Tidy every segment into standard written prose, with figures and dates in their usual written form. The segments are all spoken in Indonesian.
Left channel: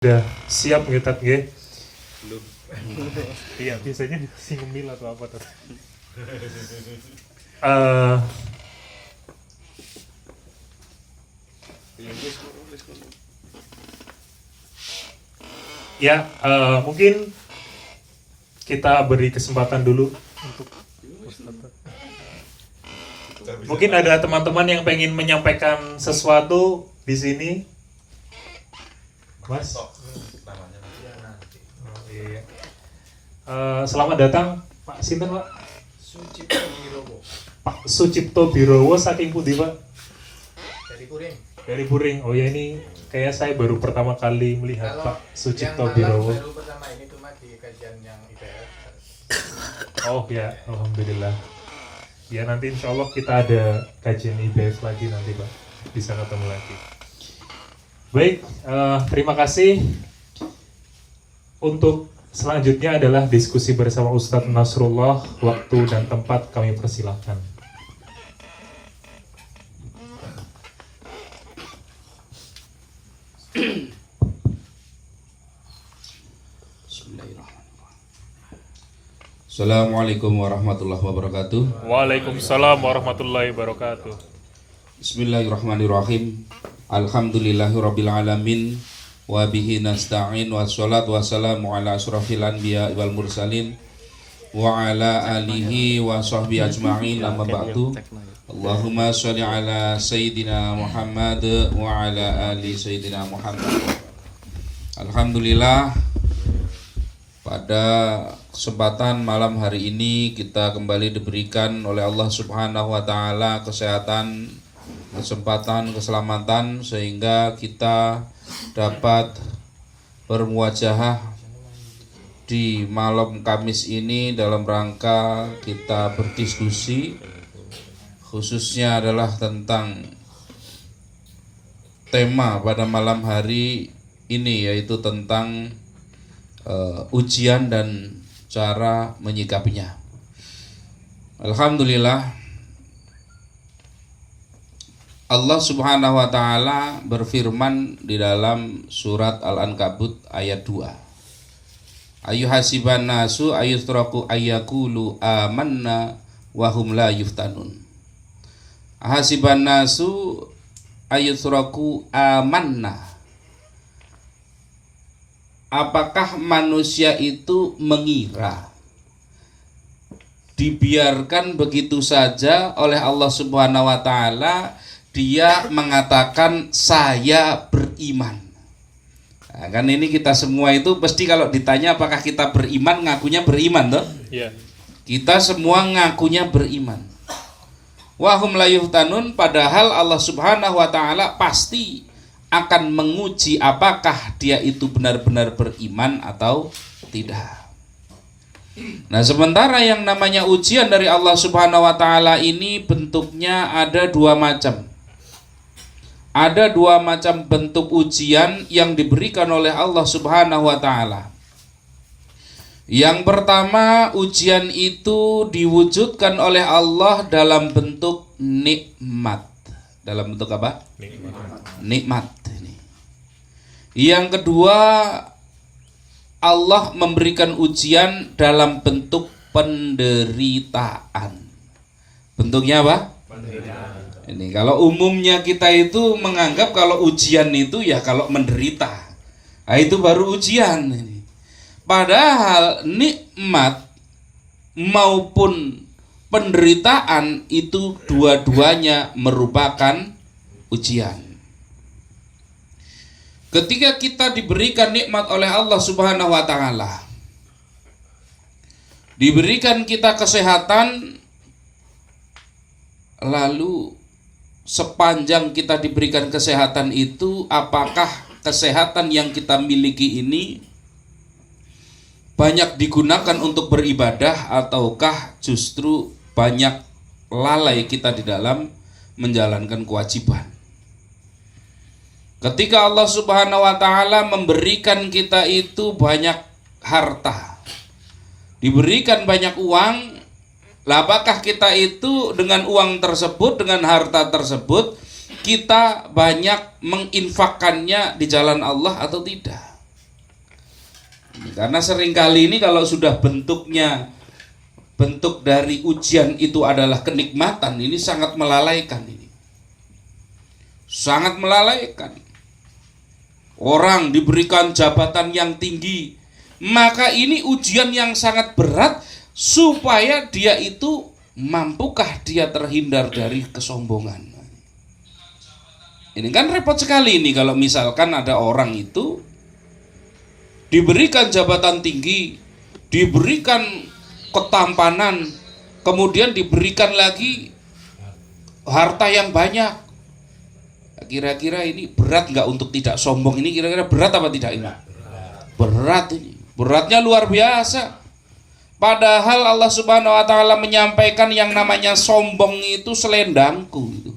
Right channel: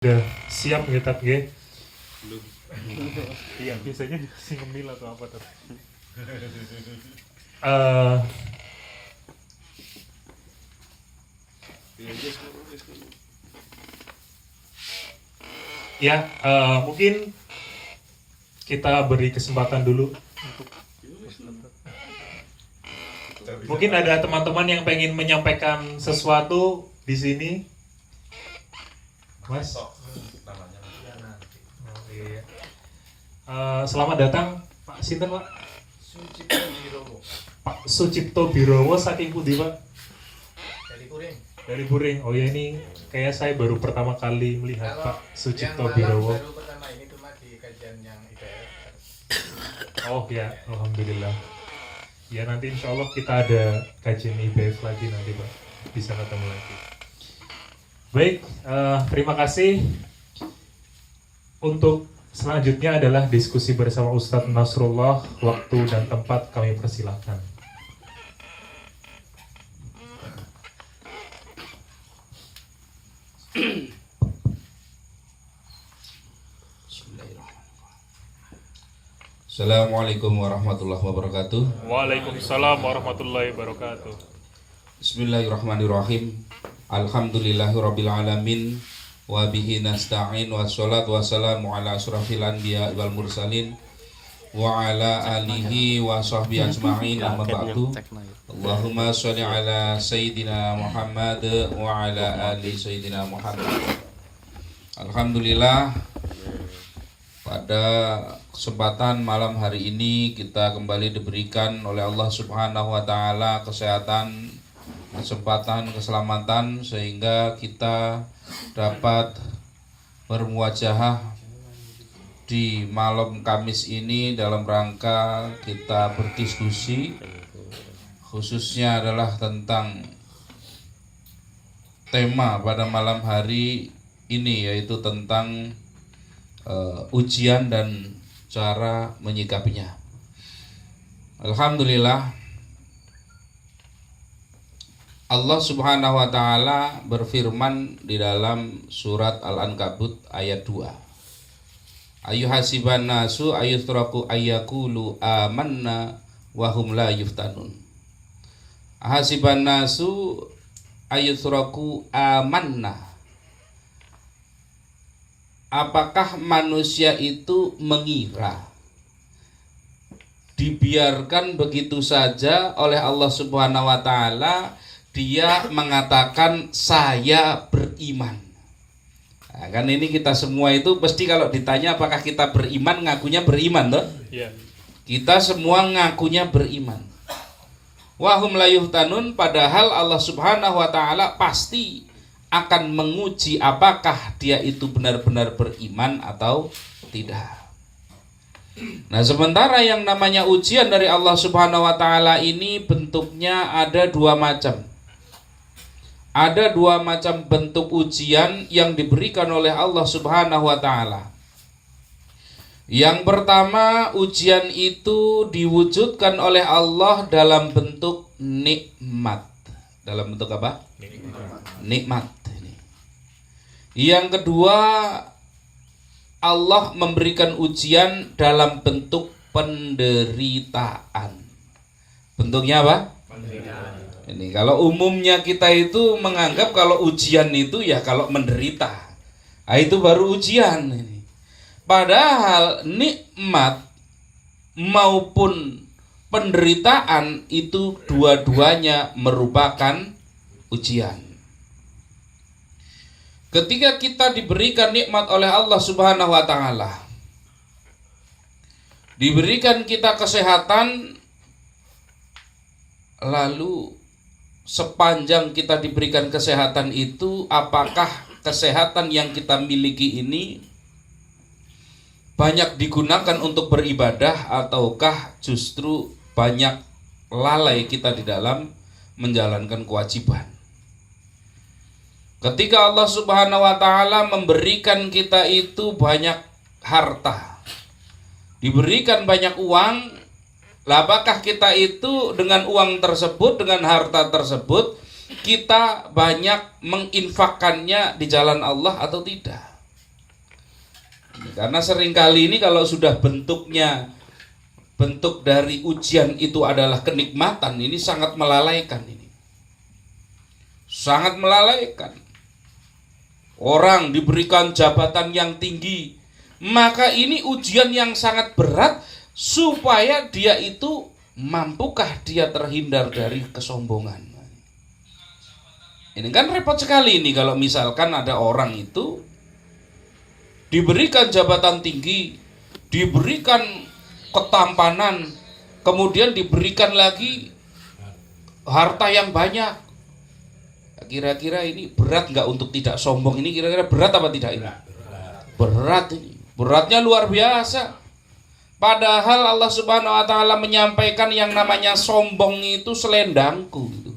Udah siap ngetat nggih? Belum. Iya, biasanya si ngemil atau apa tadi. Mungkin kita beri kesempatan dulu untuk mungkin ada teman-teman yang pengen menyampaikan sesuatu di sini. Mas. Iya. Selamat datang Pak Sinten Pak? Sucipto Birowo. Pak Sucipto Birowo saking pundi Pak? Dari Kuring. Dari Puring. Oh ya, ini kayak saya baru pertama kali melihat Kalau Pak Sucipto yang Birowo. baru pertama ini cuma di kajian yang IPS. Oh ya, alhamdulillah. Ya nanti insya Allah kita ada kajian IBF lagi nanti Pak. Bisa ketemu lagi. Baik, terima kasih. Untuk selanjutnya adalah diskusi bersama Ustadz Nasrullah. Waktu dan tempat kami persilahkan. Assalamualaikum warahmatullahi wabarakatuh. Waalaikumsalam warahmatullahi wabarakatuh. Bismillahirrahmanirrahim. Alhamdulillahirabbil alamin wa bihi nasta'in wassalatu wassalamu ala asyrafil anbiya wal mursalin wa ala alihi wa sahbihi ajma'in amma ba'du. Allahumma shalli ala sayyidina Muhammad wa ala ali sayyidina Muhammad. Alhamdulillah, pada kesempatan malam hari ini kita kembali diberikan oleh Allah Subhanahu wa taala kesehatan, kesempatan, keselamatan sehingga kita dapat bermuajahah di malam Kamis ini dalam rangka kita berdiskusi, khususnya adalah tentang tema pada malam hari ini, yaitu tentang ujian dan cara menyikapinya. Alhamdulillah, Allah Subhanahu wa taala berfirman di dalam surat Al-Ankabut ayat 2. Ayyuhasiban nasu ayyutraku ayyakulu amanna wa hum la yuftanun. Hasiban nasu ayyutraku amanna. Apakah manusia itu mengira dibiarkan begitu saja oleh Allah Subhanahu wa taala, dia mengatakan saya beriman. Nah, kan ini kita semua itu pasti kalau ditanya apakah kita beriman, ngakunya beriman toh? Iya. Kita semua ngakunya beriman. Wahum la yuftanun, padahal Allah Subhanahu wa taala pasti akan menguji apakah dia itu benar-benar beriman atau tidak. Nah, sementara yang namanya ujian dari Allah Subhanahu wa taala ini bentuknya ada dua macam. Ada dua macam bentuk ujian yang diberikan oleh Allah Subhanahu wa taala. Yang pertama, ujian itu diwujudkan oleh Allah dalam bentuk nikmat. Dalam bentuk apa? Nikmat. Yang kedua, Allah memberikan ujian dalam bentuk penderitaan. Bentuknya apa? Penderitaan. Ini kalau umumnya kita itu menganggap kalau ujian itu ya kalau menderita. Nah, itu baru ujian ini. Padahal nikmat maupun penderitaan itu dua-duanya merupakan ujian. Ketika kita diberikan nikmat oleh Allah Subhanahu wa taala, diberikan kita kesehatan, lalu sepanjang kita diberikan kesehatan itu, apakah kesehatan yang kita miliki ini banyak digunakan untuk beribadah ataukah justru banyak lalai kita di dalam menjalankan kewajiban? Ketika Allah Subhanahu wa taala memberikan kita itu banyak harta, diberikan banyak uang, apakah kita itu dengan uang tersebut, dengan harta tersebut, kita banyak menginfakkannya di jalan Allah atau tidak? Karena seringkali ini kalau sudah bentuk dari ujian itu adalah kenikmatan, ini sangat melalaikan ini. Sangat melalaikan. Orang diberikan jabatan yang tinggi, maka ini ujian yang sangat berat supaya dia itu mampukah dia terhindar dari kesombongan. Ini kan repot sekali ini kalau misalkan ada orang itu diberikan jabatan tinggi, diberikan ketampanan, kemudian diberikan lagi harta yang banyak. Kira-kira ini berat nggak untuk tidak sombong? Ini kira-kira berat apa tidak ini? Berat ini. Beratnya luar biasa. Padahal Allah Subhanahu wa taala menyampaikan yang namanya sombong itu selendangku gitu.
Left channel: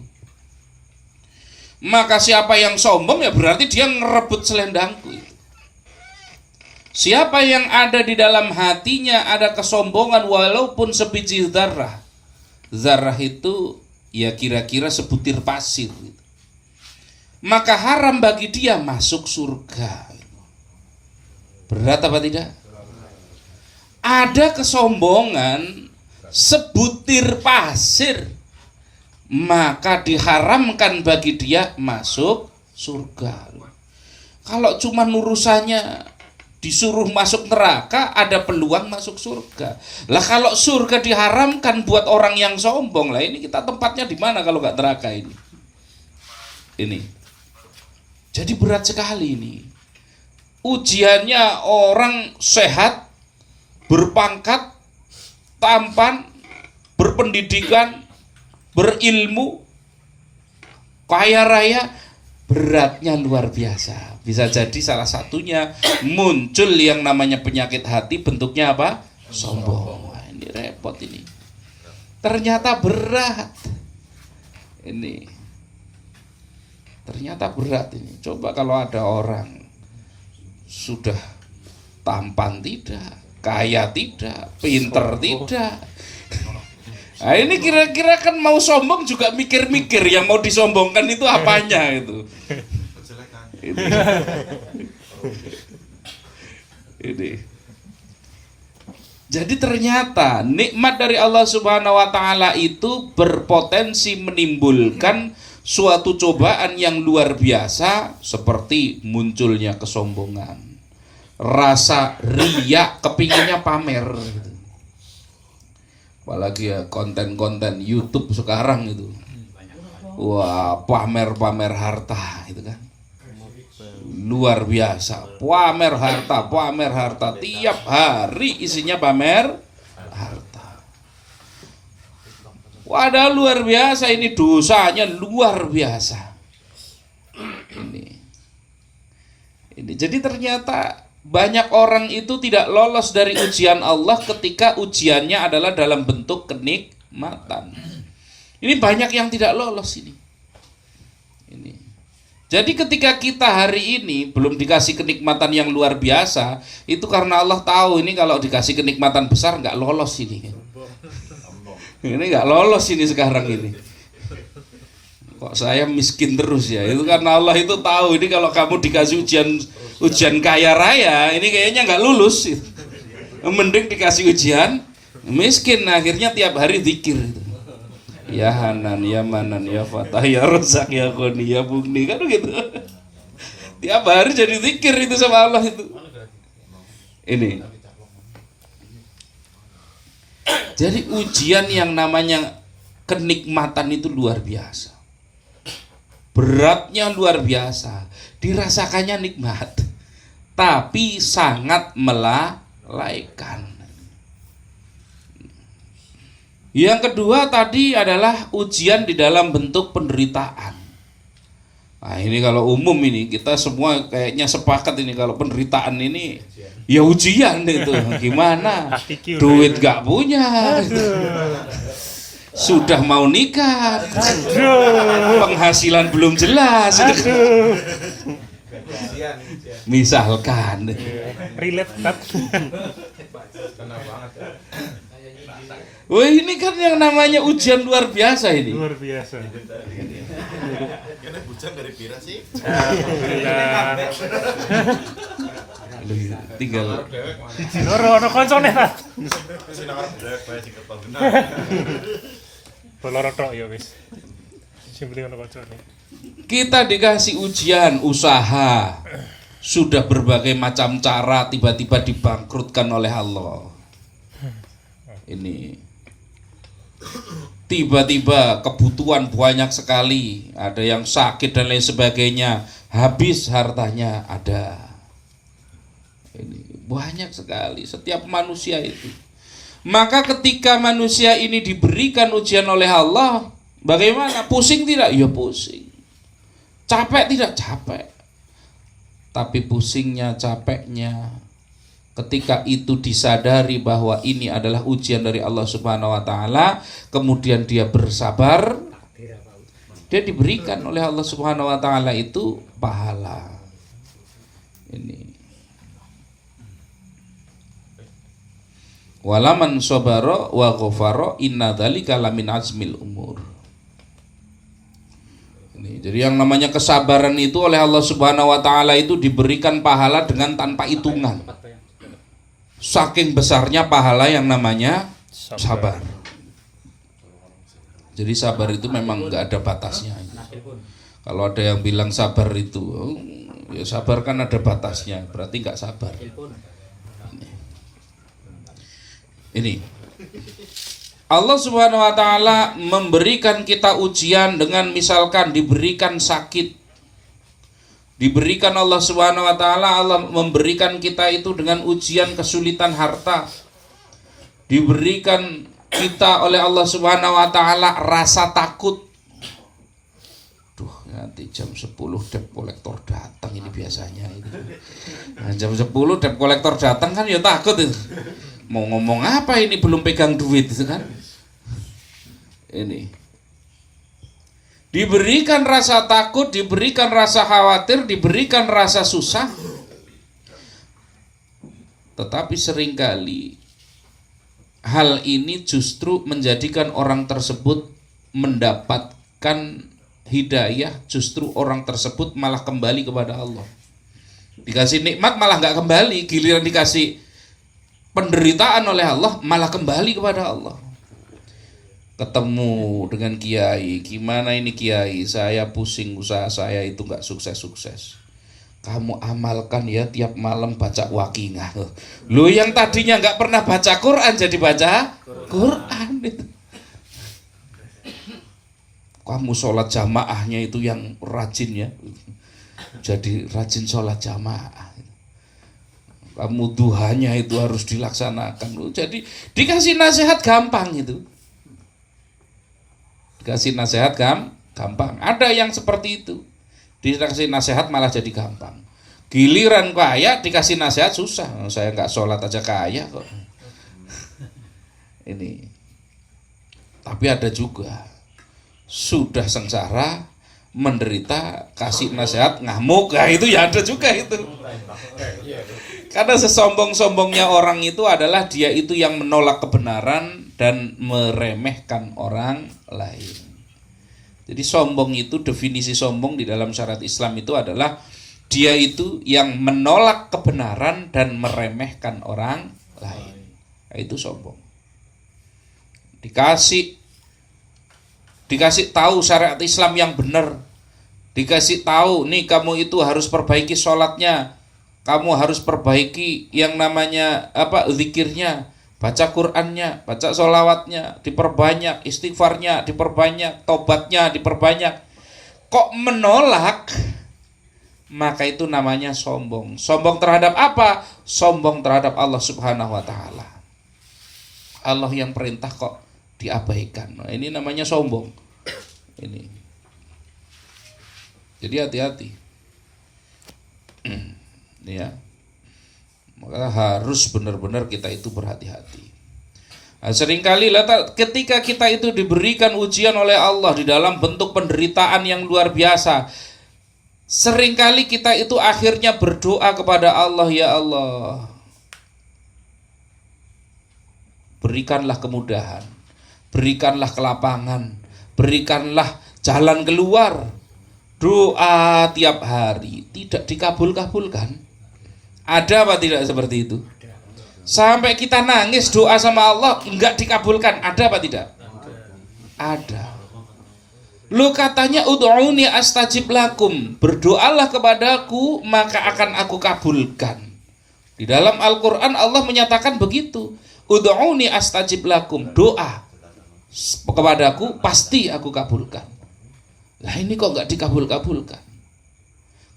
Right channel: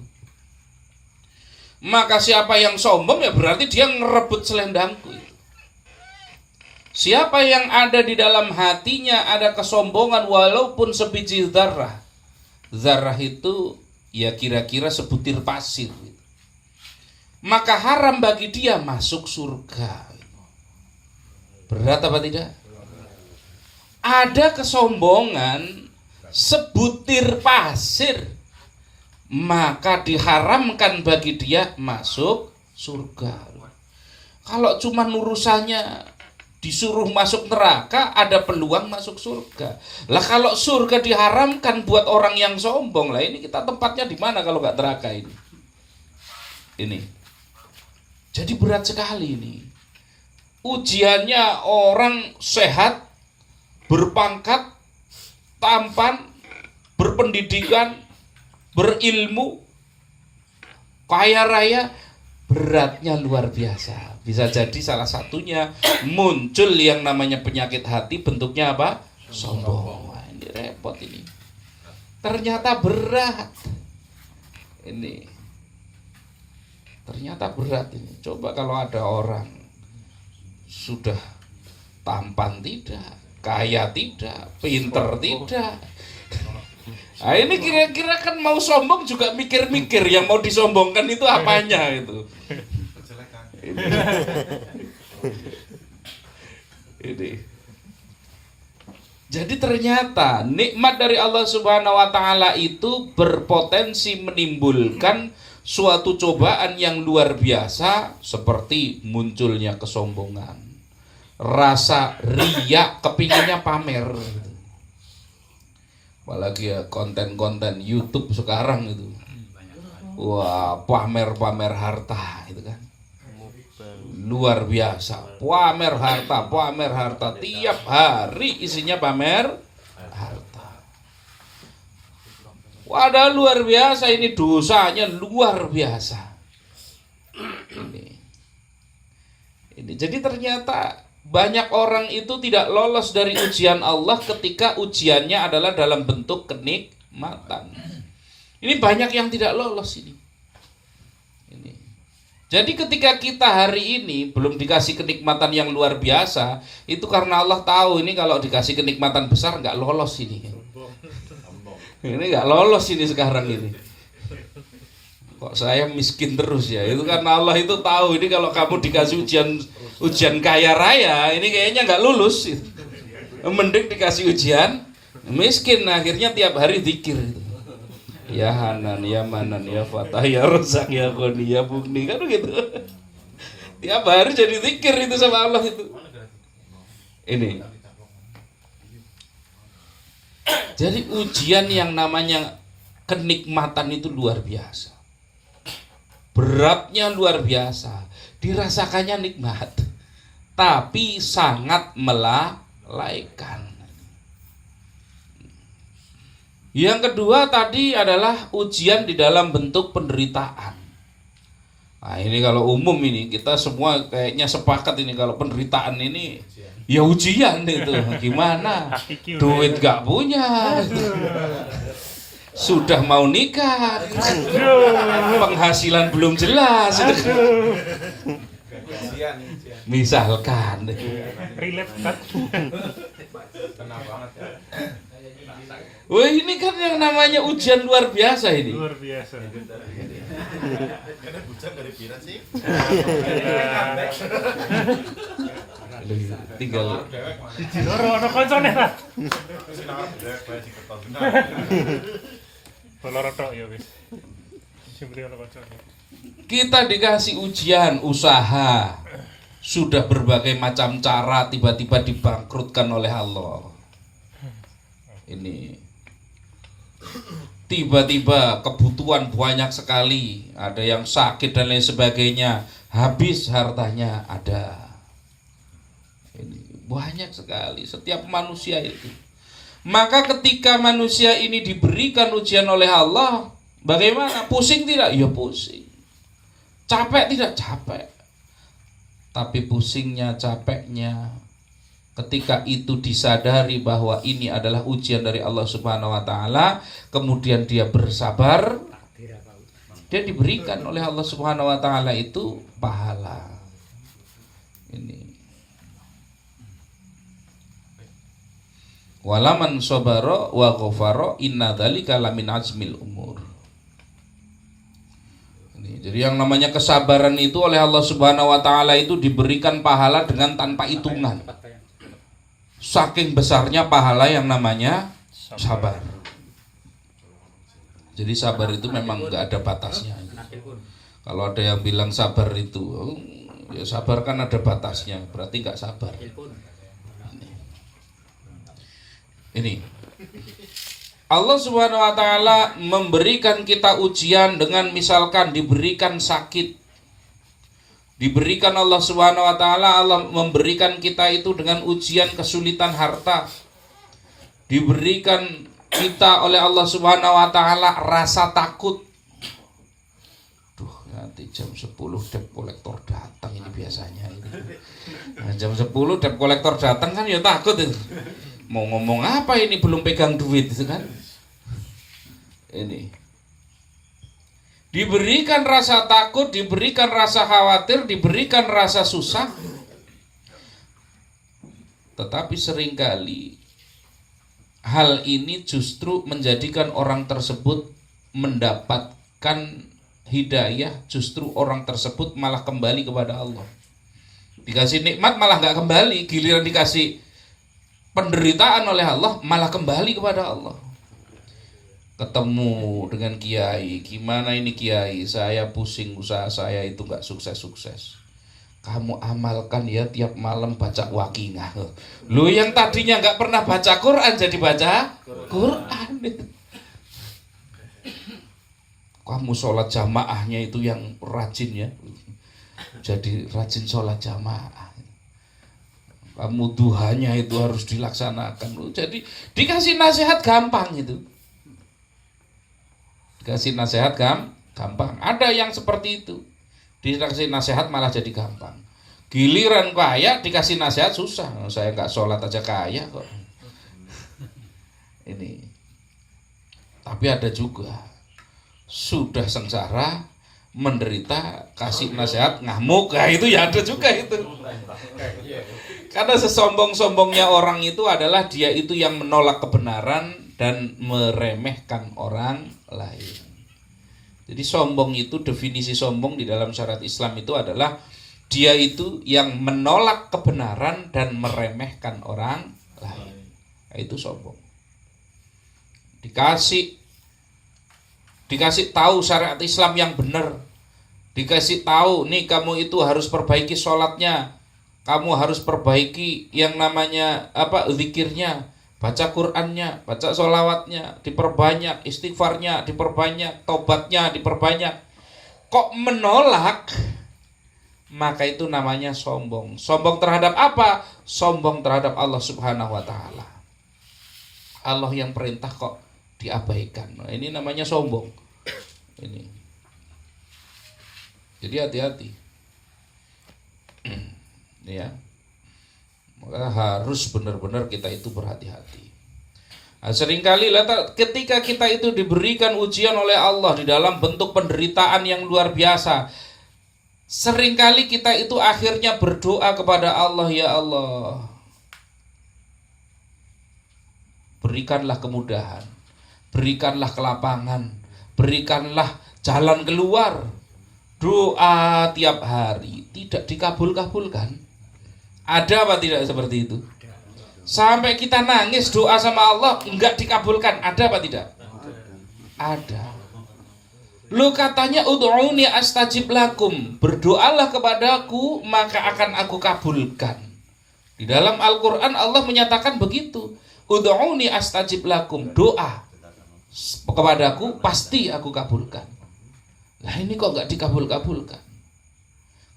Maka siapa yang sombong ya berarti dia ngerebut selendangku. Siapa yang ada di dalam hatinya ada kesombongan walaupun sebiji zarrah. Zarrah itu ya kira-kira sebutir pasir gitu. Maka haram bagi dia masuk surga. Berat apa tidak? Ada kesombongan sebutir pasir, maka diharamkan bagi dia masuk surga. Kalau cuma urusannya disuruh masuk neraka, ada peluang masuk surga. Lah kalau surga diharamkan buat orang yang sombong, lah ini kita tempatnya di mana kalau nggak neraka ini? Ini. Jadi berat sekali ini. Ujiannya orang sehat, berpangkat, tampan, berpendidikan, berilmu, kaya raya, beratnya luar biasa. Bisa jadi salah satunya muncul yang namanya penyakit hati, bentuknya apa? Sombong. Wah, ini repot ini. Ternyata berat. Ini. Ternyata berat ini. Coba kalau ada orang sudah tampan tidak, kaya tidak, pinter tidak. Nah ini kira-kira kan mau sombong juga mikir-mikir yang mau disombongkan itu apanya itu. Ini. Jadi ternyata nikmat dari Allah Subhanahu wa taala itu berpotensi menimbulkan suatu cobaan yang luar biasa seperti munculnya kesombongan, rasa riya, kepinginnya pamer. Apalagi ya konten-konten YouTube sekarang itu, wah pamer-pamer harta itu kan, luar biasa, pamer harta, tiap hari isinya pamer harta. Wadah luar biasa ini, dosanya luar biasa. Ini jadi ternyata banyak orang itu tidak lolos dari ujian Allah ketika ujiannya adalah dalam bentuk kenikmatan. Ini banyak yang tidak lolos ini. Jadi ketika kita hari ini belum dikasih kenikmatan yang luar biasa, itu karena Allah tahu ini kalau dikasih kenikmatan besar nggak lolos ini. Ini nggak lolos ini sekarang ini. Kok saya miskin terus ya? Itu karena Allah itu tahu ini kalau kamu dikasih ujian kaya raya, ini kayaknya nggak lulus. Mending dikasih ujian miskin, akhirnya tiap hari zikir. Ya Hanan, ya Manan, ya Fatah, ya Rozak, ya Qoni, ya Bugni, kan gitu. Tiap hari jadi zikir itu sama Allah itu. Ini. Jadi ujian yang namanya kenikmatan itu luar biasa. Beratnya luar biasa. Dirasakannya nikmat, tapi sangat melalaikan. Yang kedua tadi adalah ujian di dalam bentuk penderitaan. Nah ini kalau umum ini kita semua kayaknya sepakat ini kalau penderitaan ini ya ujian itu. Gimana? Duit gak punya, sudah mau nikah, penghasilan belum jelas. Misalkan relate kan? wah ini kan yang namanya ujian luar biasa ini. Luar biasa. Ini hujan dari pira sih? Tinggal Dewek mana? Siji loro ono koncone ta. Sinawar dewek bae sing keton bener. Boloro tok ya wis. Sing penting ono koncone. kita dikasih ujian usaha, sudah berbagai macam cara tiba-tiba dibangkrutkan oleh Allah. Ini tiba-tiba kebutuhan banyak sekali, ada yang sakit dan lain sebagainya, habis hartanya ada. Ini banyak sekali setiap manusia itu. Maka ketika manusia ini diberikan ujian oleh Allah, bagaimana? Pusing tidak? Ya pusing. Capek tidak? Capek. Tapi pusingnya, capeknya, ketika itu disadari bahwa ini adalah ujian dari Allah Subhanahu wa taala, kemudian dia bersabar, dia diberikan oleh Allah Subhanahu wa taala itu pahala. Ini. Walaman sabara wa ghafara inna dzalika lamin azmil umur. Ini, jadi yang namanya kesabaran itu oleh Allah Subhanahu wa taala itu diberikan pahala dengan tanpa hitungan. Saking besarnya pahala yang namanya sabar. Jadi sabar itu memang enggak ada batasnya. Kalau ada yang bilang sabar itu, ya sabar kan ada batasnya, berarti enggak sabar. Ini Allah Subhanahu wa taala memberikan kita ujian dengan misalkan diberikan sakit. Diberikan Allah Subhanahu wa taala, Allah memberikan kita itu dengan ujian kesulitan harta. Diberikan kita oleh Allah Subhanahu wa taala rasa takut. Duh, nanti jam 10 debt collector datang ini biasanya ini. Nah, jam 10 debt collector datang kan ya takut itu. Mau ngomong apa ini belum pegang duit itu kan. Ini diberikan rasa takut, diberikan rasa khawatir, diberikan rasa susah. Tetapi seringkali hal ini justru menjadikan orang tersebut mendapatkan hidayah, justru orang tersebut malah kembali kepada Allah. Dikasih nikmat malah nggak kembali, giliran dikasih penderitaan oleh Allah malah kembali kepada Allah. Ketemu dengan kiai, gimana ini kiai, saya pusing, usaha saya itu nggak sukses-sukses. Kamu amalkan ya tiap malam baca Waqiah. Lu yang tadinya nggak pernah baca Quran jadi baca Quran. Kamu sholat jamaahnya itu yang rajin ya, jadi rajin sholat jamaah. Kamu duhanya itu harus dilaksanakan. Jadi dikasih nasihat gampang itu. Dikasih nasihat gampang. Ada yang seperti itu. Dikasih nasihat malah jadi gampang. Giliran kaya dikasih nasihat susah. Saya nggak sholat aja kaya kok. Ini. Tapi ada juga sudah sengsara, menderita, kasih nasihat ngamuk. Nah, itu ya ada juga itu. Karena sesombong-sombongnya orang itu adalah dia itu yang menolak kebenaran dan meremehkan orang lain. Jadi sombong itu, definisi sombong di dalam syariat Islam itu adalah dia itu yang menolak kebenaran dan meremehkan orang lain. Nah, itu sombong. Dikasih tahu syariat Islam yang benar. Dikasih tahu, nih kamu itu harus perbaiki sholatnya. Kamu harus perbaiki yang namanya zikirnya, baca Qur'annya, baca sholawatnya, diperbanyak, istighfarnya diperbanyak, tobatnya diperbanyak. Kok menolak? Maka itu namanya sombong. Sombong terhadap apa? Sombong terhadap Allah Subhanahu wa taala. Allah yang perintah kok diabaikan. Nah, ini namanya sombong. Ini. Jadi hati-hati. Ya, maka harus benar-benar kita itu berhati-hati. Nah, seringkali ketika kita itu diberikan ujian oleh Allah di dalam bentuk penderitaan yang luar biasa, seringkali kita itu akhirnya berdoa kepada Allah, ya Allah, berikanlah kemudahan, berikanlah kelapangan, berikanlah jalan keluar. Doa tiap hari tidak dikabul-kabulkan. Ada apa tidak seperti itu? Sampai kita nangis doa sama Allah enggak dikabulkan, ada apa tidak? Ada. Lu katanya ud'uni astajib lakum, berdoalah kepadaku maka akan aku kabulkan. Di dalam Al-Qur'an Allah menyatakan begitu. Ud'uni astajib lakum, doa kepadaku pasti aku kabulkan. Lah ini kok enggak dikabul-kabulkan?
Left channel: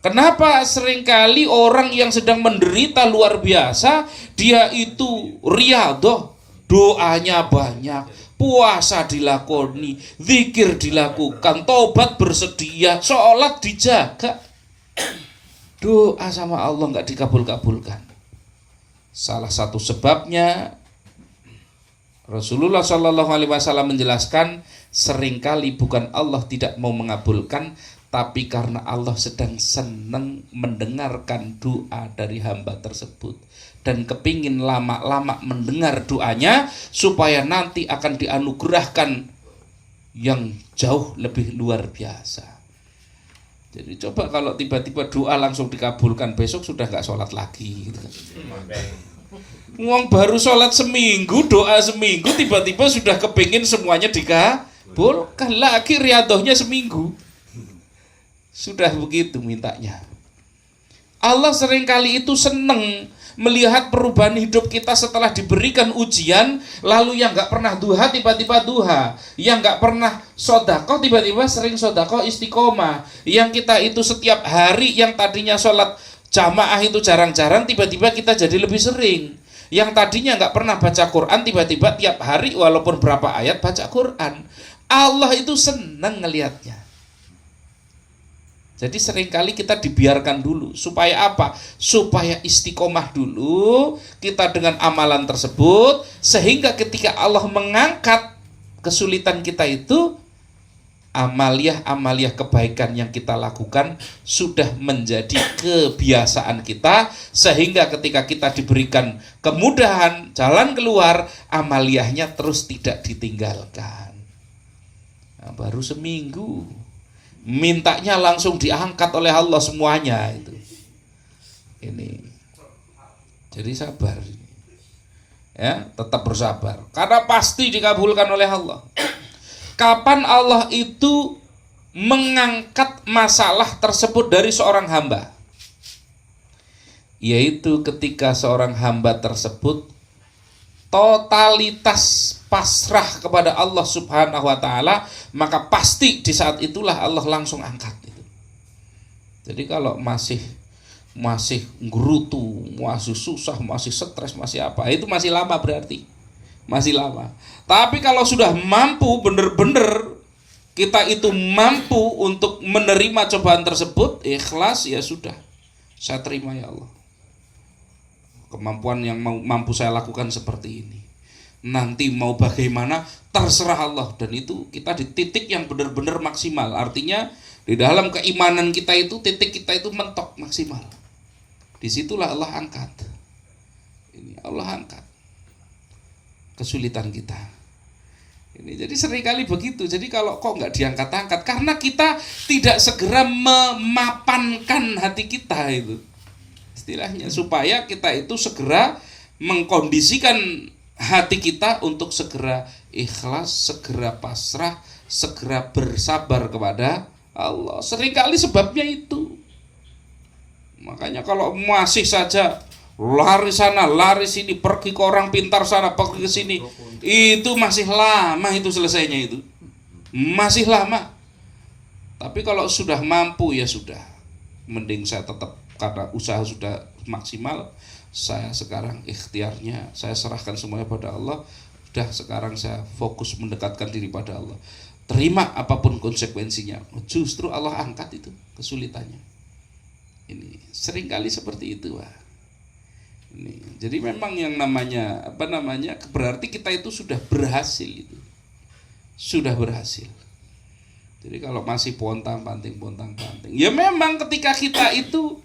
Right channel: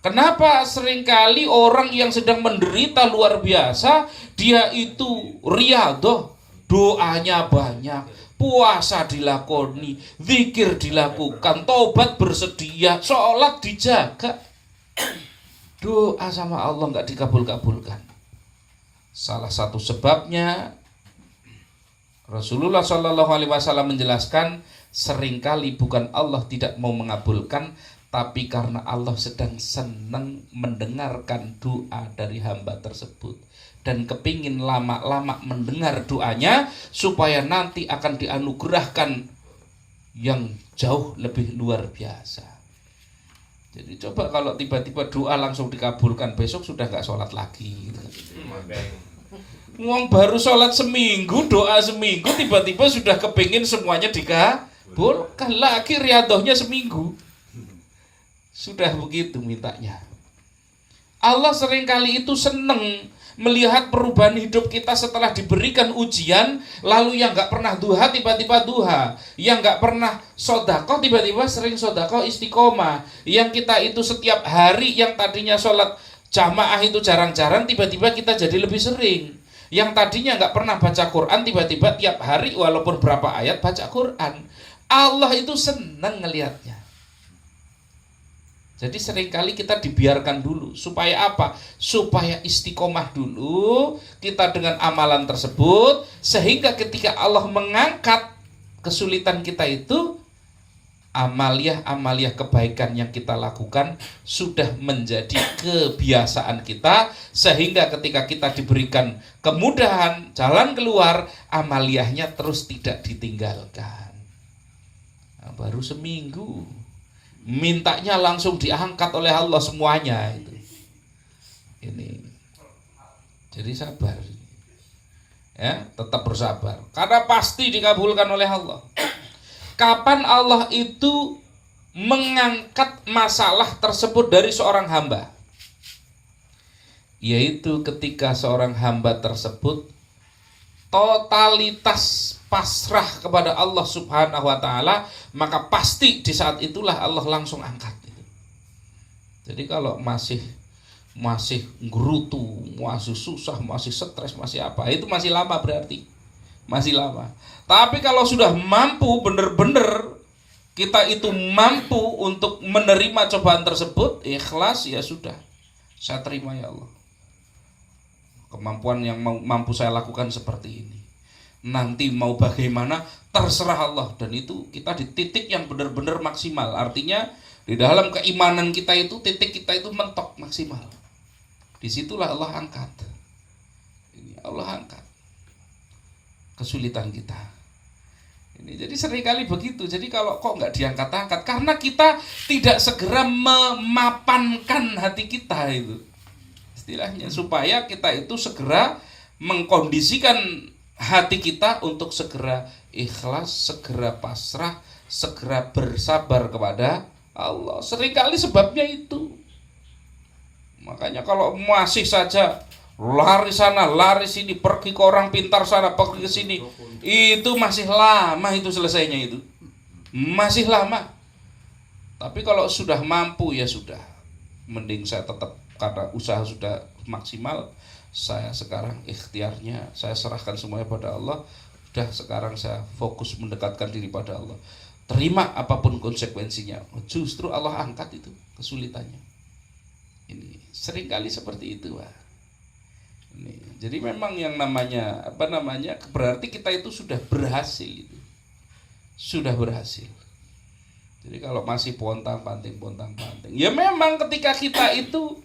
Kenapa seringkali orang yang sedang menderita luar biasa, dia itu riyadhah, doanya banyak, puasa dilakoni, zikir dilakukan, tobat bersedia, sholat dijaga, doa sama Allah nggak dikabul-kabulkan. Salah satu sebabnya Rasulullah SAW menjelaskan, seringkali bukan Allah tidak mau mengabulkan, tapi karena Allah sedang senang mendengarkan doa dari hamba tersebut dan kepingin lama-lama mendengar doanya supaya nanti akan dianugerahkan yang jauh lebih luar biasa. Jadi coba kalau tiba-tiba doa langsung dikabulkan, besok sudah nggak sholat lagi gitu. Ngomong baru sholat seminggu, doa seminggu, tiba-tiba sudah kepingin semuanya dikabulkan lagi, riyadhahnya seminggu. Sudah begitu mintanya. Allah seringkali itu senang melihat perubahan hidup kita setelah diberikan ujian. Lalu yang gak pernah duha tiba-tiba duha, yang gak pernah sodakoh tiba-tiba sering sodakoh istiqomah, yang kita itu setiap hari yang tadinya sholat jamaah itu jarang-jarang tiba-tiba kita jadi lebih sering, yang tadinya gak pernah baca Quran tiba-tiba tiap hari walaupun berapa ayat baca Quran. Allah itu senang ngelihatnya. Jadi seringkali kita dibiarkan dulu. Supaya apa? Supaya istiqomah dulu kita dengan amalan tersebut, sehingga ketika Allah mengangkat kesulitan kita itu, amaliah-amaliah kebaikan yang kita lakukan sudah menjadi kebiasaan kita, sehingga ketika kita diberikan kemudahan jalan keluar, amaliyahnya terus tidak ditinggalkan. Nah, baru seminggu mintanya langsung diangkat oleh Allah semuanya itu. Ini. Jadi sabar. Ya, tetap bersabar. Karena pasti dikabulkan oleh Allah. Kapan Allah itu mengangkat masalah tersebut dari seorang hamba? Yaitu ketika seorang hamba tersebut totalitas pasrah kepada Allah Subhanahu wa ta'ala, maka pasti di saat itulah Allah langsung angkat itu. Jadi kalau masih gerutu, masih susah, masih stres, masih apa, itu masih lama berarti. Masih lama. Tapi kalau sudah mampu benar-benar kita itu mampu untuk menerima cobaan tersebut, ikhlas, ya sudah. Saya terima ya Allah. Kemampuan yang mampu saya lakukan seperti ini. Nanti mau bagaimana terserah Allah, dan itu kita di titik yang benar-benar maksimal. Artinya di dalam keimanan kita itu titik kita itu mentok maksimal. Disitulah Allah angkat. Ini Allah angkat kesulitan kita. Ini jadi seringkali begitu. Jadi kalau kok nggak diangkat-angkat karena kita tidak segera memapankan hati kita itu. Istilahnya supaya kita itu segera mengkondisikan hati kita untuk segera ikhlas, segera pasrah, segera bersabar kepada Allah. Seringkali sebabnya itu. Makanya kalau masih saja lari sana, lari sini, pergi ke orang pintar sana, pergi ke sini, itu masih lama itu selesainya itu. Masih lama. Tapi kalau sudah mampu ya sudah. Mending saya tetap, karena usaha sudah maksimal, saya sekarang ikhtiarnya saya serahkan semuanya pada Allah. Udah sekarang saya fokus mendekatkan diri pada Allah. Terima apapun konsekuensinya. Justru Allah angkat itu kesulitannya. Ini seringkali seperti itu, Pak. Ini. Jadi memang yang namanya berarti kita itu sudah berhasil itu. Sudah berhasil. Jadi kalau masih pontang-panting, ya memang ketika kita itu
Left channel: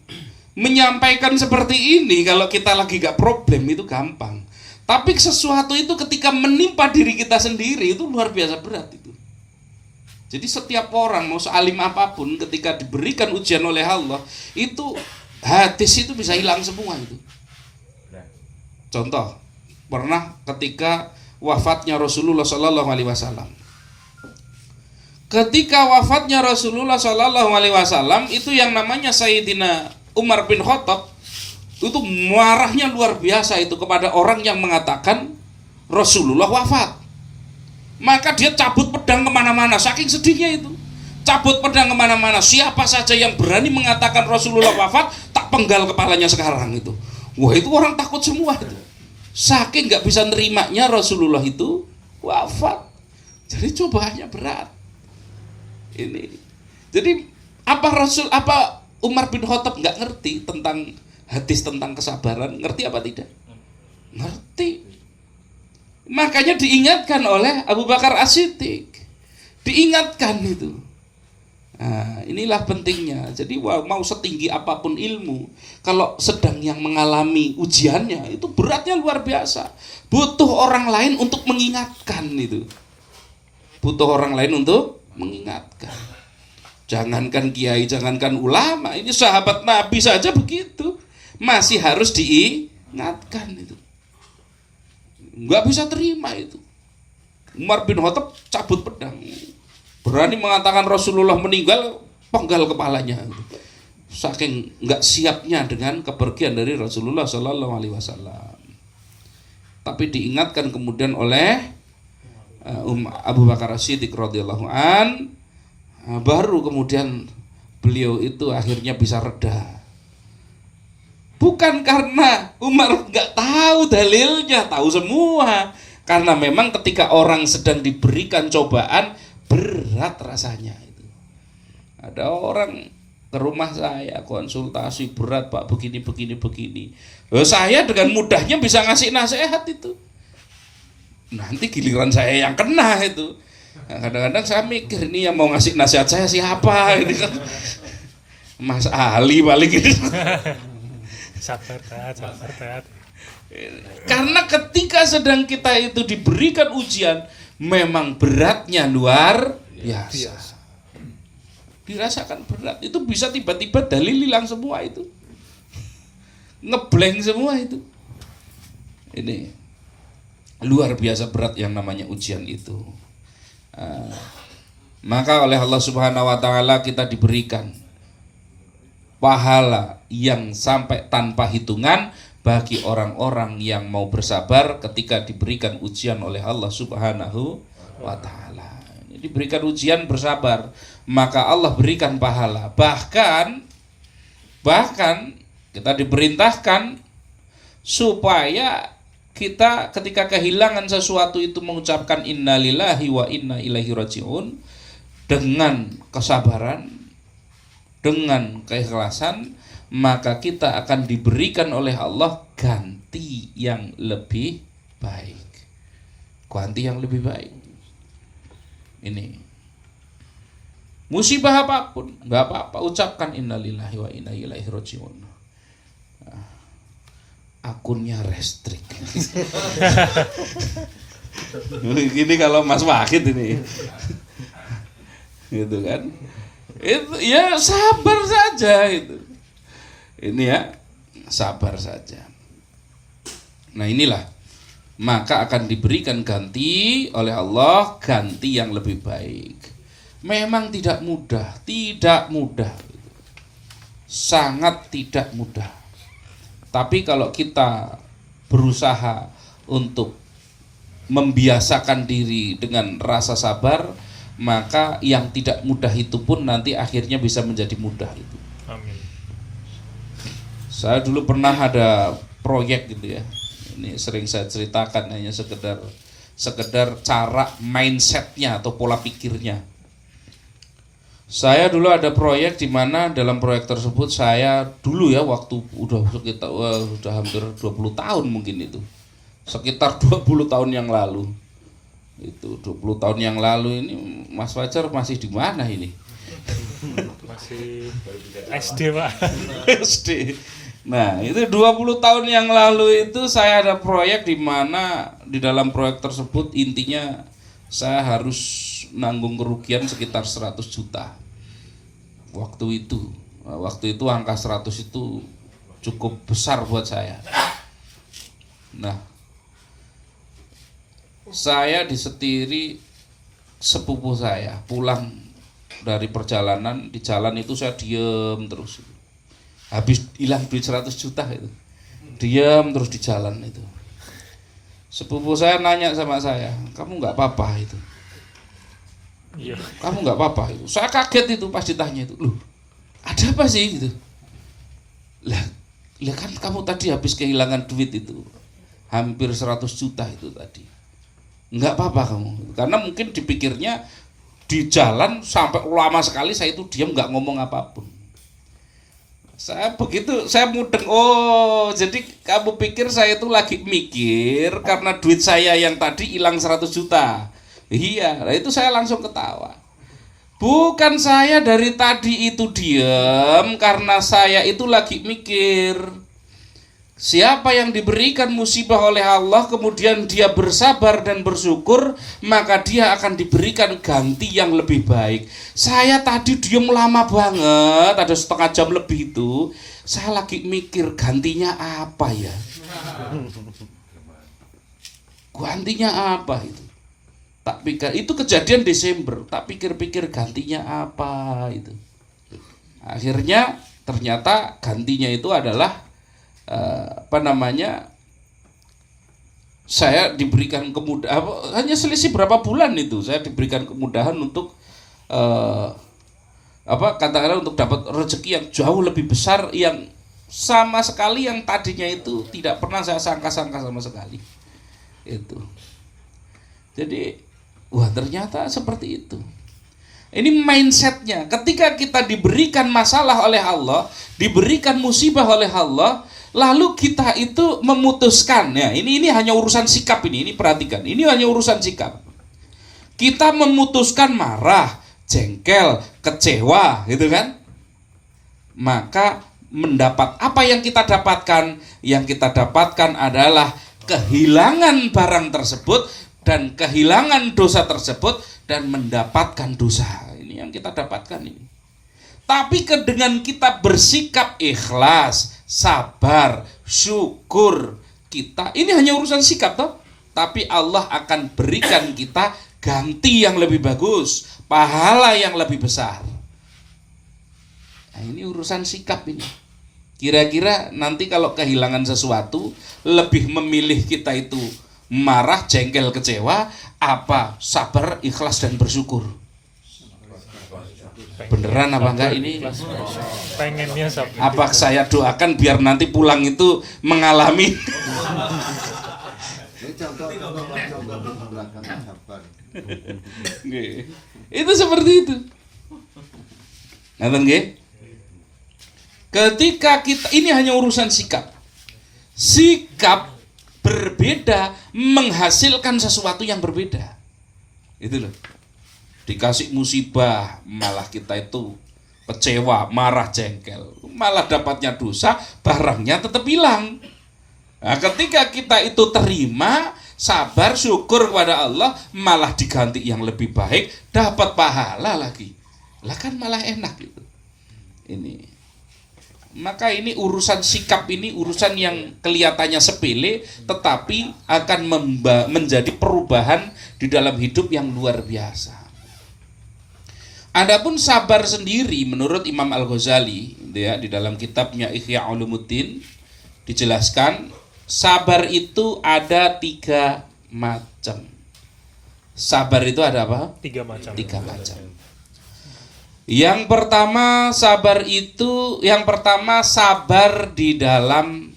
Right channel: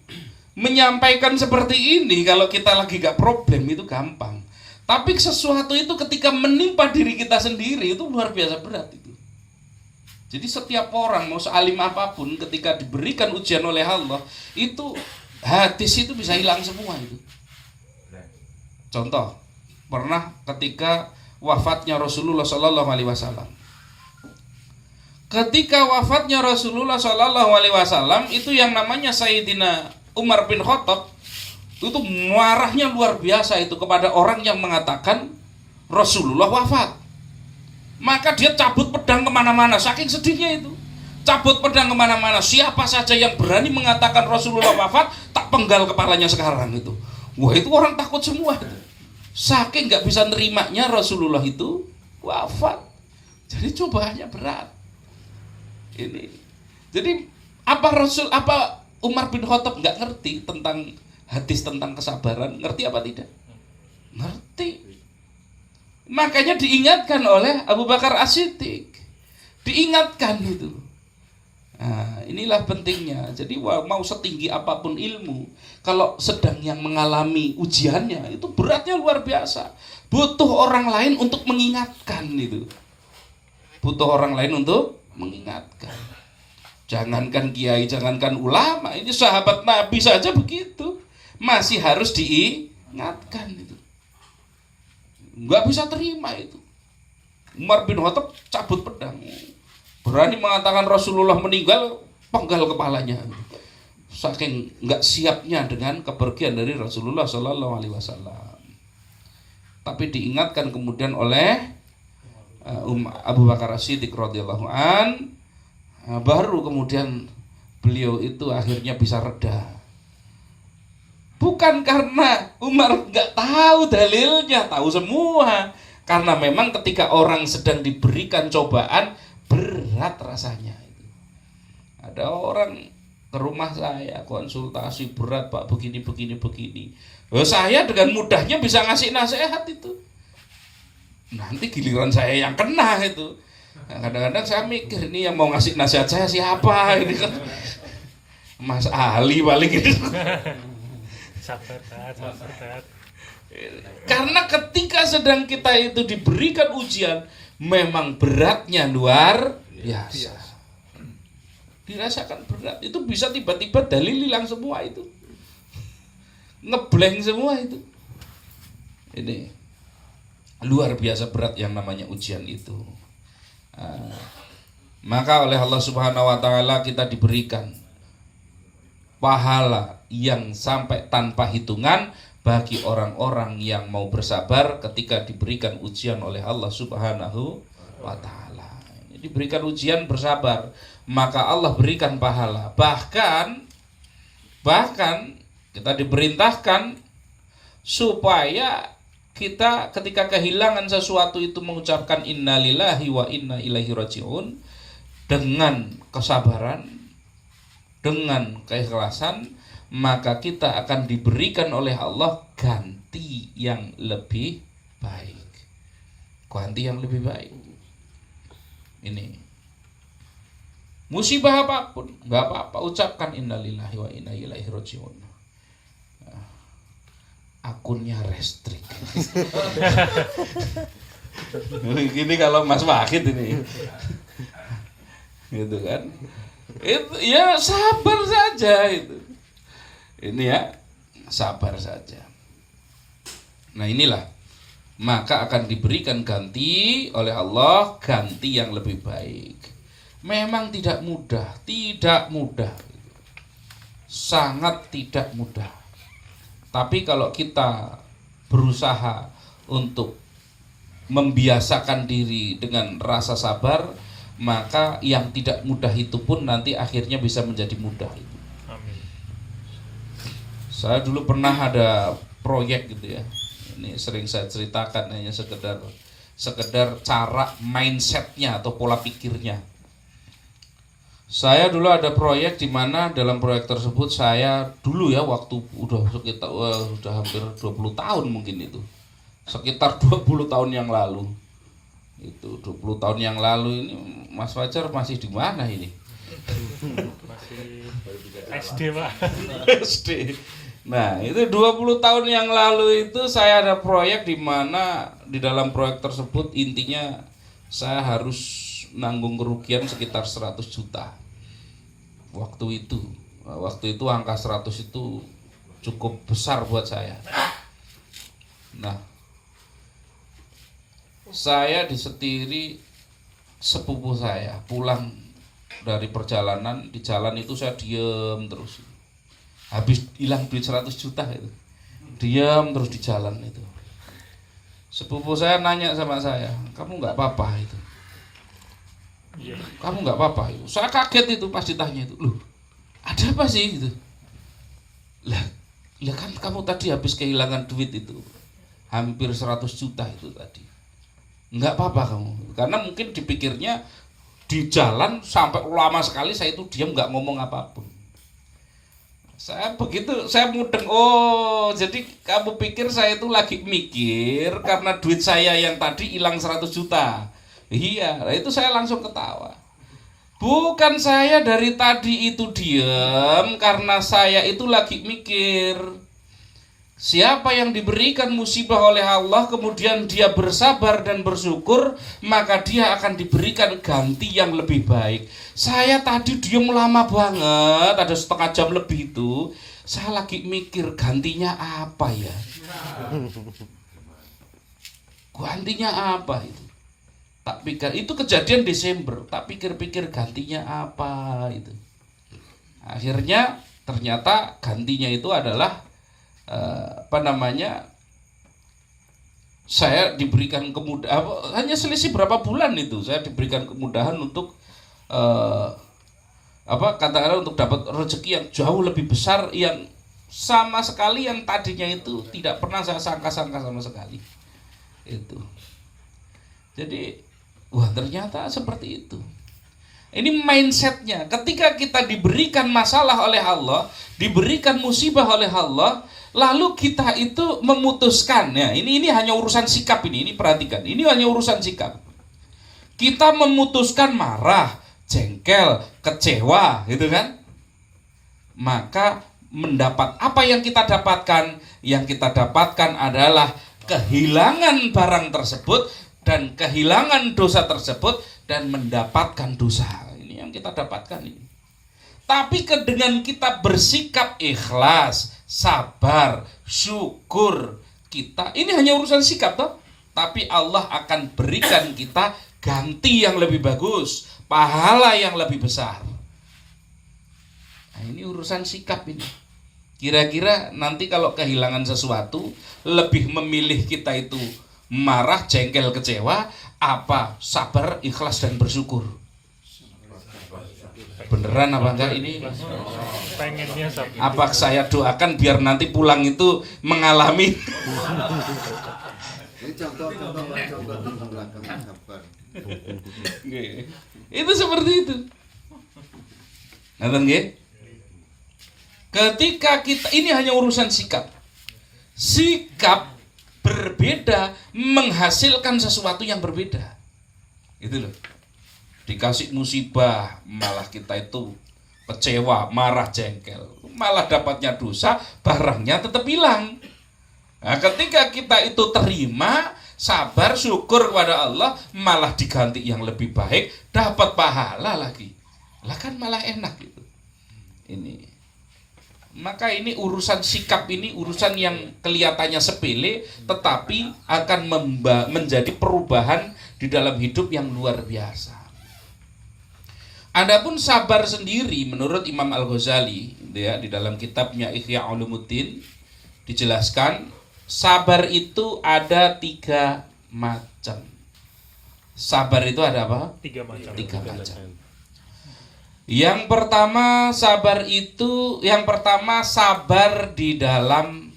menyampaikan seperti ini, kalau kita lagi gak problem itu gampang. Tapi sesuatu itu ketika menimpa diri kita sendiri itu luar biasa berat itu. Jadi setiap orang mau sealim apapun ketika diberikan ujian oleh Allah itu hadis itu bisa hilang semua itu. Ya. Contoh, pernah ketika wafatnya Rasulullah Shallallahu Alaihi Wasallam. Ketika wafatnya Rasulullah Shallallahu Alaihi Wasallam itu yang namanya Sayyidina Umar bin Khattab itu marahnya luar biasa itu kepada orang yang mengatakan Rasulullah wafat. Maka dia cabut pedang kemana-mana, saking sedihnya itu. Cabut pedang kemana-mana, siapa saja yang berani mengatakan Rasulullah wafat, tak penggal kepalanya sekarang itu. Wah, itu orang takut semua itu. Saking nggak bisa nerimanya Rasulullah itu wafat. Jadi cobaannya berat. Ini. Jadi apa Umar bin Khattab nggak ngerti tentang hadis tentang kesabaran? Ngerti apa tidak? Ngerti. Makanya diingatkan oleh Abu Bakar As-Siddiq. Diingatkan itu. Nah, inilah pentingnya. Jadi mau setinggi apapun ilmu, kalau sedang yang mengalami ujiannya itu beratnya luar biasa. Butuh orang lain untuk mengingatkan itu. Butuh orang lain untuk mengingatkan. Jangankan kiai, jangankan ulama, ini sahabat Nabi saja begitu. Masih harus diingatkan itu. Nggak bisa terima itu. Umar bin Khattab cabut pedang. Berani mengatakan Rasulullah meninggal, penggal kepalanya. Saking nggak siapnya dengan kepergian dari Rasulullah Sallallahu Alaihi Wasallam. Tapi diingatkan kemudian oleh Abu Bakar As-Siddiq radhiyallahu an, baru kemudian beliau itu akhirnya bisa reda. Bukan karena Umar nggak tahu dalilnya, tahu semua. Karena memang ketika orang sedang diberikan cobaan, berat rasanya itu. Ada orang ke rumah saya konsultasi berat, Pak, begini. Saya dengan mudahnya bisa ngasih nasihat itu. Nanti giliran saya yang kena itu. Kadang-kadang saya mikir, ini yang mau ngasih nasihat saya siapa ini kan. Mas Ali paling gitu. Sabar. Karena ketika sedang kita itu diberikan ujian, memang beratnya luar biasa. Dirasakan berat, itu bisa tiba-tiba dalil hilang semua itu. Ngeblank semua itu. Ini luar biasa berat yang namanya ujian itu. Maka oleh Allah Subhanahu wa taala kita diberikan pahala yang sampai tanpa hitungan bagi orang-orang yang mau bersabar ketika diberikan ujian oleh Allah Subhanahu wa taala. Diberikan ujian bersabar, maka Allah berikan pahala. Bahkan kita diperintahkan supaya kita ketika kehilangan sesuatu itu mengucapkan innalillahi wa inna ilaihi rajiun dengan kesabaran, dengan keikhlasan, maka kita akan diberikan oleh Allah ganti yang lebih baik. Ganti yang lebih baik. Ini musibah apapun, nggak apa-apa, ucapkan innalillahi wa inna ilaihi rajiun. Akunnya restrik. Ini kalau Mas Wahid ini, gitu kan? Itu ya sabar saja itu. Ini ya sabar saja. Nah inilah, maka akan diberikan ganti oleh Allah, ganti yang lebih baik. Memang tidak mudah, sangat tidak mudah. Tapi kalau kita berusaha untuk membiasakan diri dengan rasa sabar, maka yang tidak mudah itu pun nanti akhirnya bisa menjadi mudah. Amin. Saya dulu pernah ada proyek gitu ya. Ini sering saya ceritakan, hanya sekedar cara mindsetnya atau pola pikirnya. Saya dulu ada proyek di mana dalam proyek tersebut saya dulu ya waktu udah hampir 20 tahun mungkin itu. Sekitar 20 tahun yang lalu. Itu 20 tahun yang lalu ini Mas Fajar masih di mana ini? Masih SD, Pak. SD. Nah, itu 20 tahun yang lalu itu saya ada proyek di mana di dalam proyek tersebut intinya saya harus nanggung kerugian sekitar 100 juta. Waktu itu Waktu itu angka 100 itu cukup besar buat saya. Nah, saya disetiri sepupu saya pulang dari perjalanan, di jalan itu saya diem terus. Habis hilang duit 100 juta itu. Diam terus di jalan itu. Sepupu saya nanya sama saya, "Kamu nggak apa-apa itu?" Iya. "Kamu nggak apa-apa?" Saya kaget itu pas ditanya itu. "Loh, ada apa sih?" gitu. Lah kan kamu tadi habis kehilangan duit itu. Hampir 100 juta itu tadi. Nggak apa-apa kamu. Karena mungkin dipikirnya di jalan sampai lama sekali saya itu diam nggak ngomong apapun. Saya mudeng, oh jadi kamu pikir saya itu lagi mikir karena duit saya yang tadi hilang 100 juta. Iya, itu saya langsung ketawa. Bukan saya dari tadi itu diam karena saya itu lagi mikir. Siapa yang diberikan musibah oleh Allah kemudian dia bersabar dan bersyukur, maka dia akan diberikan ganti yang lebih baik. Saya tadi diam lama banget, ada setengah jam lebih itu. Saya lagi mikir gantinya apa ya? Gantinya apa itu? Tak pikir, itu kejadian Desember. Tak pikir-pikir gantinya apa itu. Akhirnya ternyata gantinya itu adalah saya diberikan kemudahan, hanya selisih berapa bulan itu saya diberikan kemudahan untuk katakanlah untuk dapat rezeki yang jauh lebih besar, yang sama sekali yang tadinya itu tidak pernah saya sangka-sangka sama sekali itu. Jadi wah, ternyata seperti itu. Ini mindsetnya. Ketika kita diberikan masalah oleh Allah, diberikan musibah oleh Allah, lalu kita itu memutuskan, ya ini hanya urusan sikap ini perhatikan, ini hanya urusan sikap. Kita memutuskan marah, jengkel, kecewa, gitu kan? Maka mendapat apa yang kita dapatkan? Yang kita dapatkan adalah kehilangan barang tersebut dan kehilangan dosa tersebut dan mendapatkan dosa. Ini yang kita dapatkan ini. Tapi dengan kita bersikap ikhlas, sabar, syukur, kita ini hanya urusan sikap toh. Tapi Allah akan berikan kita ganti yang lebih bagus, pahala yang lebih besar. Nah, ini urusan sikap ini. Kira-kira nanti kalau kehilangan sesuatu, lebih memilih kita itu marah, jengkel, kecewa, apa sabar, ikhlas dan bersyukur? Beneran apa enggak ini? Pengennya sabar. Apa saya doakan biar nanti pulang itu mengalami? Itu seperti itu. Ngerti nggih? Ketika kita, ini hanya urusan sikap. Sikap berbeda menghasilkan sesuatu yang berbeda. Itu loh. Dikasih musibah malah kita itu kecewa, marah, jengkel. Malah dapatnya dosa, barangnya tetap hilang. Nah, ketika kita itu terima, sabar, syukur kepada Allah, malah diganti yang lebih baik, dapat pahala lagi. Lah kan malah enak gitu. Ini. Maka ini urusan sikap, ini urusan yang kelihatannya sepele tetapi akan menjadi perubahan di dalam hidup yang luar biasa. Adapun sabar sendiri menurut Imam Al-Ghazali ya, di dalam kitabnya Ihya Ulumuddin dijelaskan sabar itu ada 3 macam. Sabar itu ada apa? 3 macam. 3 macam. Yang pertama sabar di dalam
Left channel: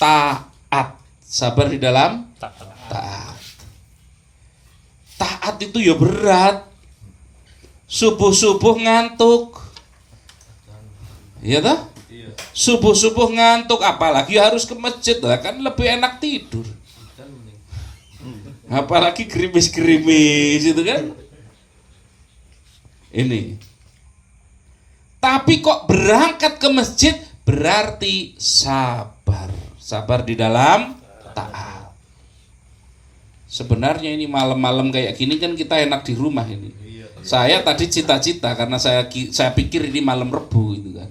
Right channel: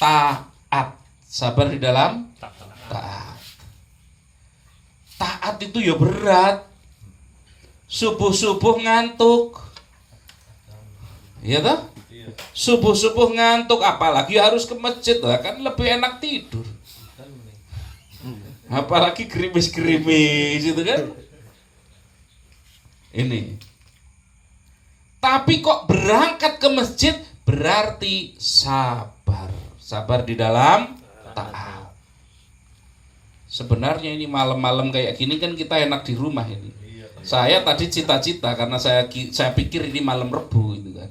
taat. Sabar di dalam taat. Taat itu ya berat. Subuh-subuh ngantuk. Iya toh? Subuh-subuh ngantuk, apalagi harus ke masjid, lah kan lebih enak tidur. Apalagi gerimis-gerimis itu kan. Ini. Tapi kok berangkat ke masjid berarti sabar. Sabar di dalam taat. Sebenarnya ini malam-malam kayak gini kan kita enak di rumah ini. Saya tadi cita-cita karena saya pikir ini malam Rebu itu kan.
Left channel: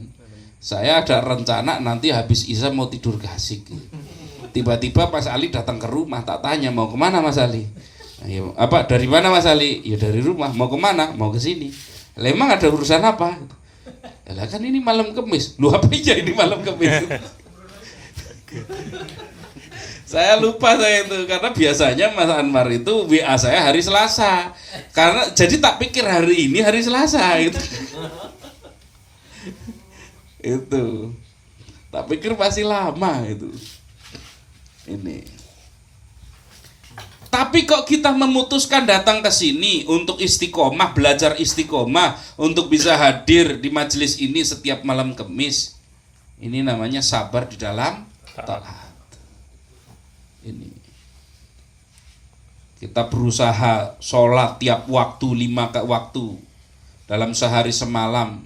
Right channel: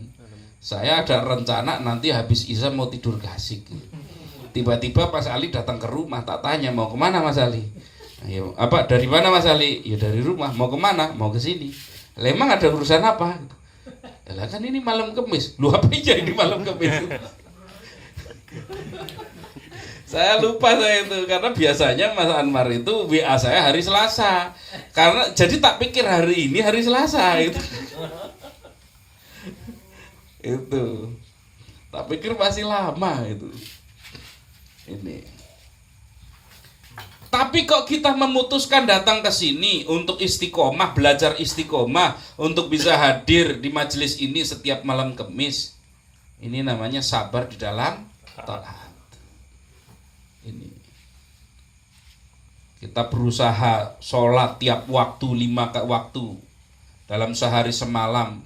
Saya ada rencana nanti habis Isya mau tidur gasik. Tiba-tiba Mas Ali datang ke rumah, tak tanya mau kemana Mas Ali. Ya, apa dari mana Mas Ali? Ya dari rumah. Mau kemana? Mau ke sini. Lah emang ada urusan apa? Lah kan ini malam Kamis. Lu apa aja ini malam Kamis? Saya lupa saya itu karena biasanya Mas Anwar itu WA saya hari Selasa. Karena jadi tak pikir hari ini hari Selasa itu. Itu. Tak pikir masih lama itu. Ini. Tapi kok kita memutuskan datang ke sini untuk istiqomah, belajar istiqomah, untuk bisa hadir di majelis ini setiap malam Kamis. Ini namanya sabar di dalam taat. Ini. Kita berusaha sholat tiap waktu 5 waktu dalam sehari semalam.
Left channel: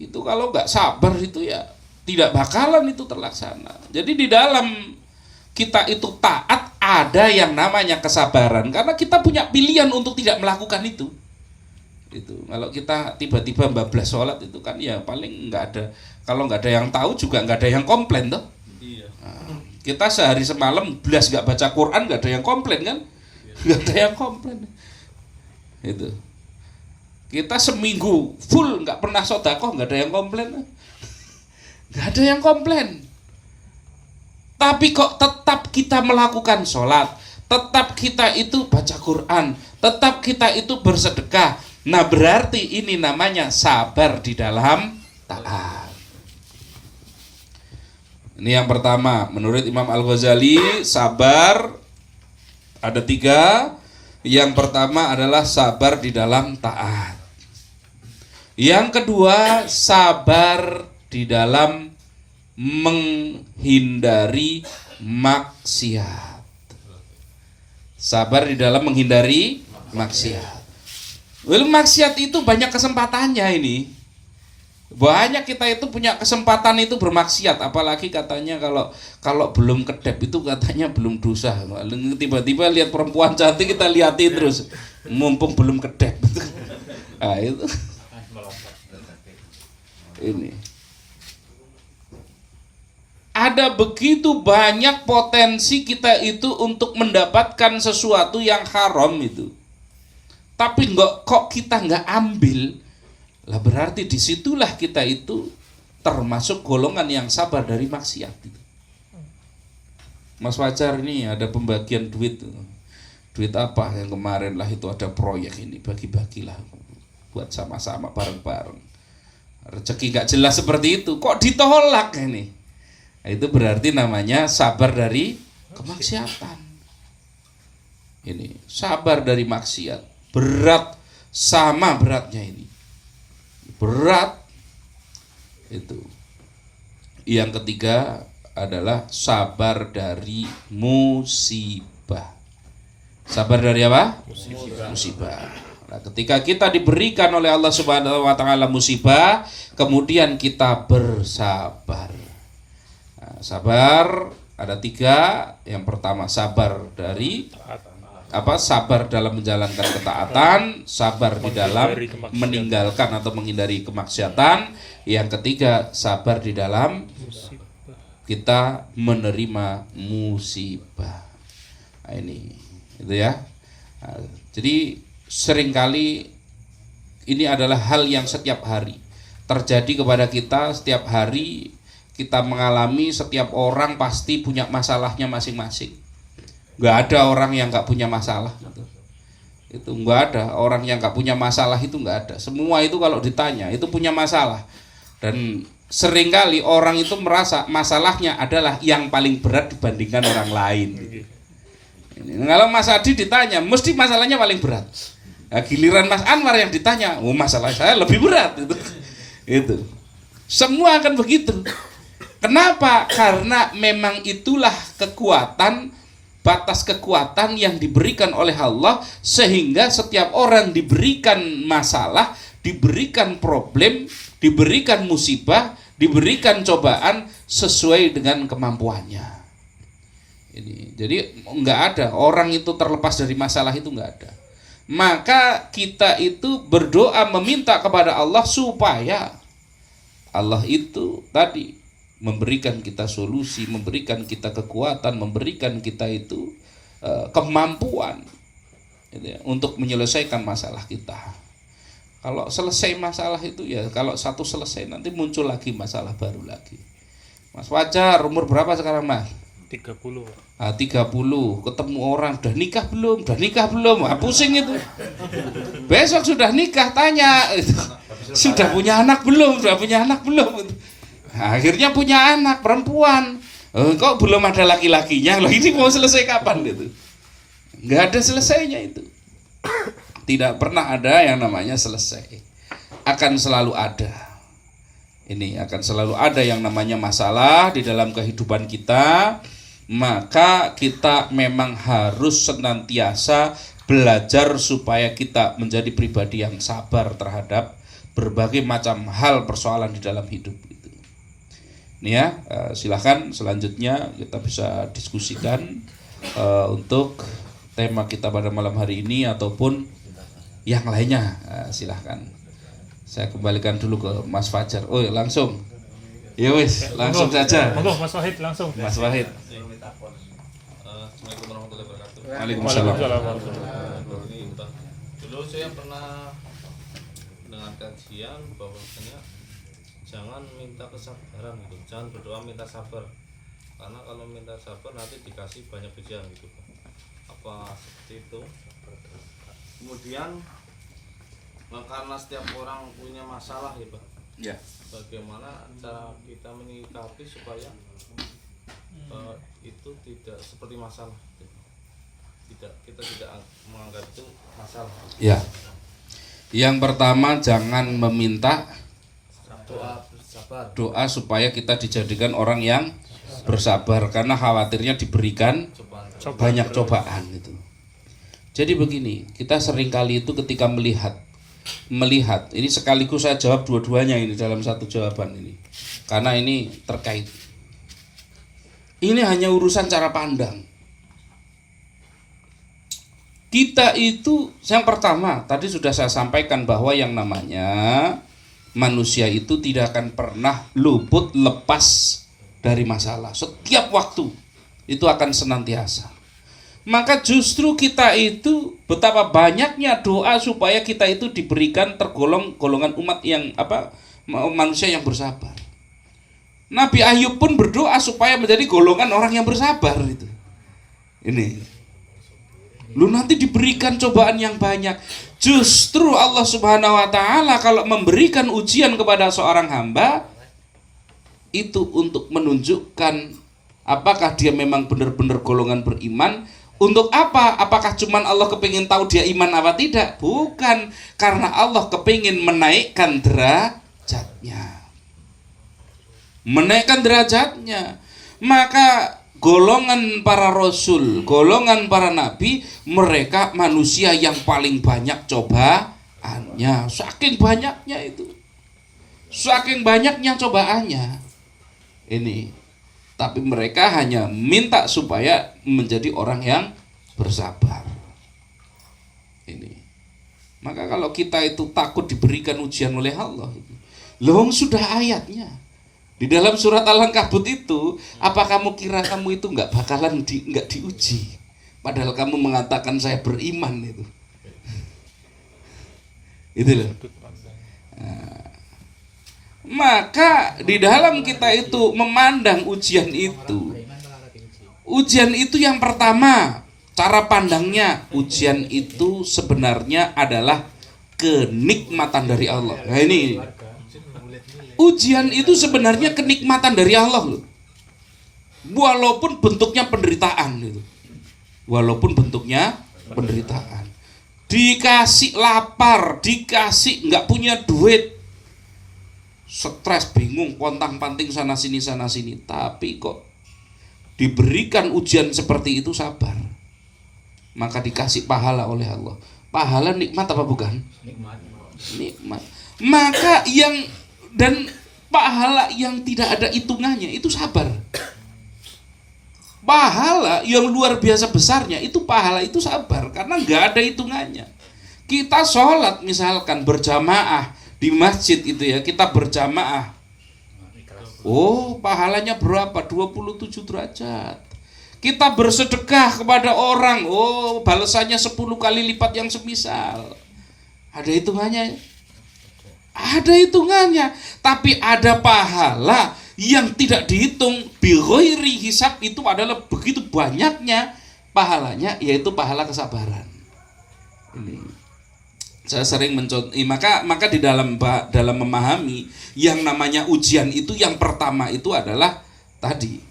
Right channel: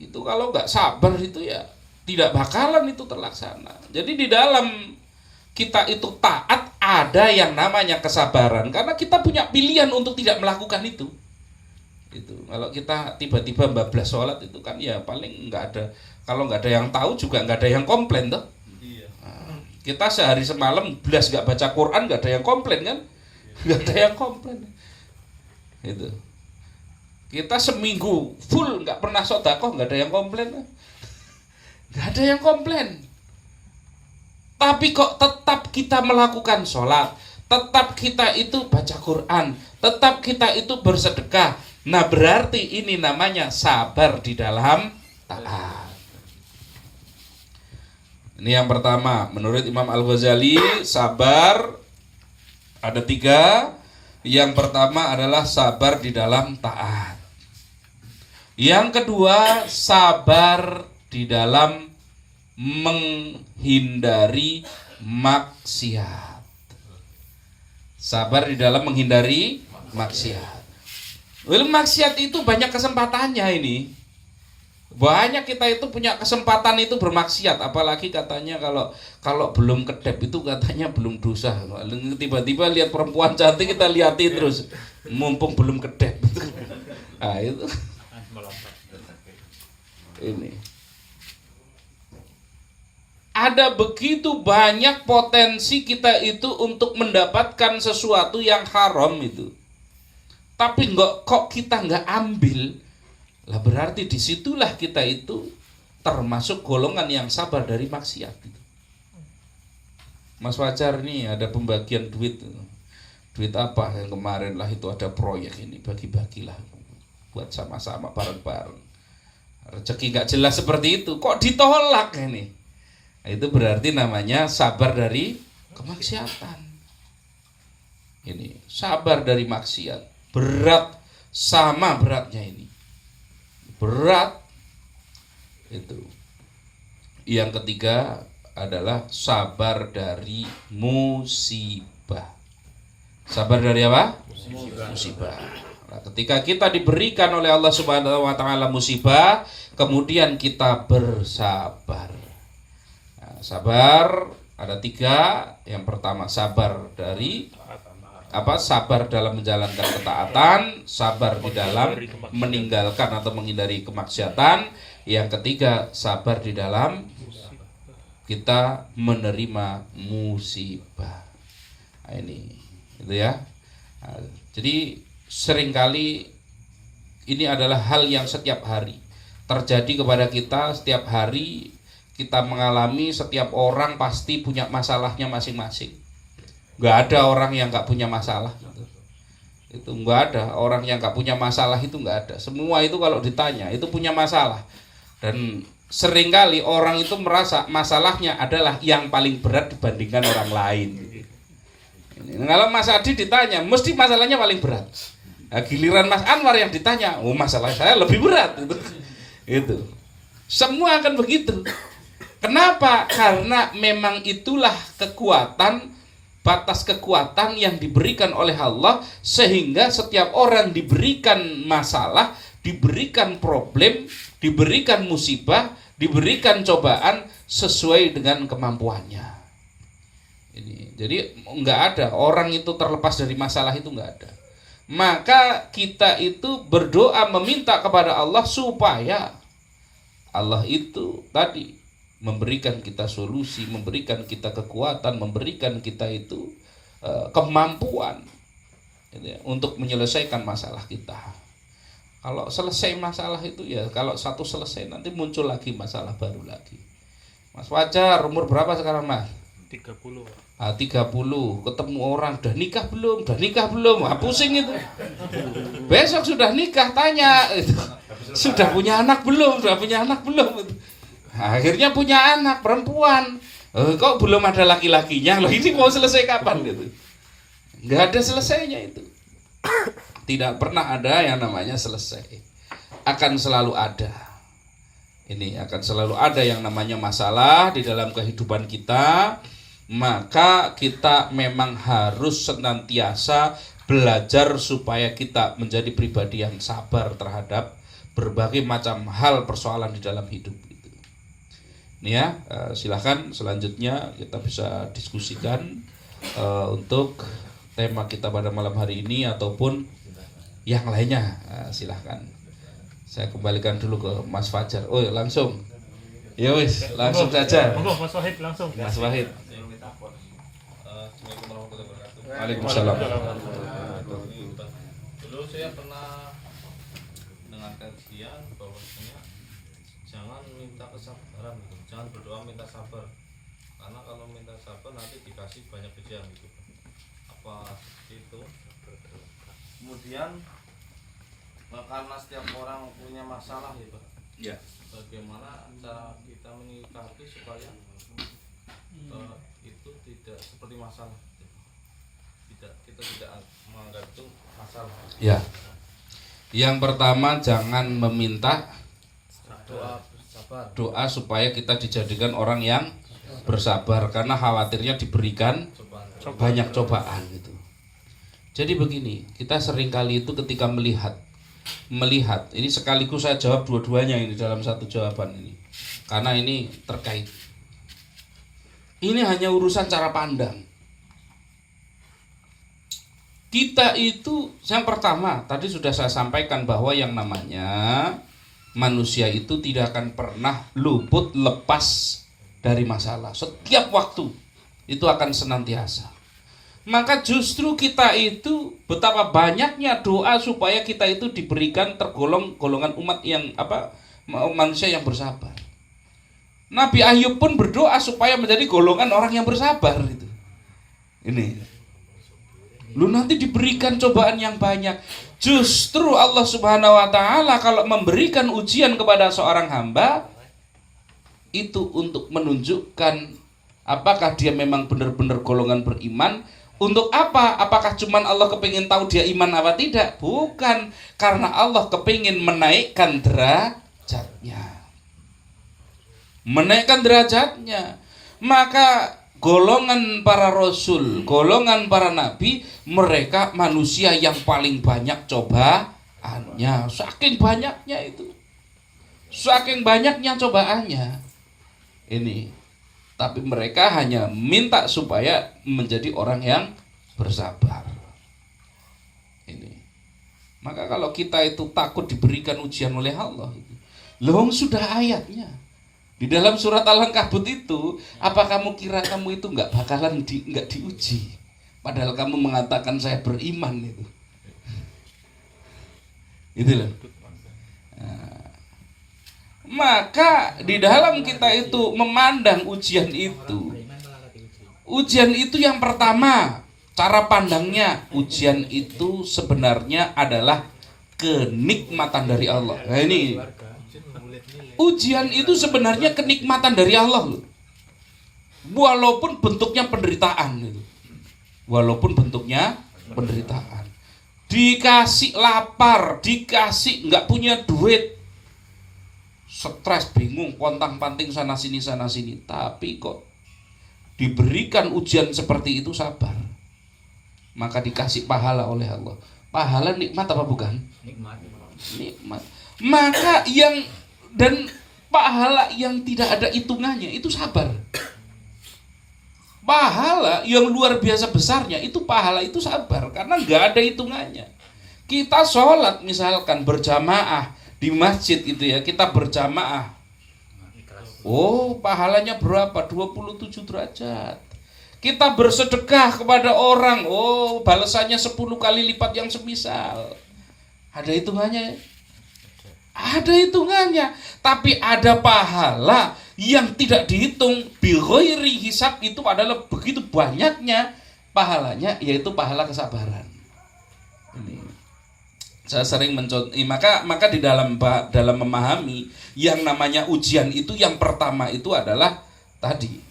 Itu kalau nggak sabar itu ya tidak bakalan itu terlaksana. Jadi di dalam kita itu taat ada yang namanya kesabaran karena kita punya pilihan untuk tidak melakukan itu. Itu kalau kita tiba-tiba bablas sholat itu kan ya paling nggak ada, kalau nggak ada yang tahu juga nggak ada yang komplain toh. Iya. Nah, kita sehari semalam belas nggak baca Quran nggak ada yang komplain kan, nggak ada yang komplain. Itu kita seminggu full nggak pernah sedekah nggak ada yang komplain, nggak ada yang komplain. Tapi kok tetap kita melakukan sholat, tetap kita itu baca Quran, tetap kita itu bersedekah. Nah berarti ini namanya sabar di dalam taat. Ini yang pertama, menurut Imam Al-Ghazali sabar ada 3. Yang pertama adalah sabar di dalam taat. Yang kedua sabar di dalam menghindari maksiat. Sabar di dalam menghindari maksiat. Maksiat itu banyak kesempatannya ini. Banyak kita itu punya kesempatan itu bermaksiat, apalagi katanya kalau belum kedep itu katanya belum dosa. Tiba-tiba lihat perempuan cantik kita liatin terus, mumpung belum kedep. Nah, itu. Ini. Ada begitu banyak potensi kita itu untuk mendapatkan sesuatu yang haram itu. Tapi kok kita nggak ambil, lah berarti disitulah kita itu termasuk golongan yang sabar dari maksiat. Mas Fajar ini ada pembagian duit. Duit apa yang kemarin lah itu ada proyek ini, bagi-bagilah buat sama-sama bareng-bareng. Rezeki nggak jelas seperti itu, kok ditolak ini? Itu berarti namanya sabar dari kemaksiatan. Ini sabar dari maksiat. Berat, sama beratnya ini. Berat. Itu. Yang ketiga adalah sabar dari musibah. Sabar dari apa? Musibah. Nah, ketika kita diberikan oleh Allah Subhanahu wa taala musibah, kemudian kita bersabar. Sabar ada 3. Yang pertama sabar dari sabar dalam menjalankan ketaatan, sabar di dalam meninggalkan atau menghindari kemaksiatan. Yang ketiga sabar di dalam kita menerima musibah. Nah, ini itu ya. Nah, jadi seringkali ini adalah hal yang setiap hari terjadi kepada kita. Setiap hari kita mengalami, setiap orang pasti punya masalahnya masing-masing. Nggak ada orang yang nggak punya masalah gitu. Itu nggak ada orang yang nggak punya masalah, itu nggak ada. Semua itu kalau ditanya itu punya masalah. Dan seringkali orang itu merasa masalahnya adalah yang paling berat dibandingkan orang lain. Kalau Mas Adi ditanya, mesti masalahnya paling berat. Nah, giliran Mas Anwar yang ditanya, masalah saya lebih berat itu. Itu. Semua akan begitu. Kenapa? Karena memang itulah kekuatan, batas kekuatan yang diberikan oleh Allah, sehingga setiap orang diberikan masalah, diberikan problem, diberikan musibah, diberikan cobaan sesuai dengan kemampuannya. Ini, jadi nggak ada orang itu terlepas dari masalah, itu nggak ada. Maka kita itu berdoa meminta kepada Allah supaya Allah itu tadi memberikan kita solusi, memberikan kita kekuatan, memberikan kita itu kemampuan gitu ya, untuk menyelesaikan masalah kita. Kalau selesai masalah itu ya, kalau satu selesai nanti muncul lagi masalah baru lagi. Mas Fajar umur berapa sekarang Mas? 30. Nah, 30, ketemu orang, udah nikah belum? Wah, pusing itu. Besok sudah nikah, tanya itu. Sudah punya anak belum? Gitu. Nah, akhirnya punya anak perempuan. Kok belum ada laki-lakinya? Loh, ini mau selesai kapan gitu? Nggak ada selesainya itu. Tidak pernah ada yang namanya selesai. Akan selalu ada. Ini akan selalu ada yang namanya masalah di dalam kehidupan kita. Maka kita memang harus senantiasa belajar supaya kita menjadi pribadi yang sabar terhadap berbagai macam hal persoalan di dalam hidup itu. Ini ya, silahkan selanjutnya kita bisa diskusikan untuk tema kita pada malam hari ini ataupun yang lainnya. Silahkan. Saya kembalikan dulu ke Mas Fajar. Oh langsung. Ya wis, langsung saja. Monggo Mas Wahid langsung. Mas Wahid. Assalamualaikum warahmatullahi wabarakatuh. Waalaikumsalam. Dulu saya pernah mendengar kajian bahwasanya jangan minta kesabaran gitu, jangan berdoa minta sabar, karena kalau minta sabar nanti dikasih banyak ujian gitu. Apa seperti itu? Kemudian karena setiap orang punya masalah ya Pak. Ya. Bagaimana cara kita menyikapi supaya itu tidak seperti masalah gitu. Kita tidak menganggap itu masalah. Ya. Yang pertama jangan meminta doa supaya kita dijadikan orang yang bersabar, karena khawatirnya diberikan banyak cobaan itu. Jadi begini, kita seringkali itu ketika melihat ini sekaligus saya jawab dua-duanya ini dalam satu jawaban ini, karena ini terkait. Ini hanya urusan cara pandang. Kita itu yang pertama tadi sudah saya sampaikan bahwa yang namanya manusia itu tidak akan pernah luput lepas dari masalah. Setiap waktu itu akan senantiasa. Maka justru kita itu betapa banyaknya doa supaya kita itu diberikan tergolong golongan umat yang manusia yang bersabar. Nabi Ayub pun berdoa supaya menjadi golongan orang yang bersabar itu. Ini. Lu nanti diberikan cobaan yang banyak. Justru Allah Subhanahu wa taala kalau memberikan ujian kepada seorang hamba itu untuk menunjukkan apakah dia memang benar-benar golongan beriman. Untuk apa? Apakah cuman Allah kepingin tahu dia iman apa tidak? Bukan, karena Allah kepingin menaikkan derajatnya. Maka golongan para rasul, golongan para nabi, mereka manusia yang paling banyak cobaannya. Saking banyaknya cobaannya. Ini. Tapi mereka hanya minta supaya menjadi orang yang bersabar. Ini. Maka kalau kita itu takut diberikan ujian oleh Allah, loh sudah ayatnya. Di dalam surat Al-Ankabut itu, apa kamu kira kamu itu nggak bakalan nggak diuji? Padahal kamu mengatakan saya beriman itu. Itu loh. Nah, maka di dalam kita itu memandang ujian itu yang pertama, cara pandangnya ujian itu sebenarnya adalah kenikmatan dari Allah. Nah ini. Ujian itu sebenarnya kenikmatan dari Allah loh. Walaupun bentuknya penderitaan itu. Dikasih lapar, dikasih nggak punya duit, stres, bingung, pontang-panting sana sini, tapi kok diberikan ujian seperti itu sabar. Maka dikasih pahala oleh Allah. Pahala nikmat apa bukan? Nikmat. Maka dan pahala yang tidak ada hitungannya itu sabar. Pahala yang luar biasa besarnya itu pahala itu sabar, karena nggak ada hitungannya. Kita sholat misalkan berjamaah di masjid itu ya, kita berjamaah. Oh, pahalanya berapa? 27 derajat. Kita bersedekah kepada orang, oh balasannya 10 kali lipat yang semisal. Ada hitungannya? Ada hitungannya. Tapi ada pahala yang tidak dihitung. Bighairi hisab, itu adalah begitu banyaknya pahalanya, yaitu pahala kesabaran. Ini saya sering mencontoh, maka di dalam memahami yang namanya ujian itu, yang pertama itu adalah tadi,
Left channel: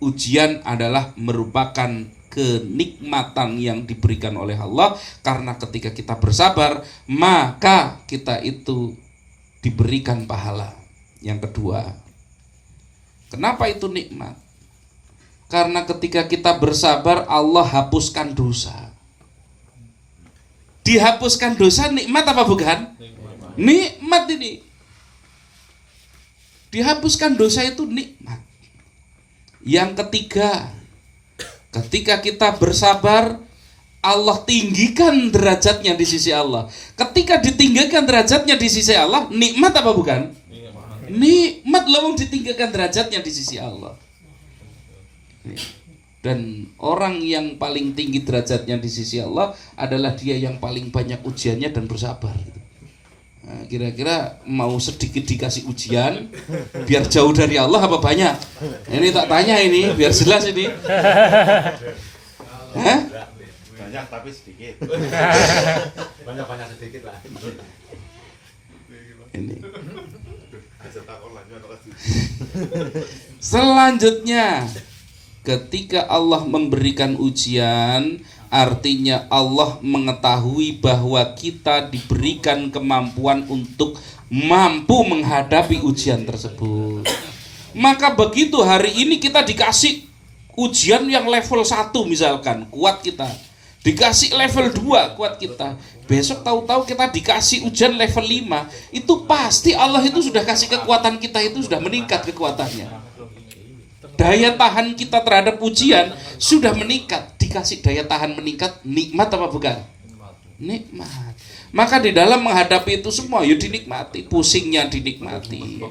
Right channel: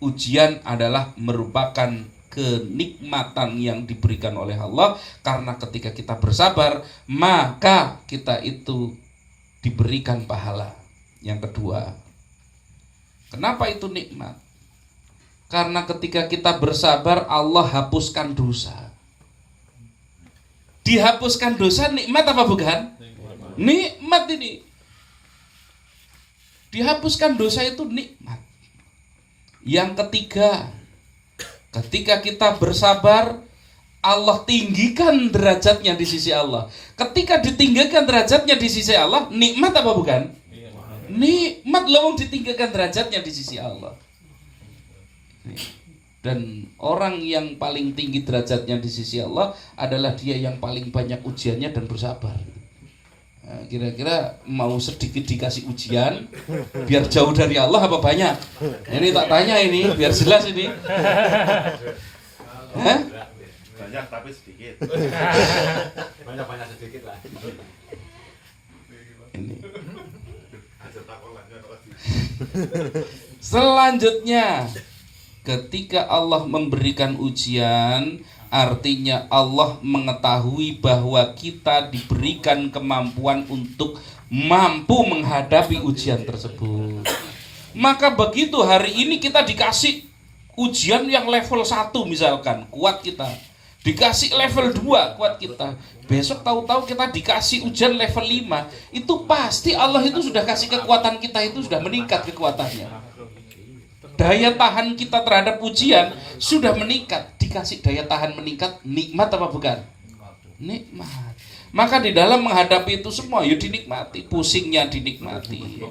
ujian adalah merupakan kenikmatan yang diberikan oleh Allah, karena ketika kita bersabar maka kita itu diberikan pahala. Yang kedua, kenapa itu nikmat? Karena ketika kita bersabar Allah hapuskan dosa. Dihapuskan dosa nikmat apa bukan? Nikmat ini. Dihapuskan dosa itu nikmat. Yang ketiga, ketika kita bersabar Allah tinggikan derajatnya di sisi Allah. Ketika ditinggikan derajatnya di sisi Allah, nikmat apa bukan? Nikmat loh, ditinggikan derajatnya di sisi Allah. Dan orang yang paling tinggi derajatnya di sisi Allah adalah dia yang paling banyak ujiannya dan bersabar. Nah, kira-kira mau sedikit dikasih ujian biar jauh dari Allah apa banyak? Ini tak tanya ini biar jelas ini. Hah? Banyak tapi sedikit. Banyak sedikit lah. Ini. Selanjutnya, ketika Allah memberikan ujian, artinya Allah mengetahui bahwa kita diberikan kemampuan untuk mampu menghadapi ujian tersebut. Maka begitu hari ini kita dikasih ujian yang level 1 misalkan, kuat kita. Dikasih level 2, kuat kita. Besok tahu-tahu kita dikasih ujian level 5, itu pasti Allah itu sudah kasih kekuatan kita itu sudah meningkat kekuatannya. Daya tahan kita terhadap ujian sudah meningkat. Dikasih daya tahan meningkat, nikmat apa bukan? Nikmat. Maka di dalam menghadapi itu semua ya dinikmati, pusingnya dinikmati.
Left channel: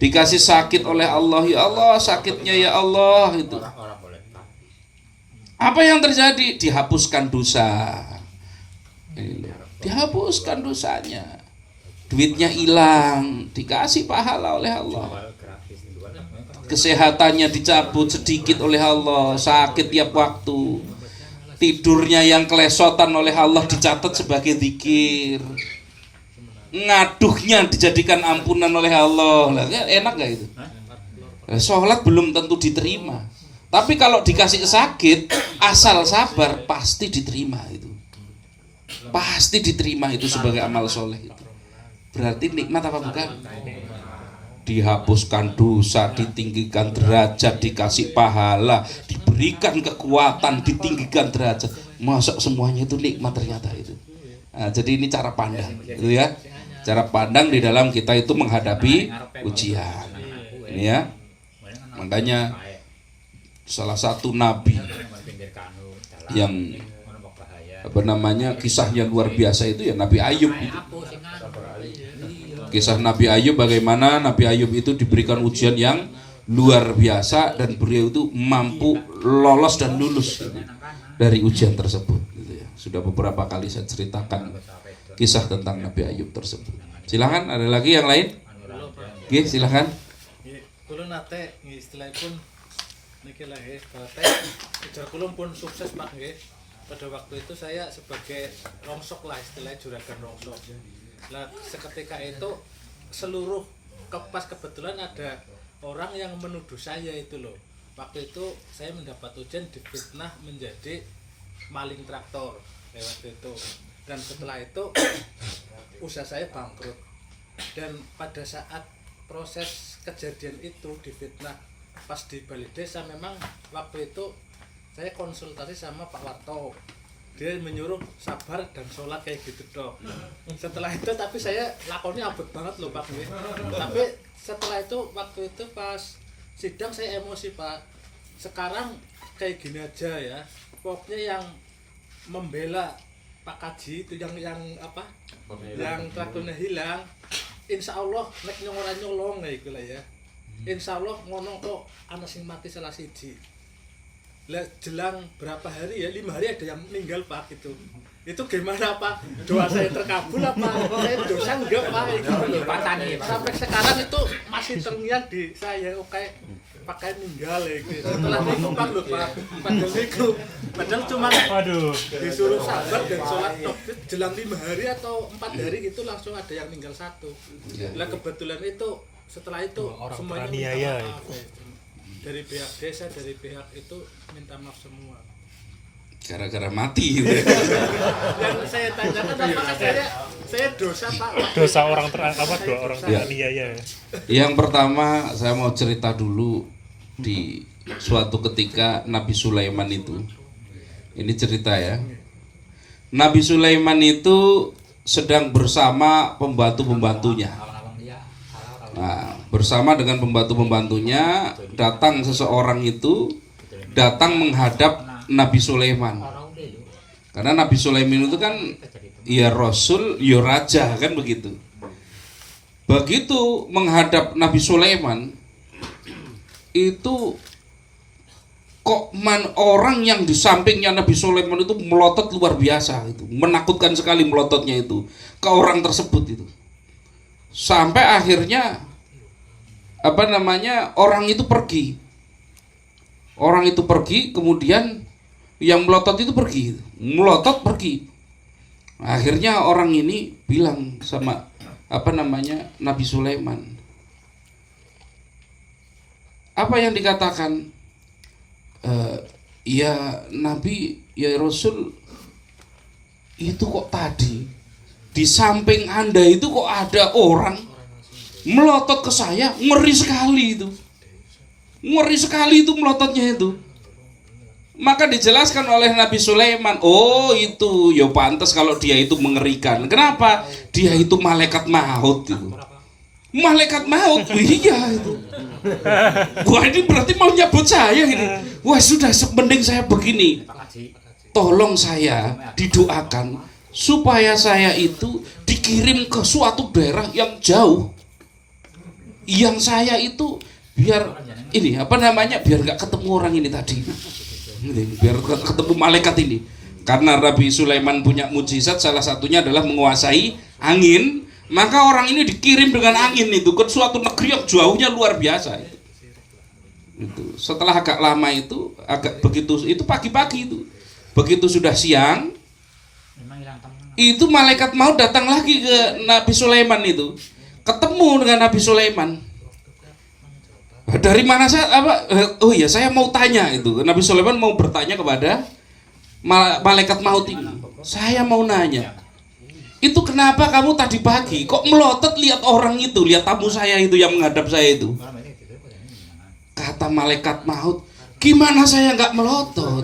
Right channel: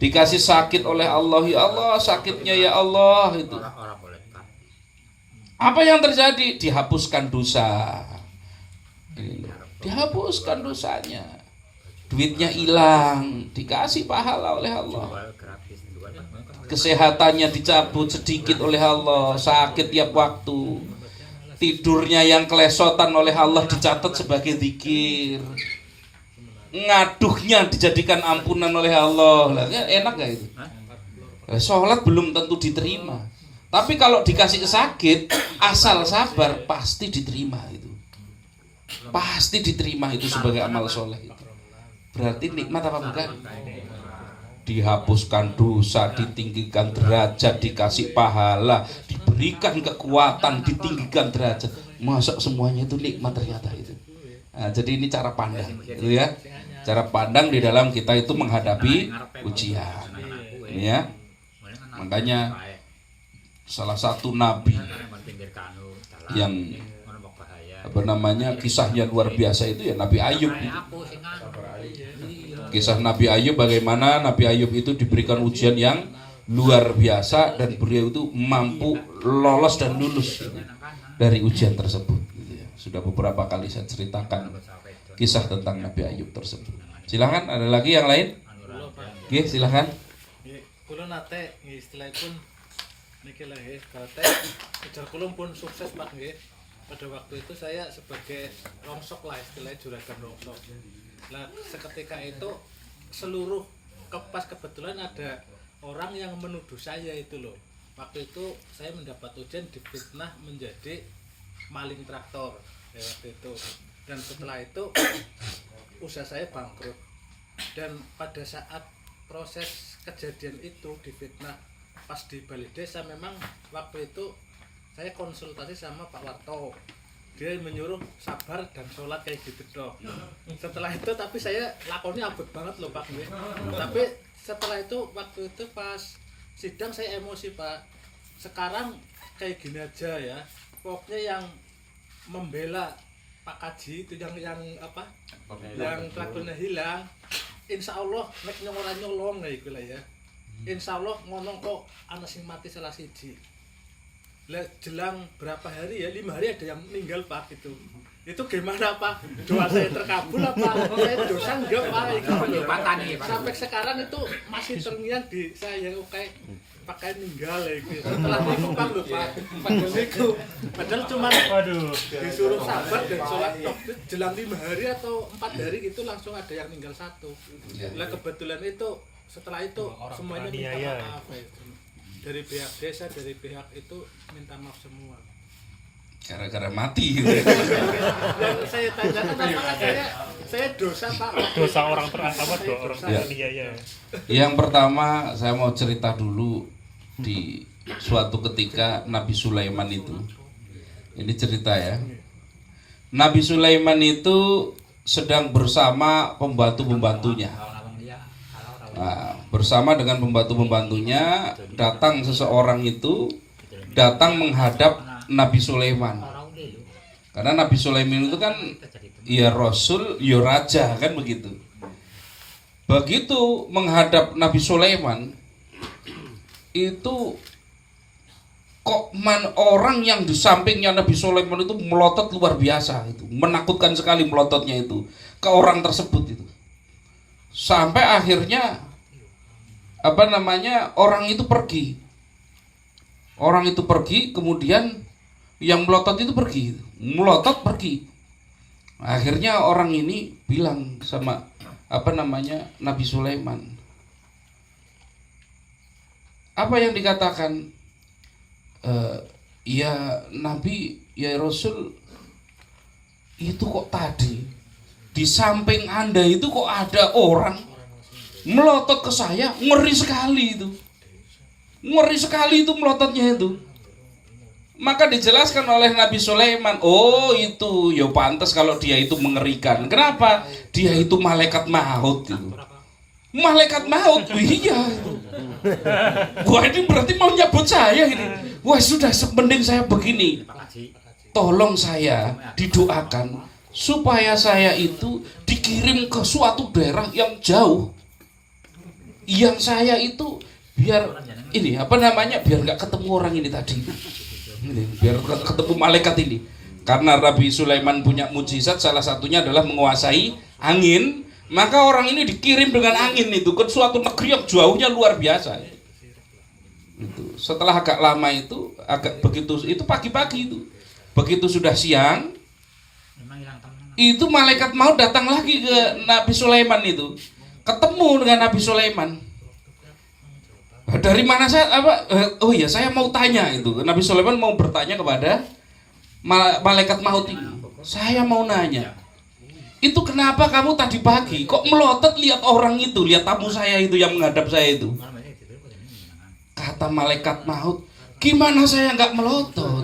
Dikasih sakit oleh Allah, ya Allah sakitnya ya Allah itu. Apa yang terjadi? Dihapuskan dosa. Dihapuskan dosanya. Duitnya hilang, dikasih pahala oleh Allah. Kesehatannya dicabut sedikit oleh Allah, sakit tiap waktu. Tidurnya yang kelesotan oleh Allah dicatat sebagai zikir. Ngaduhnya dijadikan ampunan oleh Allah. Enak gak itu? Sholat belum tentu diterima, tapi kalau dikasih sakit, asal sabar pasti diterima itu. Pasti diterima itu sebagai amal soleh itu. Berarti nikmat apa bukan? Dihapuskan dosa, ditinggikan derajat, dikasih pahala, diberikan kekuatan, ditinggikan derajat. Masuk semuanya itu nikmat ternyata itu. Nah, jadi ini cara pandang, gitu ya. Cara pandang di dalam kita itu menghadapi ujian. Ini ya. Makanya salah satu nabi yang kisahnya luar biasa itu ya Nabi Ayub. Kisah Nabi Ayub, bagaimana Nabi Ayub itu diberikan ujian yang luar biasa dan beliau itu mampu lolos dan lulus dari ujian tersebut. Sudah beberapa kali saya ceritakan kisah tentang Nabi Ayub tersebut. Silakan, ada lagi yang lain? Oke, silakan. Kulo nate istilahipun niki lah nggih, bate kejar kulo pun sukses Pak nggih. Pada waktu itu saya sebagai rongsok lah istilahnya, juragan rongsok. Nah seketika itu seluruh pas kebetulan ada orang yang menuduh saya itu loh. Waktu itu saya mendapat ujian difitnah menjadi maling traktor waktu itu. Dan setelah itu usaha saya bangkrut. Dan pada saat proses kejadian itu difitnah pas di Bali Desa, memang waktu itu saya konsultasi sama Pak Warto. Dia menyuruh sabar dan sholat kayak gitu dong. Setelah itu tapi saya lakonnya abot banget loh Pak. Tapi setelah itu waktu itu pas sidang saya emosi Pak. Sekarang kayak gini aja ya. Pokoknya yang membela Pak Kaji itu yang apa? Yang traktornya hilang. Insya Allah nek nyong ora nyolong iku lah ya. Insya Allah ngono kok ana sing mati salah siji. Lah jelang berapa hari ya? 5 hari ada yang meninggal Pak itu. Itu gimana Pak? Doa saya terkabul apa? Saya dosa enggak Pak? Sampai sekarang itu masih terngiang di saya oke pakai meninggal ya gitu. Setelah itu Pak lho Pak. Padahal cuma disuruh sabar dan sholat tok jelang 5 hari atau 4 hari gitu langsung ada yang meninggal satu. Lah kebetulan itu setelah itu semuanya minta maaf ya. Dari pihak desa, dari pihak itu minta maaf semua. Gara-gara mati gitu. Dan saya tanyakan apakah saya dosa Pak? Dosa orang dua orang Ya. teraniaya. Yang pertama saya mau cerita dulu di suatu ketika Nabi Sulaiman itu. Ini cerita ya. Nabi Sulaiman itu sedang bersama pembantu-pembantunya. Nah, bersama dengan pembantu-pembantunya datang seseorang itu datang menghadap Nabi Sulaiman. Karena Nabi Sulaiman itu kan ya rasul, ya raja kan begitu. Begitu menghadap Nabi Sulaiman itu kok orang yang di sampingnya Nabi Sulaiman itu melotot luar biasa itu, menakutkan sekali melototnya itu ke orang tersebut itu. Sampai akhirnya orang itu pergi. Orang itu pergi, kemudian yang melotot itu pergi, melotot pergi. Akhirnya orang ini bilang sama Nabi Sulaiman. Apa yang dikatakan? Ya Nabi, ya Rasul, itu kok tadi di samping Anda itu kok ada orang melotot ke saya, ngeri sekali itu. Ngeri sekali itu melototnya itu. Maka dijelaskan oleh Nabi Sulaiman, oh itu ya pantas kalau dia itu mengerikan. Kenapa? Dia itu malaikat maut itu. Malaikat maut, iya itu. Wah ini berarti mau nyabut saya ini. Wah sudah mending saya begini. Tolong saya didoakan supaya saya itu dikirim ke suatu daerah yang jauh. Yang saya itu biar biar nggak ketemu orang ini tadi. Biar ketemu malaikat ini. Karena Nabi Sulaiman punya mujizat, salah satunya adalah menguasai angin. Maka orang ini dikirim dengan angin itu ke suatu negeri yang jauhnya luar biasa. Itu. Setelah agak lama itu, itu pagi-pagi itu. Begitu sudah siang, itu malaikat maut datang lagi ke Nabi Sulaiman itu. Ketemu dengan Nabi Sulaiman. Dari mana saya mau tanya itu. Nabi Sulaiman mau bertanya kepada malaikat maut ini. Saya mau nanya. Itu kenapa kamu tadi pagi kok melotot lihat orang itu, lihat tamu saya itu yang menghadap saya itu? Kata malaikat maut, gimana saya nggak melotot?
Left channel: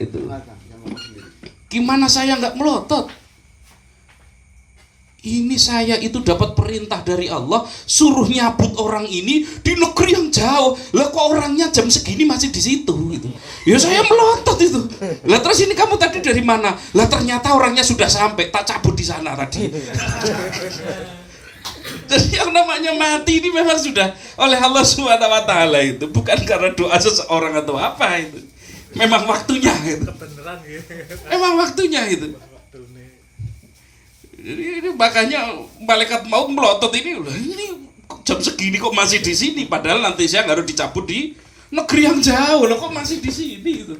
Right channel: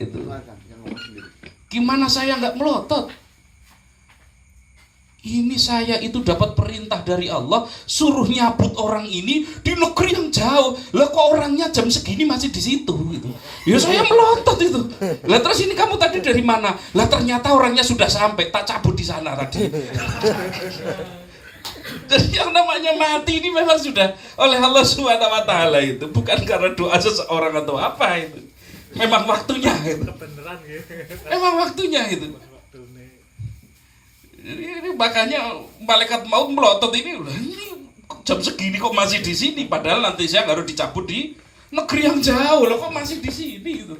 Itu. Gimana saya nggak melotot? Ini saya itu dapat perintah dari Allah suruh nyabut orang ini di negeri yang jauh. Lah kok orangnya jam segini masih di situ gitu. Ya saya melotot itu. Lah terus ini kamu tadi dari mana? Lah ternyata orangnya sudah sampai, tak cabut di sana tadi. Jadi yang namanya mati ini memang sudah oleh Allah SWT itu, bukan karena doa seseorang atau apa itu. Memang waktunya itu. Kebenaran gitu. Memang waktunya itu. Jadi makanya malaikat mau melotot ini jam segini kok masih di sini, padahal nanti saya harus dicabut di negeri yang jauh loh, kok masih di sini gitu.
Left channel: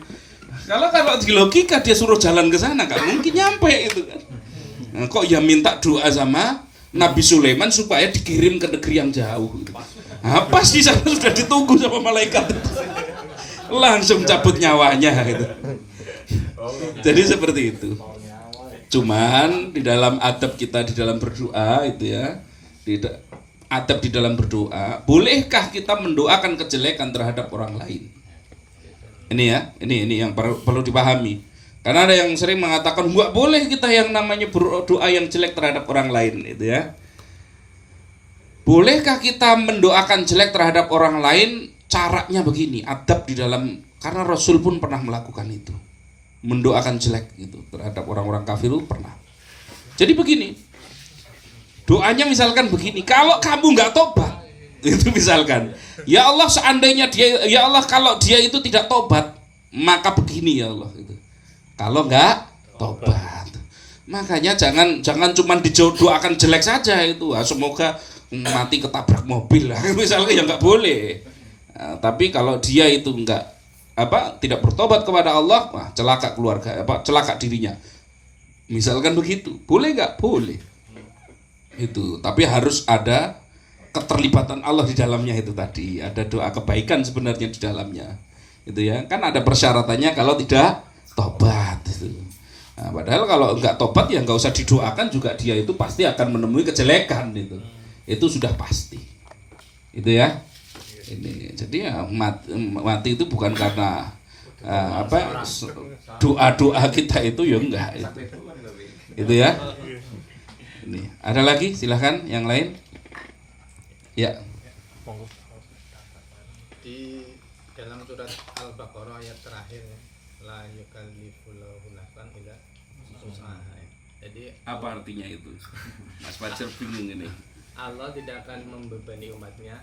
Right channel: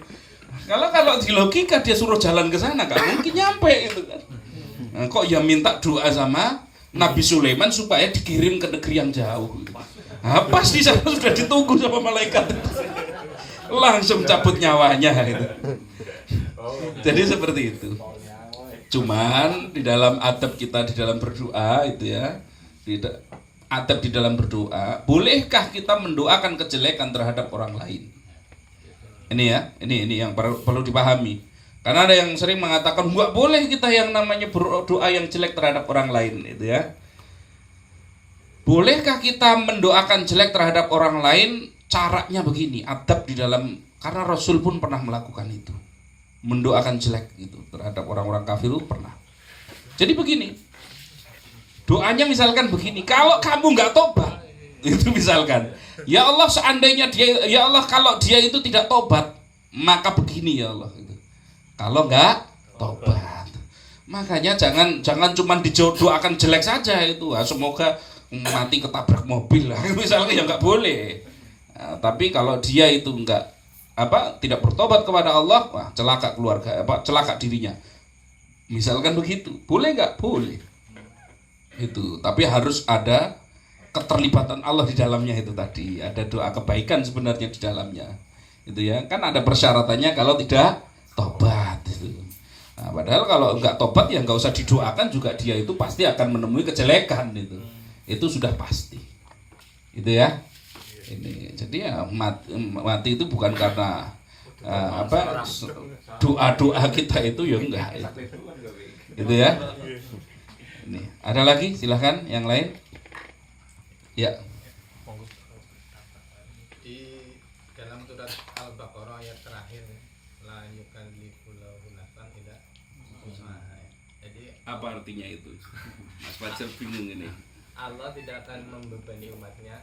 Kalau di logika dia suruh jalan ke sana nggak mungkin nyampe itu kan. Nah, kok ya minta doa sama Nabi Sulaiman supaya dikirim ke negeri yang jauh. Gitu. Nah, pas di sana sudah ditunggu sama malaikat itu. Langsung cabut nyawanya gitu. Jadi seperti itu. Cuman di dalam adab kita di dalam berdoa itu ya, adab di dalam berdoa, bolehkah kita mendoakan kejelekan terhadap orang lain? Ini ya, ini yang perlu dipahami. Karena ada yang sering mengatakan nggak boleh kita yang namanya berdoa yang jelek terhadap orang lain, itu ya. Bolehkah kita mendoakan jelek terhadap orang lain? Caranya begini, adab di dalam, karena Rasul pun pernah melakukan itu. mendoakan jelek gitu terhadap orang-orang kafir itu pernah. Jadi begini, doanya misalkan begini, kalau kamu nggak tobat, itu misalkan, ya Allah seandainya dia, ya Allah kalau dia itu tidak tobat, maka begini ya Allah itu. Kalau nggak tobat, makanya jangan cuma didoakan jelek saja itu, semoga mati ketabrak mobil lah, misalnya ya nggak boleh. Nah, tapi kalau dia itu nggak tidak bertobat kepada Allah, wah, celaka keluarga, celaka dirinya. Misalkan begitu, boleh nggak? Boleh. Itu, tapi harus ada keterlibatan Allah di dalamnya itu tadi. Ada doa kebaikan sebenarnya di dalamnya. Itu ya, kan ada persyaratannya kalau tidak tobat itu. Nah, padahal kalau nggak tobat ya nggak usah didoakan juga dia itu pasti akan menemui kejelekan itu. Itu sudah pasti. Itu ya. Ini jadi ya mati itu bukan karena doa kita itu ya enggak itu ya. Ini ada lagi, silahkan yang lain ya. Di dalam surat Al-Baqarah ayat terakhir, la yukallifullahu nafsan illa wus'aha. Jadi Apa artinya itu? Mas Fajar bingung ini. Allah tidak akan membebani umatnya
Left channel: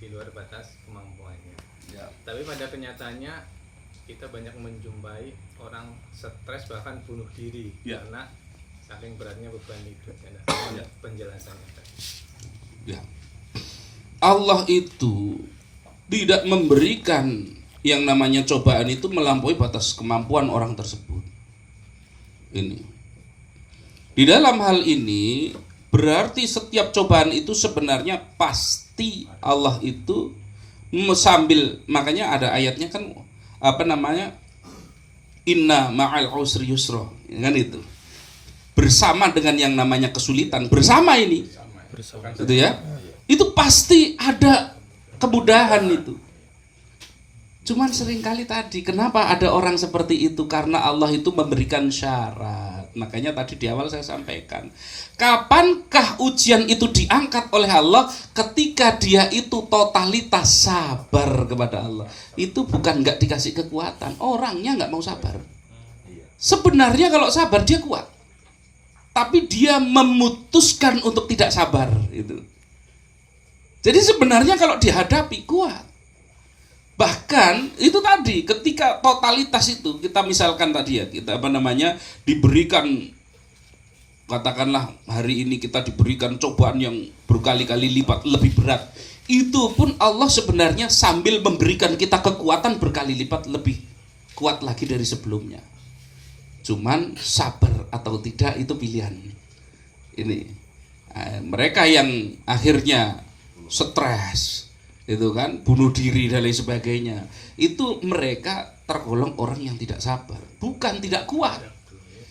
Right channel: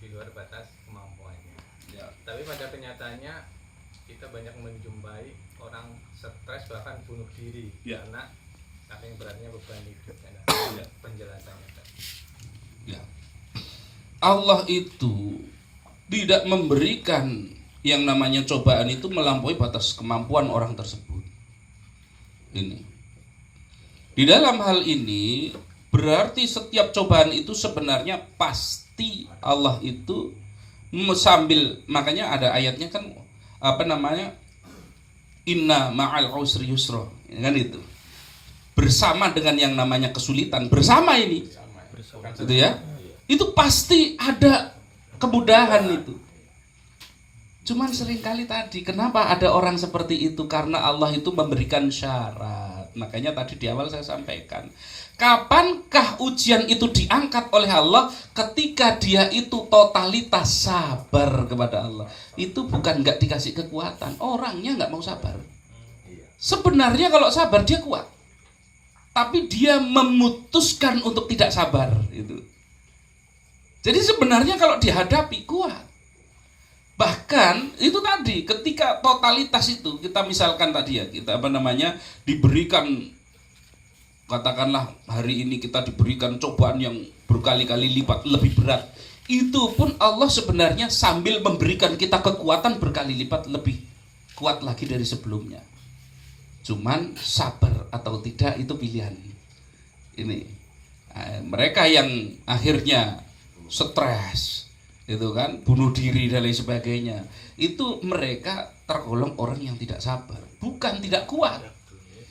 di luar batas kemampuannya. Ya. Tapi pada kenyataannya kita banyak menjumpai orang stres bahkan bunuh diri Ya. karena saking beratnya beban hidup. Ya. Penjelasannya tadi. Ya. Allah itu tidak memberikan yang namanya cobaan itu melampaui batas kemampuan orang tersebut. Ini. Di dalam hal ini berarti setiap cobaan itu sebenarnya pasti Allah itu sambil, makanya ada ayatnya kan inna ma'al usri yusra, kan itu. Bersama dengan yang namanya kesulitan, bersama ini. Gitu ya. Itu pasti ada kemudahan itu. Cuman seringkali tadi kenapa ada orang seperti itu? Karena Allah itu memberikan syarat. Makanya tadi di awal saya sampaikan, kapankah ujian itu diangkat oleh Allah? Ketika dia itu totalitas sabar kepada Allah. Itu bukan nggak dikasih kekuatan, orangnya nggak mau sabar. Sebenarnya kalau sabar dia kuat, tapi dia memutuskan untuk tidak sabar itu. Jadi sebenarnya kalau dihadapi kuat. Bahkan itu tadi ketika totalitas itu kita misalkan tadi ya, kita diberikan, katakanlah hari ini kita diberikan cobaan yang berkali-kali lipat lebih berat. Itu pun Allah sebenarnya sambil memberikan kita kekuatan berkali lipat lebih kuat lagi dari sebelumnya. Cuman sabar atau tidak itu pilihan. Ini mereka yang akhirnya stres itu kan, bunuh diri dan lain sebagainya, itu mereka tergolong orang yang tidak sabar, bukan tidak kuat.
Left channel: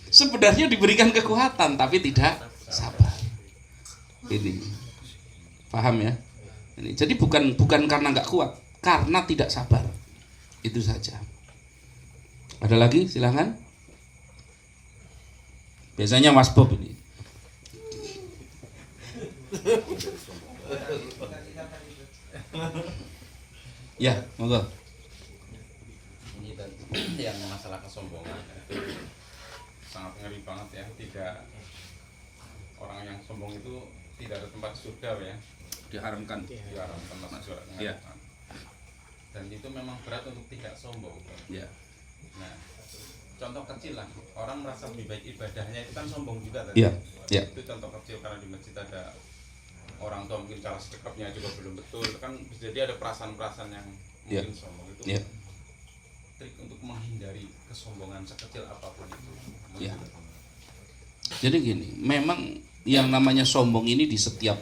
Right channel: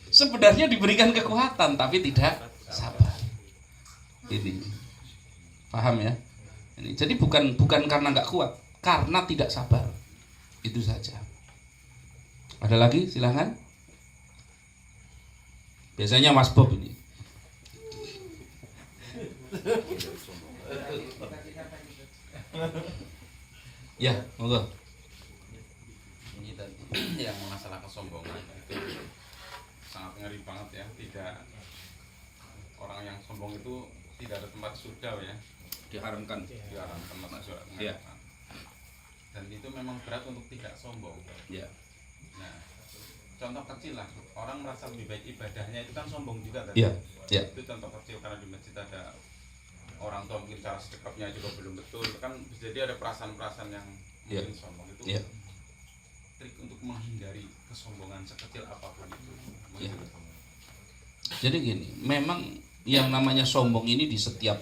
Sebenarnya diberikan kekuatan tapi tidak sabar. Ini paham ya? Ini jadi bukan karena nggak kuat, karena tidak sabar. Itu saja. Ada lagi, silakan. Biasanya Mas Bob ini. Ya, monggo. Ini tadi yang masalah kesombongan itu sangat ngeri banget ya. Orang yang sombong itu tidak ada tempat surga ya. Diharamkan. Diharamkan masuk surga. Ya. Dan itu memang berat untuk tidak sombong. Ya. Nah, contoh kecil lah, orang merasa lebih baik ibadahnya itu kan sombong juga tadi. Ya. Ya. Itu contoh kecil, karena di masjid ada orang tua mungkin cara sedekapnya juga belum betul, kan bisa jadi ada perasaan-perasaan yang mungkin sombong itu. Ya. Trik untuk menghindari kesombongan sekecil apapun itu. Ya. Jadi gini, memang yang namanya sombong ini di setiap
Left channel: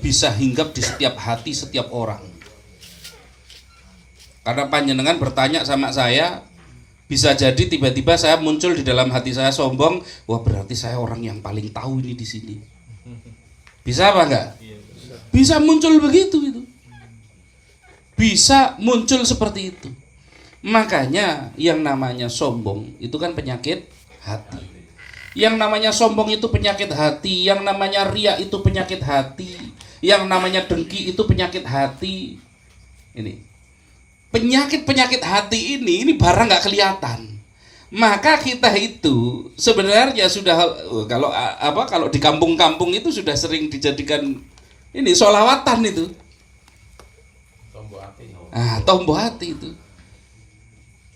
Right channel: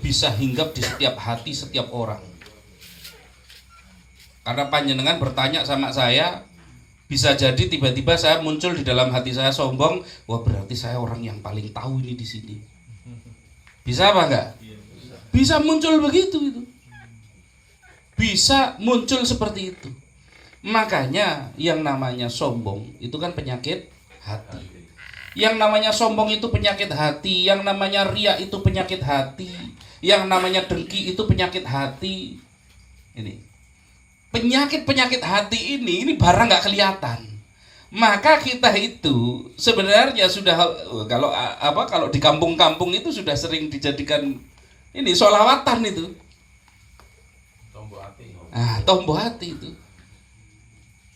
bisa hinggap di setiap hati setiap orang. Karena panjenengan bertanya sama saya, bisa jadi tiba-tiba saya muncul di dalam hati saya sombong, wah berarti saya orang yang paling tahu ini di sini. Bisa apa enggak? Bisa muncul begitu itu. Bisa muncul seperti itu. Makanya yang namanya sombong itu kan penyakit hati. Yang namanya sombong itu penyakit hati, yang namanya riya itu penyakit hati, yang namanya dengki itu penyakit hati. Ini. penyakit hati ini barang nggak kelihatan. Maka kita itu sebenarnya sudah, kalau di kampung-kampung itu sudah sering dijadikan ini sholawatan itu. Tombok hati itu.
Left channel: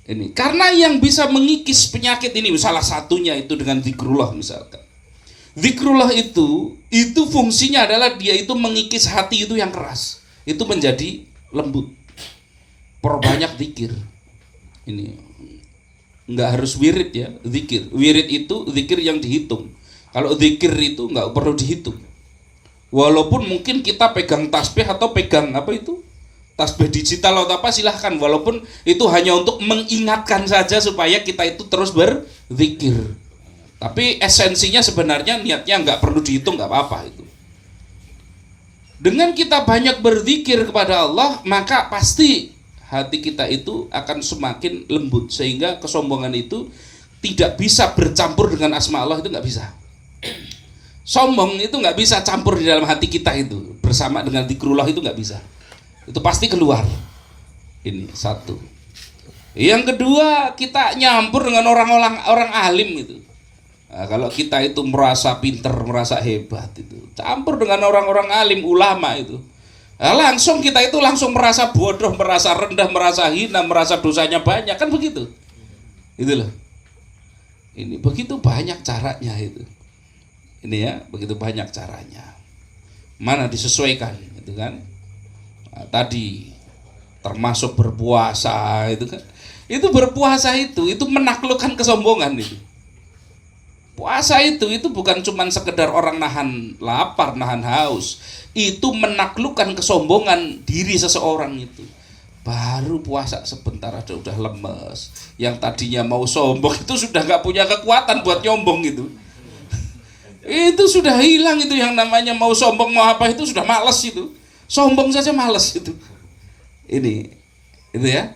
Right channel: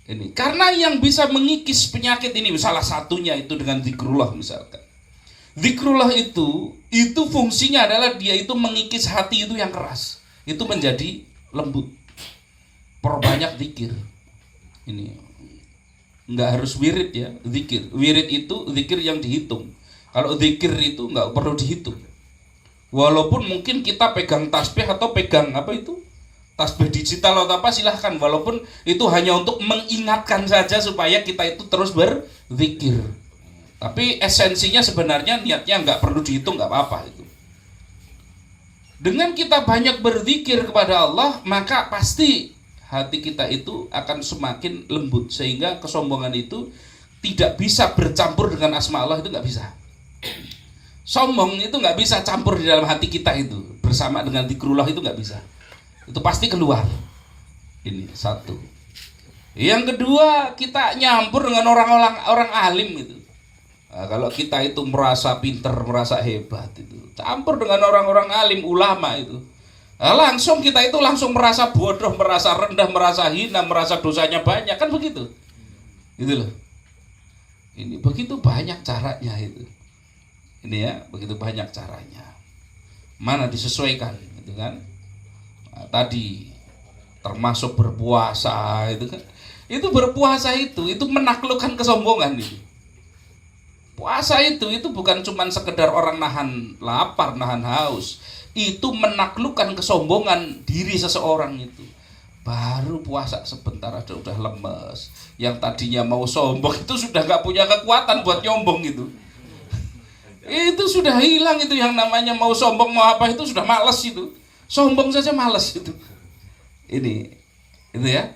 Ini karena yang bisa mengikis penyakit ini salah satunya itu dengan zikrullah misalkan. Zikrullah itu fungsinya adalah dia itu mengikis hati itu yang keras, itu menjadi lembut. Perbanyak zikir. Ini nggak harus wirid ya, zikir. Wirid itu zikir yang dihitung. Kalau zikir itu nggak perlu dihitung. Walaupun mungkin kita pegang tasbih atau pegang tasbih digital atau apa silahkan. Walaupun itu hanya untuk mengingatkan saja supaya kita itu terus berzikir. Tapi esensinya sebenarnya niatnya nggak perlu dihitung, nggak apa-apa itu. Dengan kita banyak berzikir kepada Allah, maka pasti hati kita itu akan semakin lembut sehingga kesombongan itu tidak bisa bercampur dengan asma Allah, itu nggak bisa. Sombong itu nggak bisa campur di dalam hati kita itu bersama dengan zikrullah, itu nggak bisa. Itu pasti keluar. Ini satu. Yang kedua, kita nyampur dengan orang alim itu. Nah, kalau kita itu merasa pinter, merasa hebat itu, campur dengan orang-orang alim, ulama itu. Nah, langsung kita itu langsung merasa bodoh, merasa rendah, merasa hina, merasa dosanya banyak, kan begitu. Itu loh. Ini begitu banyak caranya itu. Ini ya, begitu banyak caranya. Mana disesuaikan gitu kan? Nah, tadi termasuk berpuasa itu kan. Itu berpuasa itu menaklukkan kesombongan itu. Puasa itu bukan cuma sekedar orang nahan lapar, nahan haus. Itu menaklukkan kesombongan diri seseorang itu. Baru puasa sebentar aja udah lemes. Yang tadinya mau sombong itu sudah gak punya kekuatan buat nyombong gitu. Itu sudah hilang itu yang namanya mau sombong mau apa itu sudah males itu. Sombong saja males itu. Itu ya.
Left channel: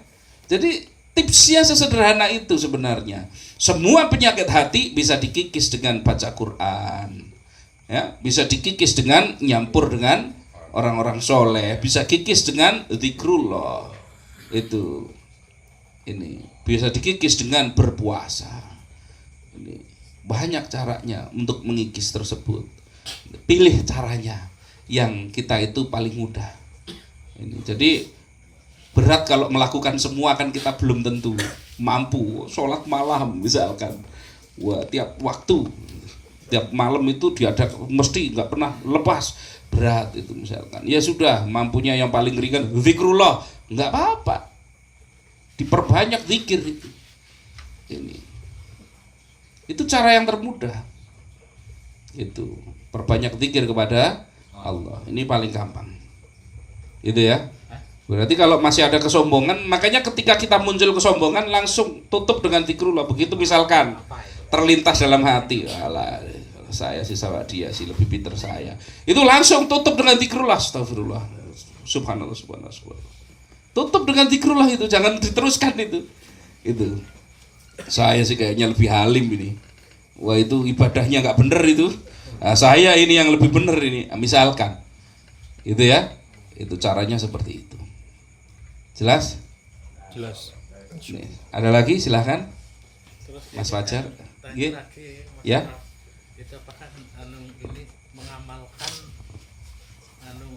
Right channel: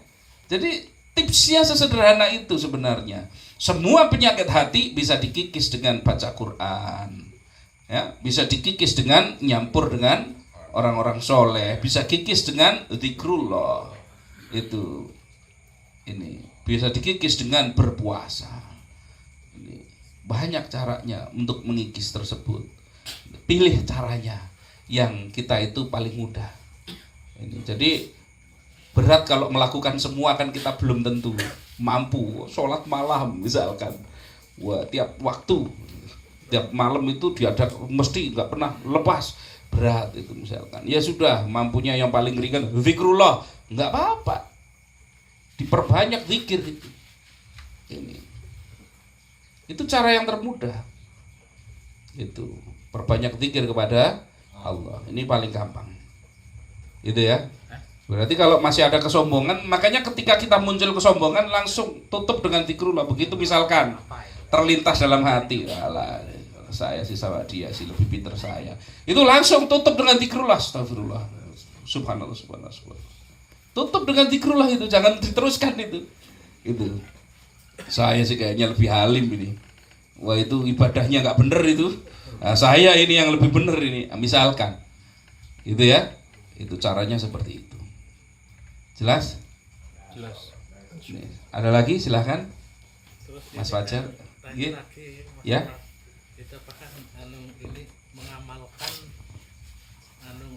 Jadi tipsnya sesederhana itu sebenarnya. Semua penyakit hati bisa dikikis dengan baca Quran, ya, bisa dikikis dengan nyampur dengan orang-orang soleh, bisa kikis dengan zikrullah, ini bisa dikikis dengan berpuasa. Ini banyak caranya untuk mengikis tersebut. Pilih caranya yang kita itu paling mudah. Ini jadi berat kalau melakukan semua kan kita belum tentu mampu. Sholat malam misalkan, wah tiap waktu, tiap malam itu diadakan mesti nggak pernah lepas, berat itu misalkan. Ya sudah, mampunya yang paling ringan zikrullah, nggak apa-apa, diperbanyak zikir itu. Itu cara yang termudah. Itu perbanyak zikir kepada Allah. Ini paling gampang. Itu ya. Berarti kalau masih ada kesombongan, makanya ketika kita muncul kesombongan langsung tutup dengan zikrullah. Begitu misalkan terlintas dalam hati, alah, saya sih sama dia sih lebih pintar saya. Itu langsung tutup dengan zikrullah. Astagfirullah. Subhanallah, subhanallah, subhanallah. Tutup dengan zikrullah itu, jangan diteruskan itu. Itu. Saya sih kayaknya lebih halim ini. Wah itu ibadahnya nggak bener itu. Nah, saya ini yang lebih bener ini. Misalkan, itu ya. Itu caranya seperti itu. Jelas? Jelas. Nih, ada lagi silahkan. Terus Mas Fajar. Tanya lagi, Ya. Itu apakah ini mengamalkan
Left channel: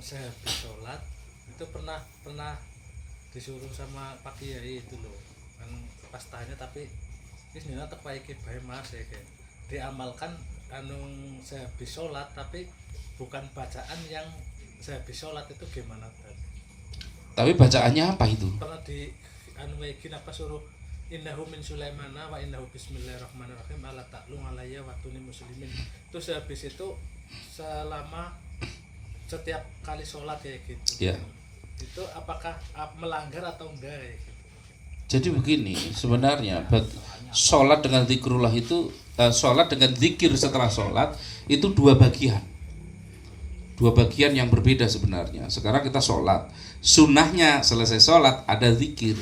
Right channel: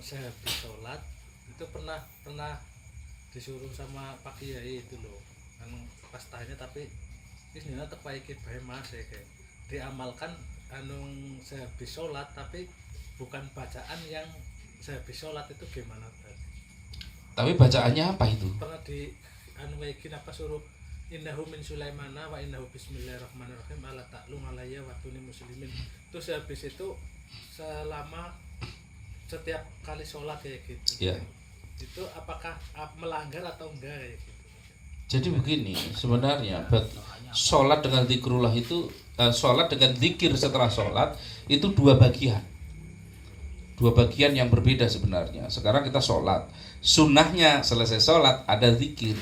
sehabis sholat itu pernah disuruh sama Pak Kiai itu loh kan pas tanya, tapi ini sebenarnya terpaiki bae Mas ya kayak diamalkan sehabis sholat, tapi bukan bacaan yang sehabis sholat itu gimana tadi? Tapi bacaannya apa itu? Pernah di apa suruh innahu min Sulaimana wa innahu bismillahirrahmanirrahim ala ta'lu alayya wa tuni muslimin. Itu sehabis itu selama setiap kali sholat kayak gitu. Ya. Itu apakah melanggar atau enggak ya gitu? Jadi begini, sebenarnya sholat dengan zikrullah itu, sholat dengan zikir setelah sholat itu dua bagian yang berbeda sebenarnya. Sekarang kita sholat, sunnahnya selesai sholat ada zikir.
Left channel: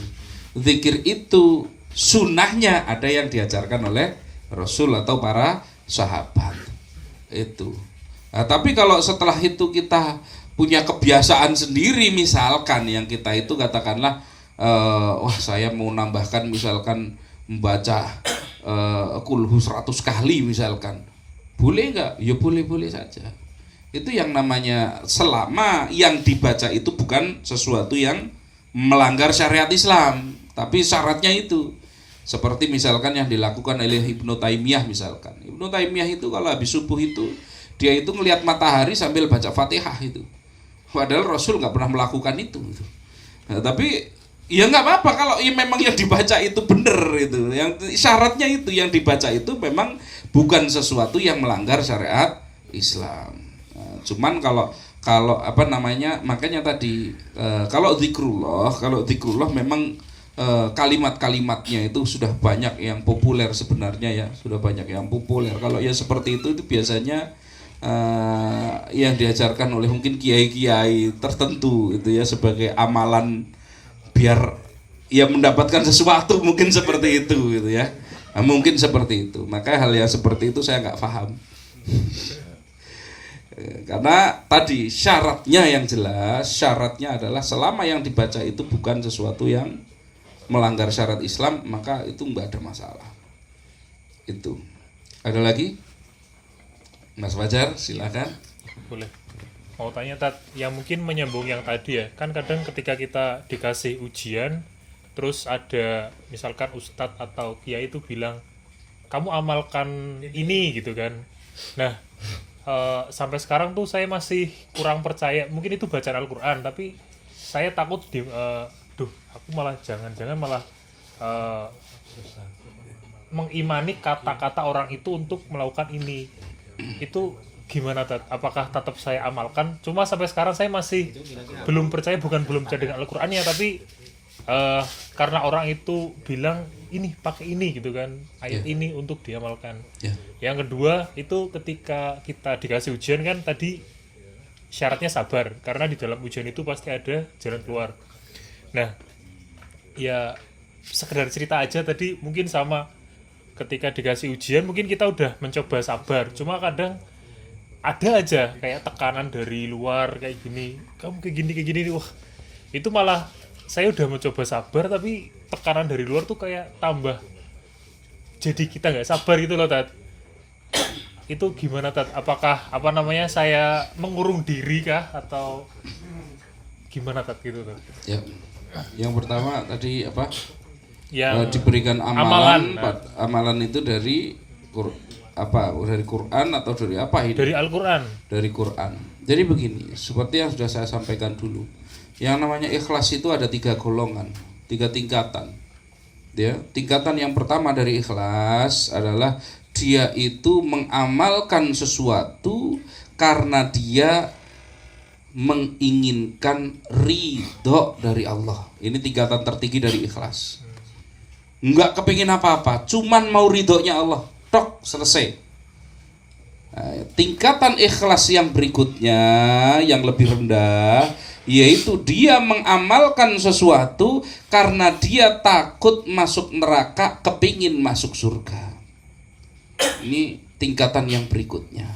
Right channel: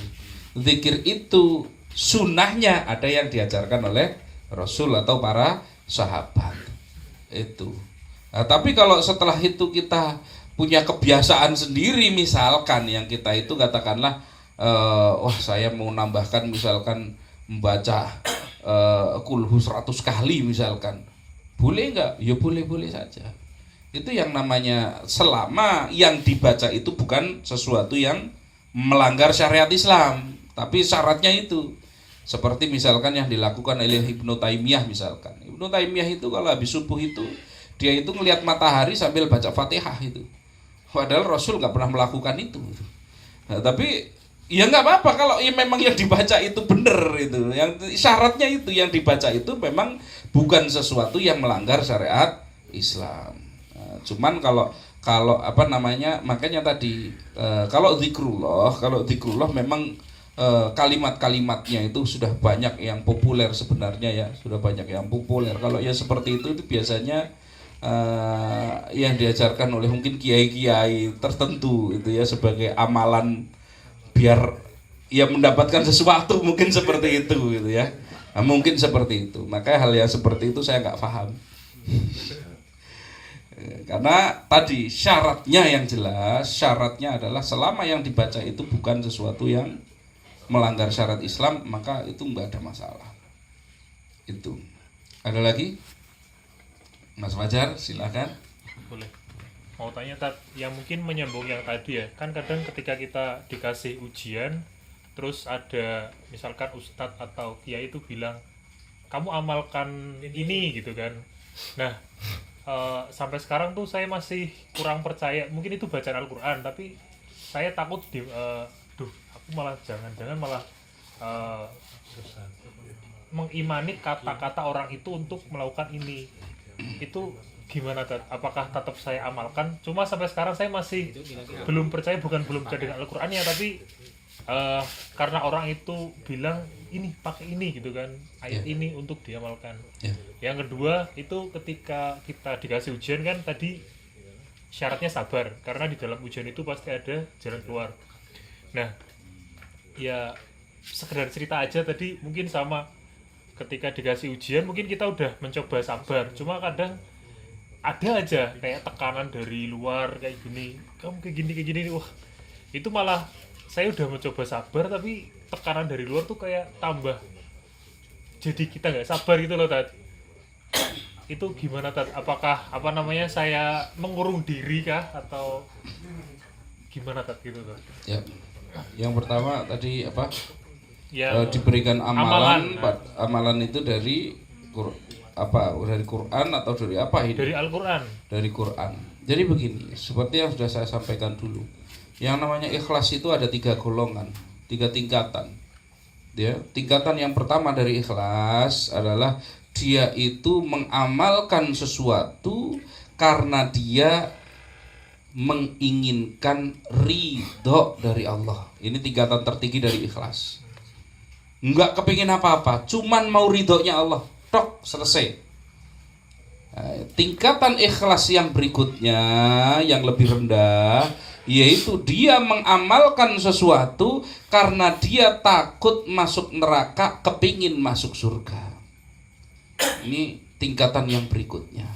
Zikir itu sunnahnya ada yang diajarkan oleh Rasul atau para sahabat itu. Nah, tapi kalau setelah itu kita punya kebiasaan sendiri, misalkan yang kita itu katakanlah wah saya mau nambahkan misalkan membaca kulhu 100 kali misalkan, boleh nggak? Ya boleh-boleh saja. Itu yang namanya selama yang dibaca itu bukan sesuatu yang melanggar syariat Islam, tapi syaratnya itu seperti misalkan yang dilakukan oleh Ibnu Taimiyah misalkan. Ibnu Taimiyah itu kalau habis subuh itu dia itu ngelihat matahari sambil baca Fatihah itu. Padahal Rasul nggak pernah melakukan itu. Nah, tapi ya nggak apa-apa kalau ya memang yang dibaca itu benar itu. Yang syaratnya itu yang dibaca itu memang bukan sesuatu yang melanggar syariat Islam. Nah, cuman kalau apa namanya, makanya tadi kalau zikrullah memang kalimat-kalimatnya itu sudah banyak yang populer sebenarnya ya, sudah banyak yang populer. Kalau ya seperti itu biasanya yang diajarkan oleh mungkin kiai-kiai tertentu itu ya sebagai amalan biar ya mendapatkan sesuatu, mungkin seperti itu gitu ya. Nah, mungkin seperti itu. Maka hal yang seperti itu saya nggak paham. Karena tadi syaratnya yang jelas, syaratnya adalah selama yang dibaca itu bukan sesuatu yang melanggar syarat Islam, maka itu nggak ada masalah. Itu. Ada lagi? Mas Fajar, silakan. Boleh. Mau tanya Tat, yang mungkin menyambung yang tadi ya, kan kadang ketika kita dikasih ujian, terus ada misalkan ustadz atau kiai itu bilang, kamu amalkan ini gitu kan. Nah, sampai sekarang tuh saya masih kurang percaya, mungkin itu bacaan Al-Quran, tapi saya takut aku malah jangan-jangan malah mengimani kata-kata orang itu untuk melakukan ini. Itu gimana Tat? Apakah tetap saya amalkan? Cuma sampai sekarang saya masih belum percaya, bukan belum percaya dengan Al-Qurannya, tapi karena orang itu bilang ini pakai ini gitu kan, ayat ini untuk diamalkan. Yang kedua itu ketika kita dikasih ujian kan tadi syaratnya sabar, karena di dalam ujian itu pasti ada jalan keluar. Nah ya sekedar cerita aja tadi, mungkin sama ketika dikasih ujian mungkin kita udah mencoba sabar, cuma kadang ada aja kayak tekanan dari luar kayak gini, kamu kayak gini wah itu malah saya udah mencoba sabar tapi tekanan dari luar tuh kayak tambah, jadi kita nggak sabar gitu loh Tat. Itu gimana Tat? Apakah saya mengurung diri kah atau gimana Tat gitu Tat? Ya. Yang pertama tadi apa? Ya, diberikan amalan itu dari dari Quran atau dari apa ini? Dari Al-Quran. Dari Quran. Jadi begini, seperti yang sudah saya sampaikan dulu, yang namanya ikhlas itu ada 3 golongan, 3 tingkatan. Ya, tingkatan yang pertama dari ikhlas adalah dia itu mengamalkan sesuatu karena dia menginginkan ridho dari Allah. Ini tingkatan tertinggi dari ikhlas. Enggak kepingin apa-apa, cuman mau ridhonya Allah. Tok, selesai. Nah, tingkatan ikhlas yang berikutnya, yang lebih rendah, yaitu dia mengamalkan sesuatu karena dia takut masuk neraka, kepingin masuk surga. Ini tingkatan yang berikutnya.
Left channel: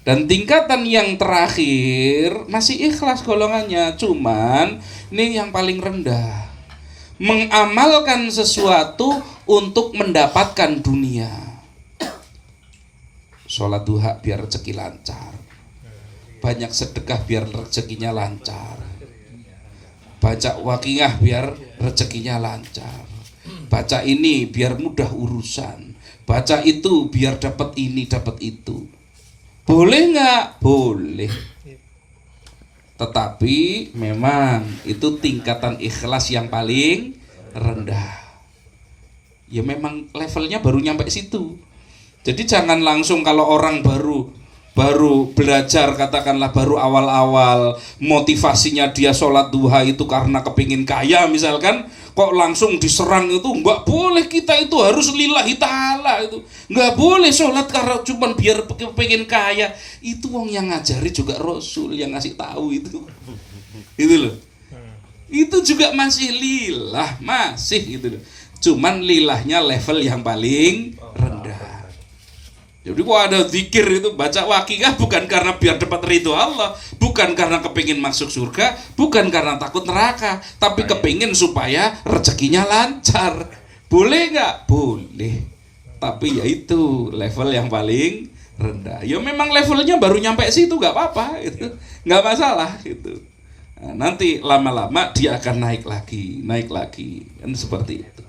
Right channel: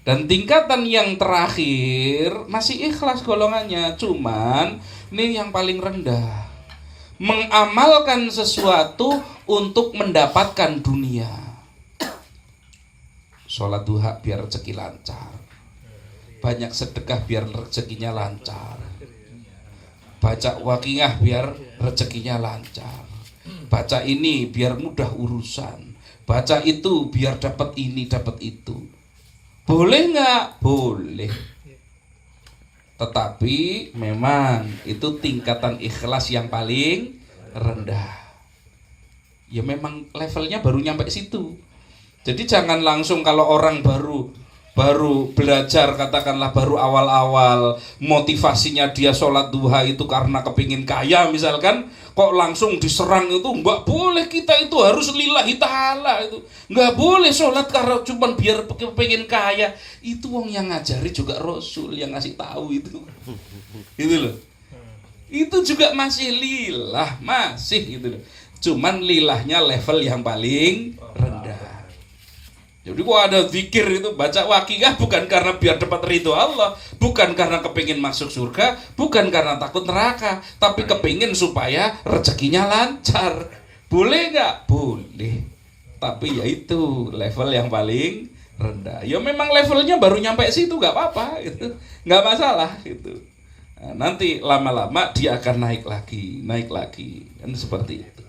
Dan tingkatan yang terakhir masih ikhlas golongannya, cuman ini yang paling rendah, mengamalkan sesuatu untuk mendapatkan dunia. Sholat duha biar rezeki lancar, banyak sedekah biar rezekinya lancar, baca waqiah biar rezekinya lancar, baca ini biar mudah urusan, baca itu biar dapat ini dapat itu. Boleh nggak? Boleh. Tetapi memang itu tingkatan ikhlas yang paling rendah. Ya memang levelnya baru nyampe situ. Jadi jangan langsung kalau orang baru belajar, katakanlah baru awal-awal, motivasinya dia sholat duha itu karena kepingin kaya misalkan, kok langsung diserang itu nggak boleh. Kita itu harus lillahi ta'ala, itu nggak boleh sholat karena cuma biar kepingin kaya. Itu wong yang ngajari juga Rasul yang ngasih tahu itu loh. Itu juga masih lillah, masih gitu loh. Cuman lillahnya level yang paling rendah. Jadi kok ada zikir itu, baca wakiyah bukan karena biar dapat ridho Allah, bukan karena kepingin masuk surga, bukan karena takut neraka, tapi kepingin supaya rezekinya lancar. Boleh nggak? Boleh. Tapi ya itu level yang paling rendah. Ya memang levelnya baru nyampe situ, nggak apa-apa, itu nggak masalah itu. Nah, nanti lama-lama dia akan naik lagi, kan seperti itu.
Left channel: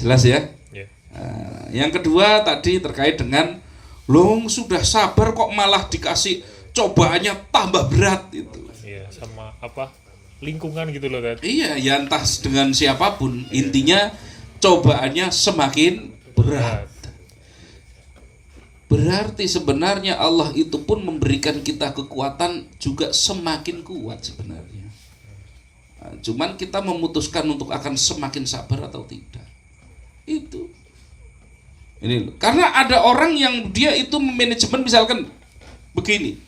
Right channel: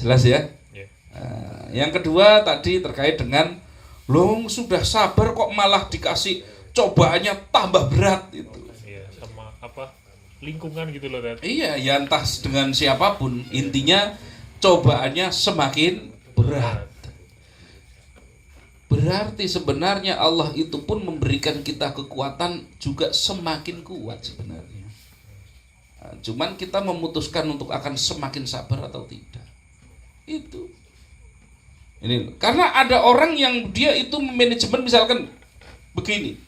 Jelas ya? Nah, yang kedua tadi terkait dengan long sudah sabar kok malah dikasih cobaannya tambah berat itu. Iya, sama apa lingkungan gitu loh Ted. Iya, ya entah dengan siapapun, intinya cobaannya semakin berat. Berarti sebenarnya Allah itu pun memberikan kita kekuatan juga semakin kuat sebenarnya. Nah, cuman kita memutuskan untuk akan semakin sabar atau tidak. Itu. Ini loh. Karena ada orang yang dia itu manajemen misalkan begini.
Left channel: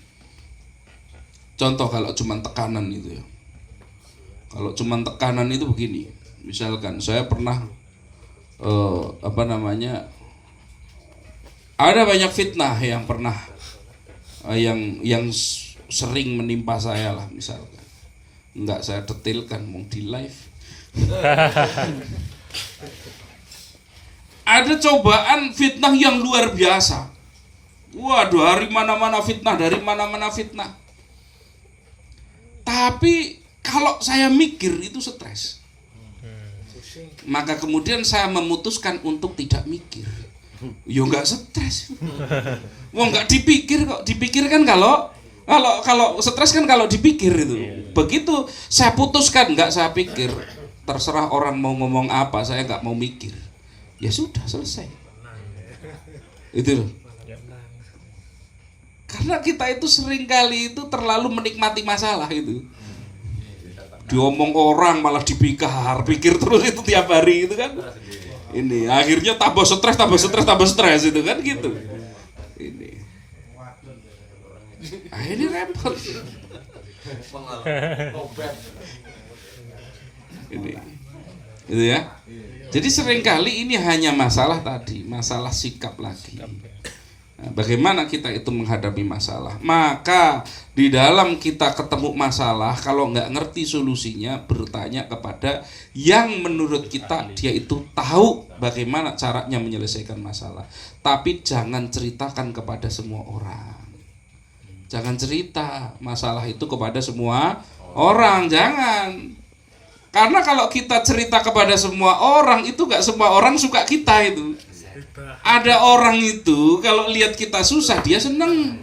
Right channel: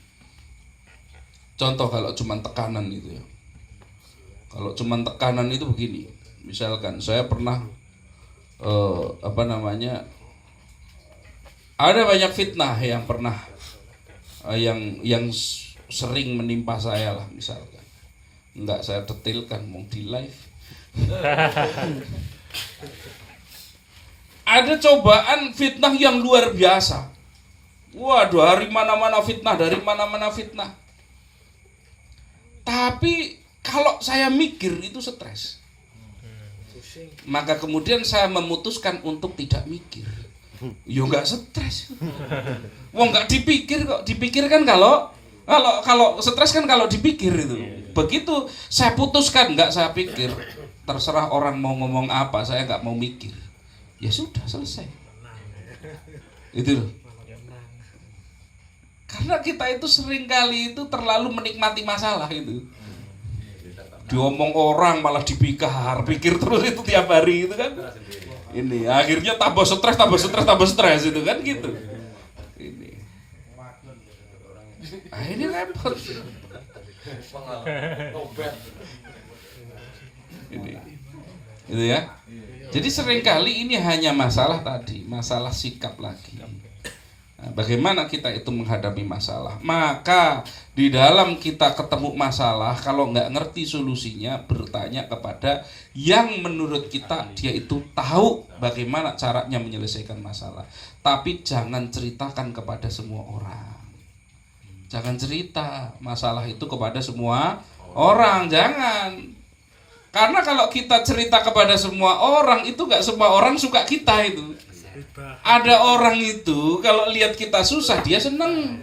Contoh kalau cuma tekanan itu ya. Kalau cuma tekanan itu begini. Misalkan saya pernah ada banyak fitnah yang pernah yang sering menimpa saya lah misalkan. Enggak saya detailkan mau di live. Ada cobaan fitnah yang luar biasa. Waduh, dari mana-mana fitnah. Tapi kalau saya mikir itu stres. Maka kemudian saya memutuskan untuk tidak mikir. Ya enggak stres. Wah, enggak dipikir kok. Dipikir kan kalau stres kan kalau dipikir itu. Begitu saya putuskan enggak saya pikir. Terserah orang mau ngomong apa, saya enggak mau mikir. Ya sudah selesai. Itu loh. Karena kita itu seringkali itu terlalu menikmati masalah itu. Diomong orang malah pikir terus itu tiap hari itu kan. Ini akhirnya tambah stres itu kan gitu. Ini. Ini repot. Ini. Itu ya. Jadi seringkali ini hanya masalah tadi, masalah sikap lagi. Nah, bagaimana kita itu menghadapi masalah? Maka di dalam kita ketemu masalah, kalau nggak ngerti solusinya, bertanya kepada yang menurut kita dia itu tahu bagaimana caranya menyelesaikan masalah. Tapi jangan ceritakan kepada semua orang. Jangan cerita masalah itu kepada semua orang, jangan. Karena kalau kita cerita kepada semua orang, itu gak semua orang suka kita itu. Ada orang itu kalau lihat kita susah dia seneng.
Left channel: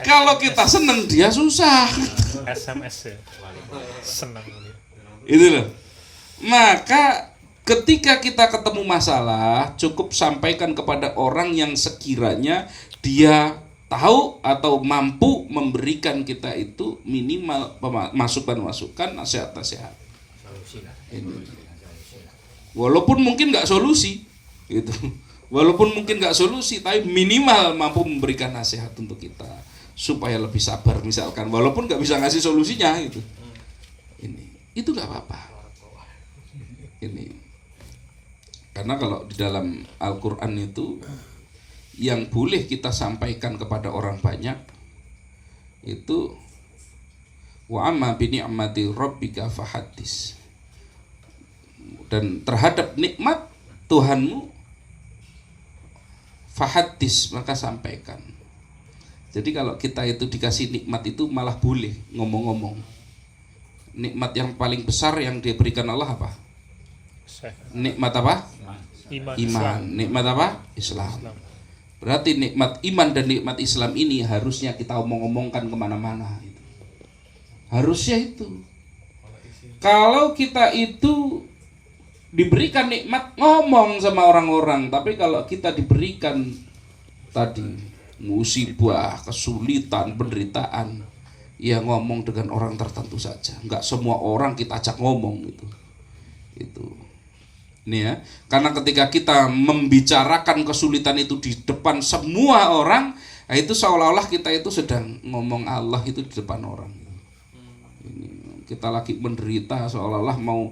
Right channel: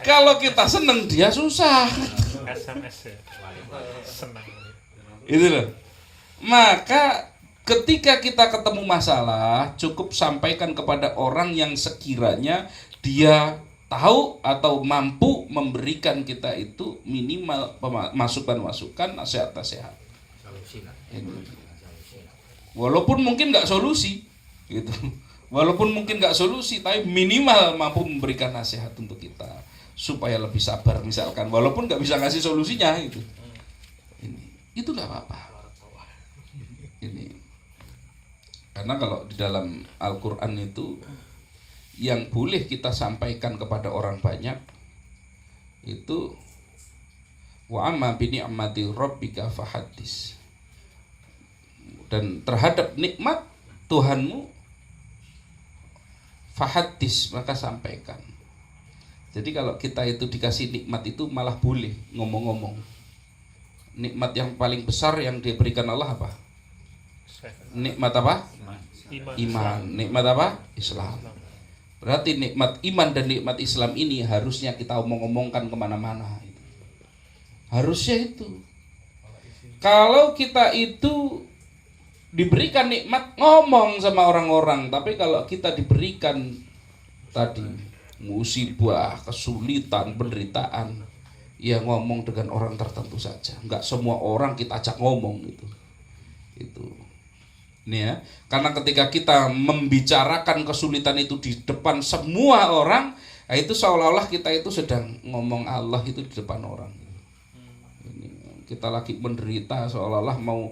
Kalau kita seneng dia susah. SMS ya. Senang. Itu loh. Maka ketika kita ketemu masalah, cukup sampaikan kepada orang yang sekiranya dia tahu atau mampu memberikan kita itu minimal masukan-masukan, nasihat-nasihat. Walaupun mungkin nggak solusi, gitu. Walaupun mungkin nggak solusi, tapi minimal mampu memberikan nasihat untuk kita supaya lebih sabar misalkan. Walaupun nggak bisa ngasih solusinya, gitu. Itu nggak apa-apa. Ini. Karena kalau di dalam Al-Quran itu yang boleh kita sampaikan kepada orang banyak itu wa amma bi ni'mati rabbika fahaddis, dan terhadap nikmat Tuhanmu fahaddis, maka sampaikan. Jadi kalau kita itu dikasih nikmat itu malah boleh ngomong-ngomong. Nikmat yang paling besar yang diberikan Allah apa? Nikmat apa? Iman. Nikmat apa? Islam. Berarti nikmat iman dan nikmat Islam ini harusnya kita omong-omongkan kemana-mana. Harusnya itu. Kalau kita itu diberikan nikmat, ngomong sama orang-orang. Tapi kalau kita diberikan tadi musibah, kesulitan, penderitaan, ya ngomong dengan orang tertentu saja. Enggak semua orang kita ajak ngomong gitu. Itu. Ini ya, karena ketika kita membicarakan kesulitan itu di depan semua orang, nah itu seolah-olah kita itu sedang ngomong Allah itu di depan orang. Ini, kita lagi menderita seolah-olah mau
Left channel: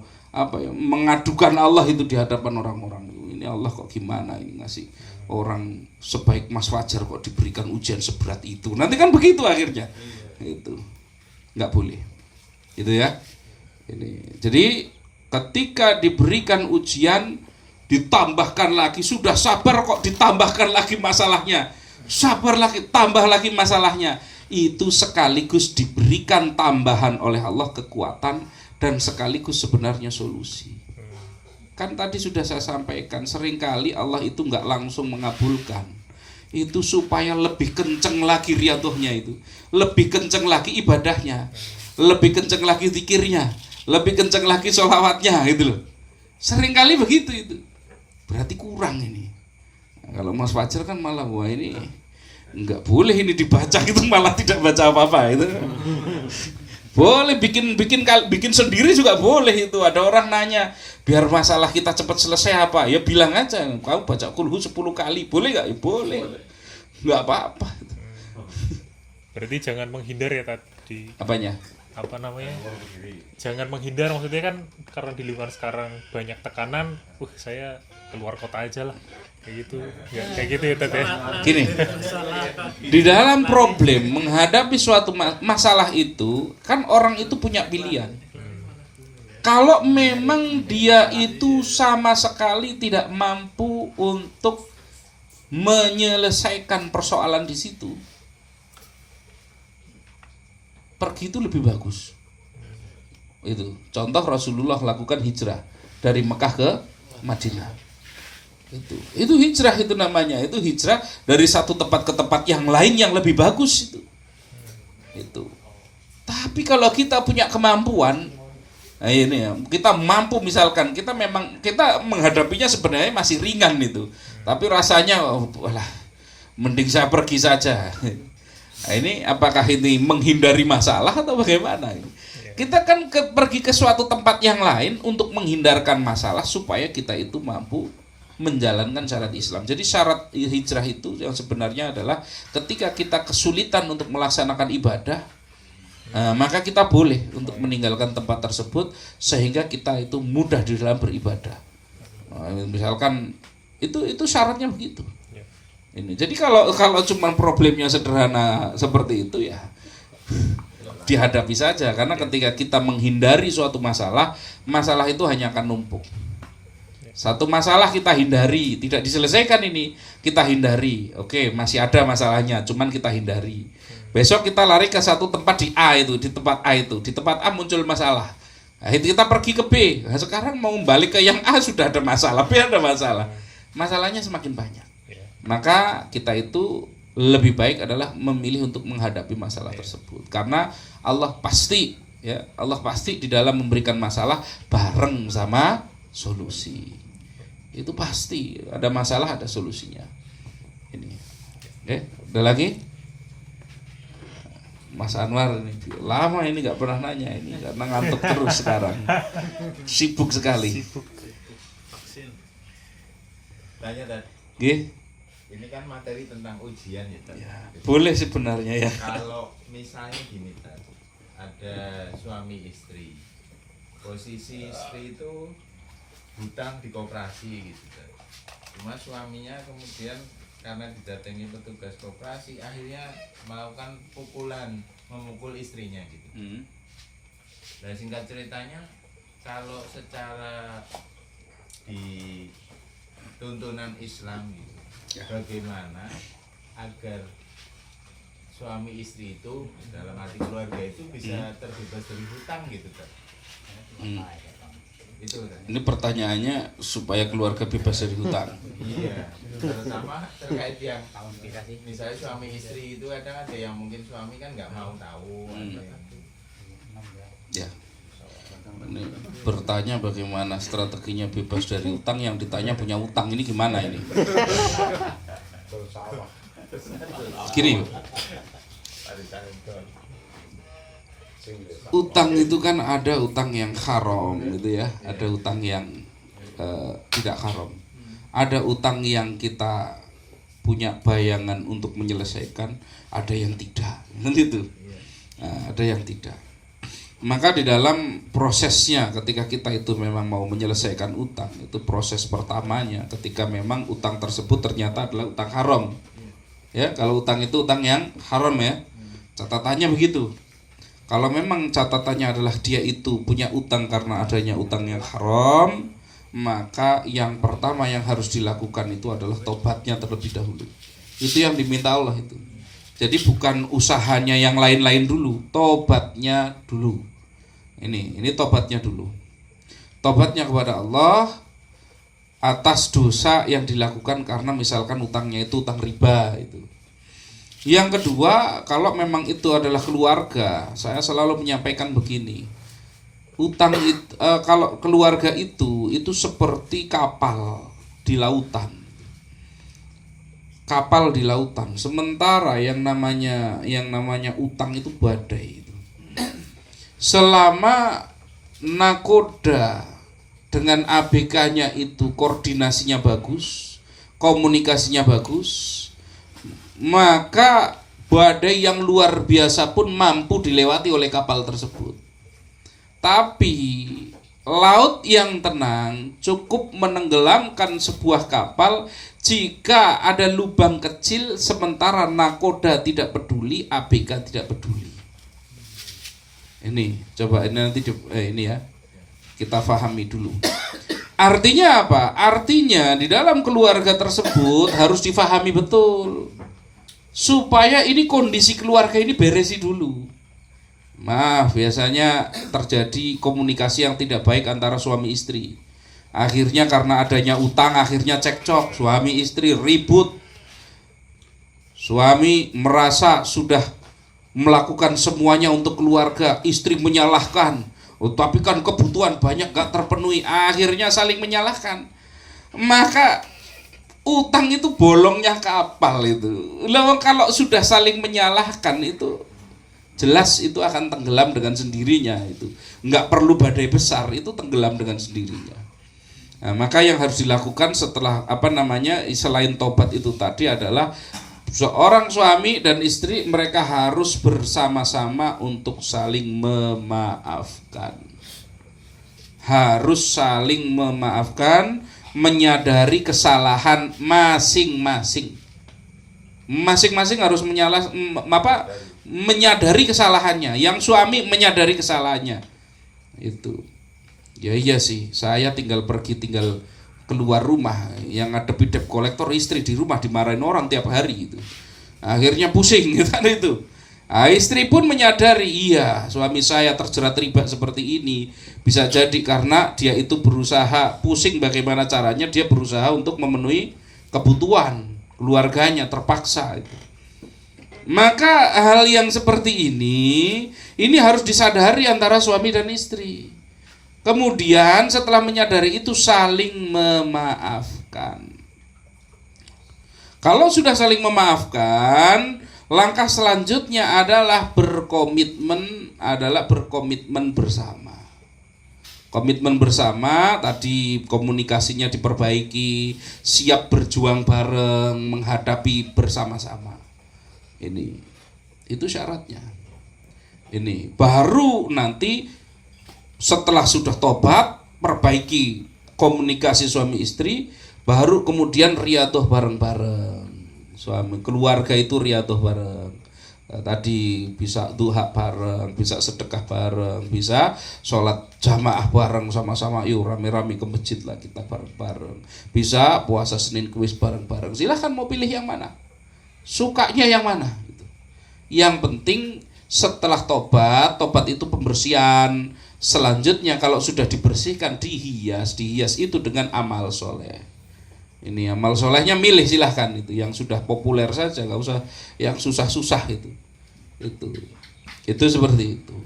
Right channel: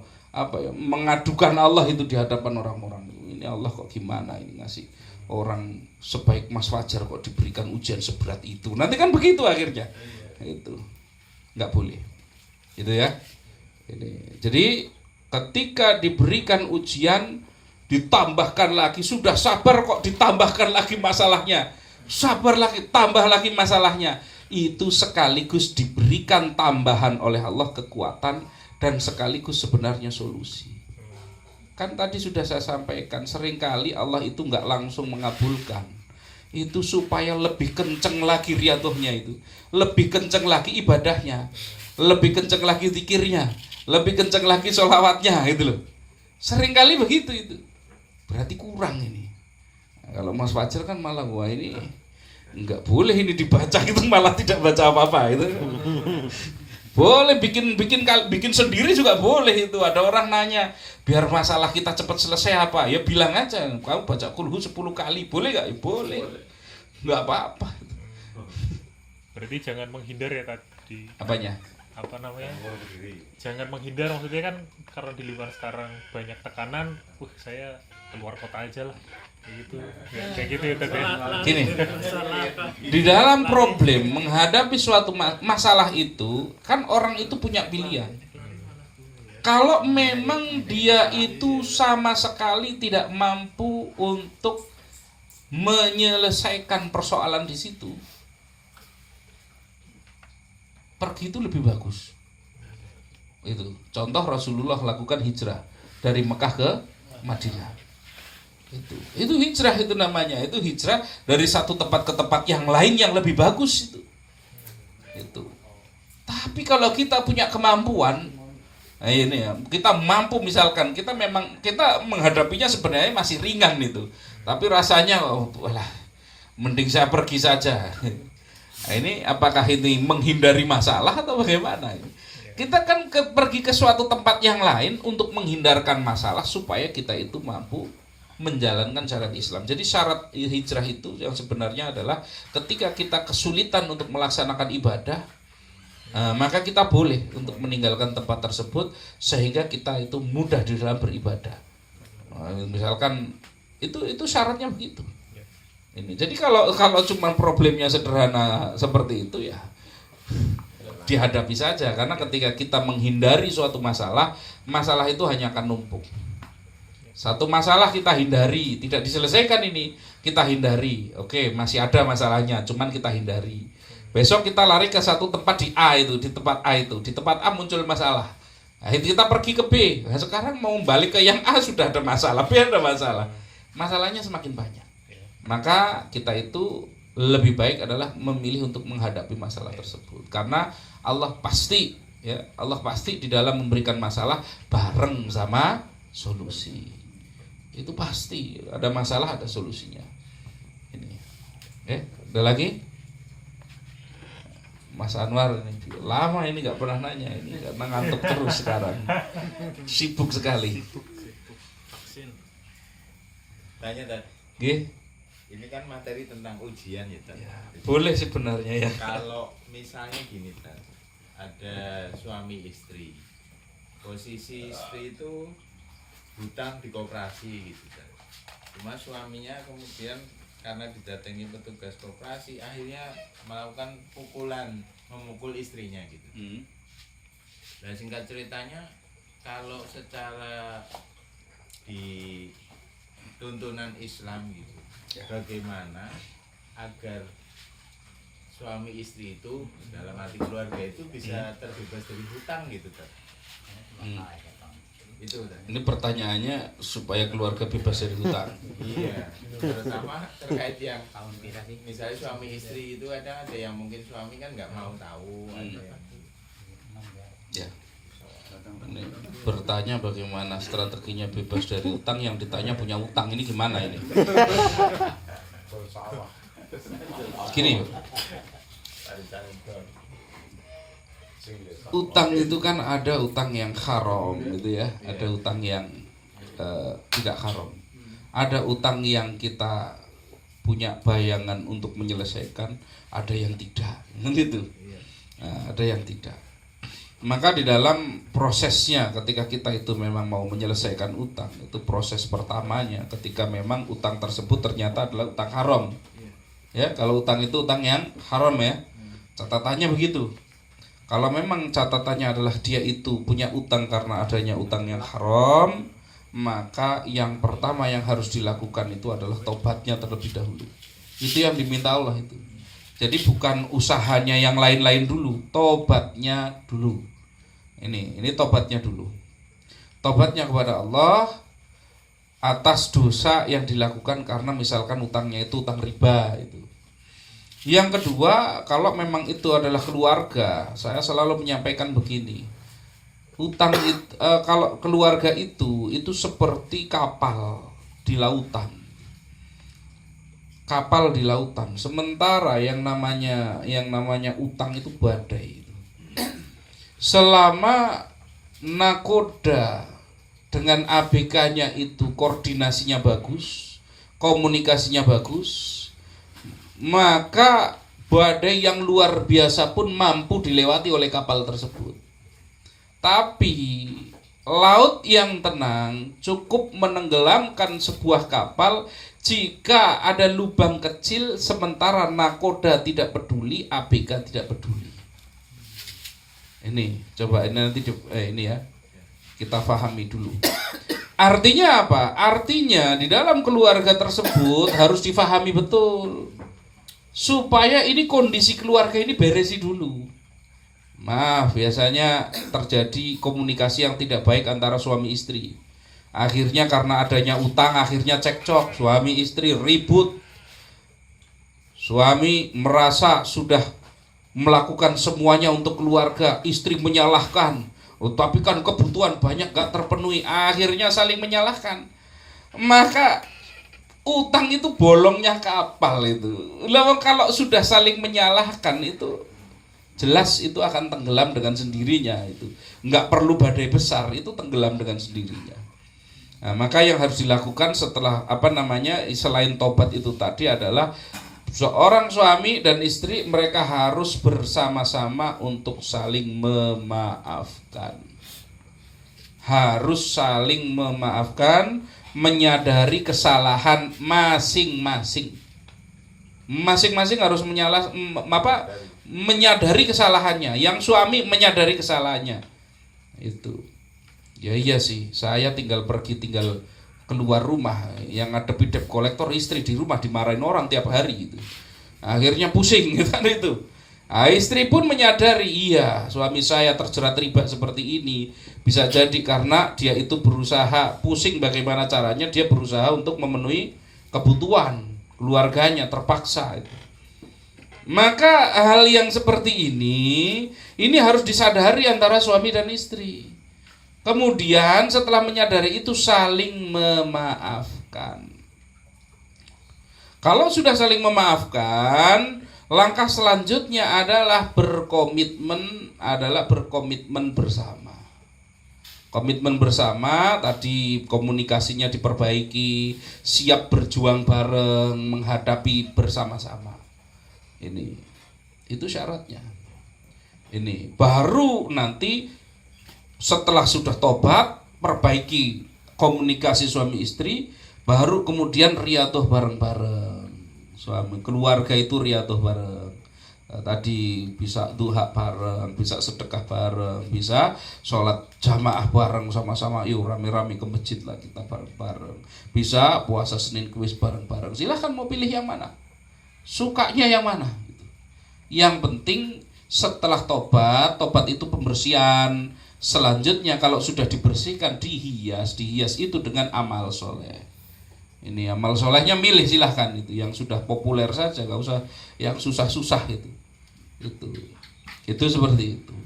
mengadukan Allah itu di hadapan orang-orang. Ini Allah kok gimana ini ngasih orang sebaik Mas Fajar kok diberikan ujian seberat itu. Nanti kan begitu akhirnya. Itu nggak boleh. Gitu ya. Ini. Jadi ketika diberikan ujian ditambahkan lagi, sudah sabar kok ditambahkan lagi masalahnya. Sabar lagi, tambah lagi masalahnya. Itu sekaligus diberikan tambahan oleh Allah kekuatan dan sekaligus sebenarnya solusi. Kan tadi sudah saya sampaikan, seringkali Allah itu nggak langsung mengabulkan. Itu supaya lebih kenceng lagi riadohnya itu, lebih kenceng lagi ibadahnya, lebih kenceng lagi zikirnya, lebih kenceng lagi sholawatnya, gitu loh. Seringkali begitu itu. Berarti kurang ini. Nah, kalau Mas Fajar kan malah wah ini nggak boleh ini dibaca gitu, malah tidak baca apa-apa itu. Boleh bikin sendiri juga boleh itu. Ada orang nanya, biar masalah kita cepat selesai apa? Ya bilang aja, kamu baca kulhu 10 kali, boleh nggak? Ya boleh, nggak apa-apa. Berarti jangan menghindar ya tadi. Apanya? Apa namanya? Jangan menghindar, maksudnya kan karena di lingkungan sekarang banyak tekanan. Saya keluar kota aja lah. Kayak gitu. Ya, kayak gitu ya Ted ya. Gini, di dalam problem menghadapi suatu masalah itu kan orang itu punya pilihan. Kalau memang dia itu sama sekali tidak mampu untuk menyelesaikan persoalan di situ, pergi itu lebih bagus. Itu contoh Rasulullah lakukan hijrah dari Mekah ke Madinah. Itu hijrah itu namanya. Itu hijrah dari satu tempat ke tempat yang lain yang lebih bagus itu. Tapi kalau kita punya kemampuan, nah ini ya, kita mampu misalkan kita menghadapinya sebenarnya masih ringan itu. Tapi rasanya mending saya pergi saja. Nah, ini apakah ini menghindari masalah atau bagaimana? Kita kan pergi ke suatu tempat yang lain untuk menghindarkan masalah supaya kita itu mampu menjalankan syariat Islam. Jadi syarat hijrah itu yang sebenarnya adalah ketika kita kesulitan untuk melaksanakan ibadah, maka kita boleh untuk meninggalkan tempat tersebut sehingga kita itu mudah di dalam beribadah. Misalkan itu syaratnya begitu. Ini. Jadi kalau cuma problemnya sederhana seperti itu ya dihadapi saja, karena ketika kita menghindari suatu masalah itu hanya akan numpuk. Satu masalah kita hindari, tidak diselesaikan ini, kita hindari. Oke, masih ada masalahnya, cuman kita hindari. Besok kita lari ke satu tempat di A itu, di tempat A muncul masalah. Nah, itu kita pergi ke B. Nah, sekarang mau balik ke yang A sudah ada masalah, B ada masalah. Masalahnya semakin banyak. Maka kita itu lebih baik adalah memilih untuk menghadapi masalah tersebut. Karena Allah pasti di dalam memberikan masalah bareng sama solusi. Itu pasti ada masalah ada solusinya. Ini, ada lagi? Mas Anwar ini lama ini nggak pernah nanya ini karena ngantuk terus sekarang, sibuk sekali. Vaksin. Tanya Tad. Ini kan materi tentang ujian ya Tad. Ya, boleh sebenarnya ya. Kalau misalnya gini Tad, ada suami istri, posisi istri itu hutang di koperasi gitu. Cuma suaminya kemudian karena didatangi petugas koperasi akhirnya melakukan memukul istrinya gitu. Dan singkat ceritanya kalau secara di tuntunan Islam gitu, bagaimana agar suami istri itu dalam arti keluarga itu bisa terbebas dari hutang gitu Tad. Ini pertanyaannya supaya keluarga bebas dari hutang. Iya, terutama terkait yang misalnya suami istri itu ada yang mungkin suami kan nggak mau tahu. Ya. Ini bertanya bagaimana strateginya bebas dari hutang, yang ditanya punya hutang, ini gimana ini? Gini, utang itu kan ada utang yang haram gitu ya, ada utang yang tidak haram, ada utang yang kita punya bayangan untuk menyelesaikan, ada yang tidak, kan itu. Nah, ada yang tidak. Maka di dalam prosesnya ketika kita itu memang mau menyelesaikan utang, itu proses pertamanya ketika memang utang tersebut ternyata adalah utang haram. Ya, kalau utang itu utang yang haram ya. Catatannya begitu. Kalau memang catatannya adalah dia itu punya utang karena adanya utang yang haram, maka yang pertama yang harus dilakukan itu adalah tobatnya terlebih dahulu. Itu yang diminta Allah itu. Jadi bukan usahanya yang lain-lain dulu, tobatnya dulu. Ini tobatnya dulu. Tobatnya kepada Allah atas dosa yang dilakukan karena misalkan utangnya itu utang riba itu. Yang kedua, kalau memang itu adalah keluarga, saya selalu menyampaikan begini. Utang itu, kalau keluarga itu seperti kapal di lautan. Kapal di lautan. Sementara yang namanya utang itu badai itu. Selama nakoda dengan ABK-nya itu koordinasinya bagus, komunikasinya bagus, maka badai yang luar biasa pun mampu dilewati oleh kapal tersebut. Tapi laut yang tenang cukup menenggelamkan sebuah kapal jika ada lubang kecil, sementara nakoda tidak peduli, ABK tidak peduli. Ini coba ini nanti ini ya, kita pahami dulu. Artinya apa? Artinya di dalam keluarga tersebut harus difahami betul supaya ini kondisi keluarga ini beresi dulu. Maaf, biasanya terjadi komunikasi yang tidak baik antara suami istri. Akhirnya karena adanya utang, akhirnya cekcok, suami istri ribut. Suami merasa sudah melakukan semuanya untuk keluarga, istri menyalahkan. Oh, tapi kan kebutuhan banyak gak terpenuhi, akhirnya saling menyalahkan. Maka utang itu bolongnya kapal itu. Lalu kalau sudah saling menyalahkan itu jelas itu akan tenggelam dengan sendirinya itu. Nggak perlu badai besar, itu tenggelam dengan sendirinya. Nah, maka yang harus dilakukan setelah selain tobat itu tadi adalah seorang suami dan istri mereka harus bersama-sama untuk saling memaafkan. Harus saling memaafkan, menyadari kesalahan masing-masing. Masing-masing harus menyadari kesalahannya. Yang suami menyadari kesalahannya. Itu. Ya iya sih, saya tinggal keluar rumah, yang ngadepi debt collector istri di rumah dimarahin orang tiap hari gitu. Akhirnya pusing gitu kan itu. Nah, istri pun menyadari, iya suami saya terjerat riba seperti ini bisa jadi karena dia itu berusaha, pusing bagaimana caranya dia berusaha untuk memenuhi kebutuhan keluarganya, terpaksa itu. Maka hal yang seperti ini harus disadari antara suami dan istri. Kemudian setelah menyadari itu saling memaafkan. Kalau sudah saling memaafkan, langkah selanjutnya adalah berkomitmen bersama. Komitmen bersama tadi komunikasinya diperbaiki, siap berjuang bareng, menghadapi bersama-sama. Itu syaratnya. Ini baru nanti setelah sudah tobat, perbaiki komunikasi suami istri, baru kemudian riyadhah bareng-bareng. Suami keluarga itu riyadhah bareng. Tadi bisa duha bareng, bisa sedekah bareng, bisa sholat jamaah bareng sama-sama. Yuk rame-rame ke masjid lah kita bareng-bareng. Bisa puasa Senin Kamis bareng-bareng. Silahkan mau pilih yang mana, sukanya yang mana. Yang penting setelah tobat itu pembersihan. Selanjutnya kalau sudah dibersihkan, dihias itu dengan amal soleh. Ini amal solehnya milih silahkan itu yang sudah populer saja, nggak usah yang susah-susah itu seperti itu.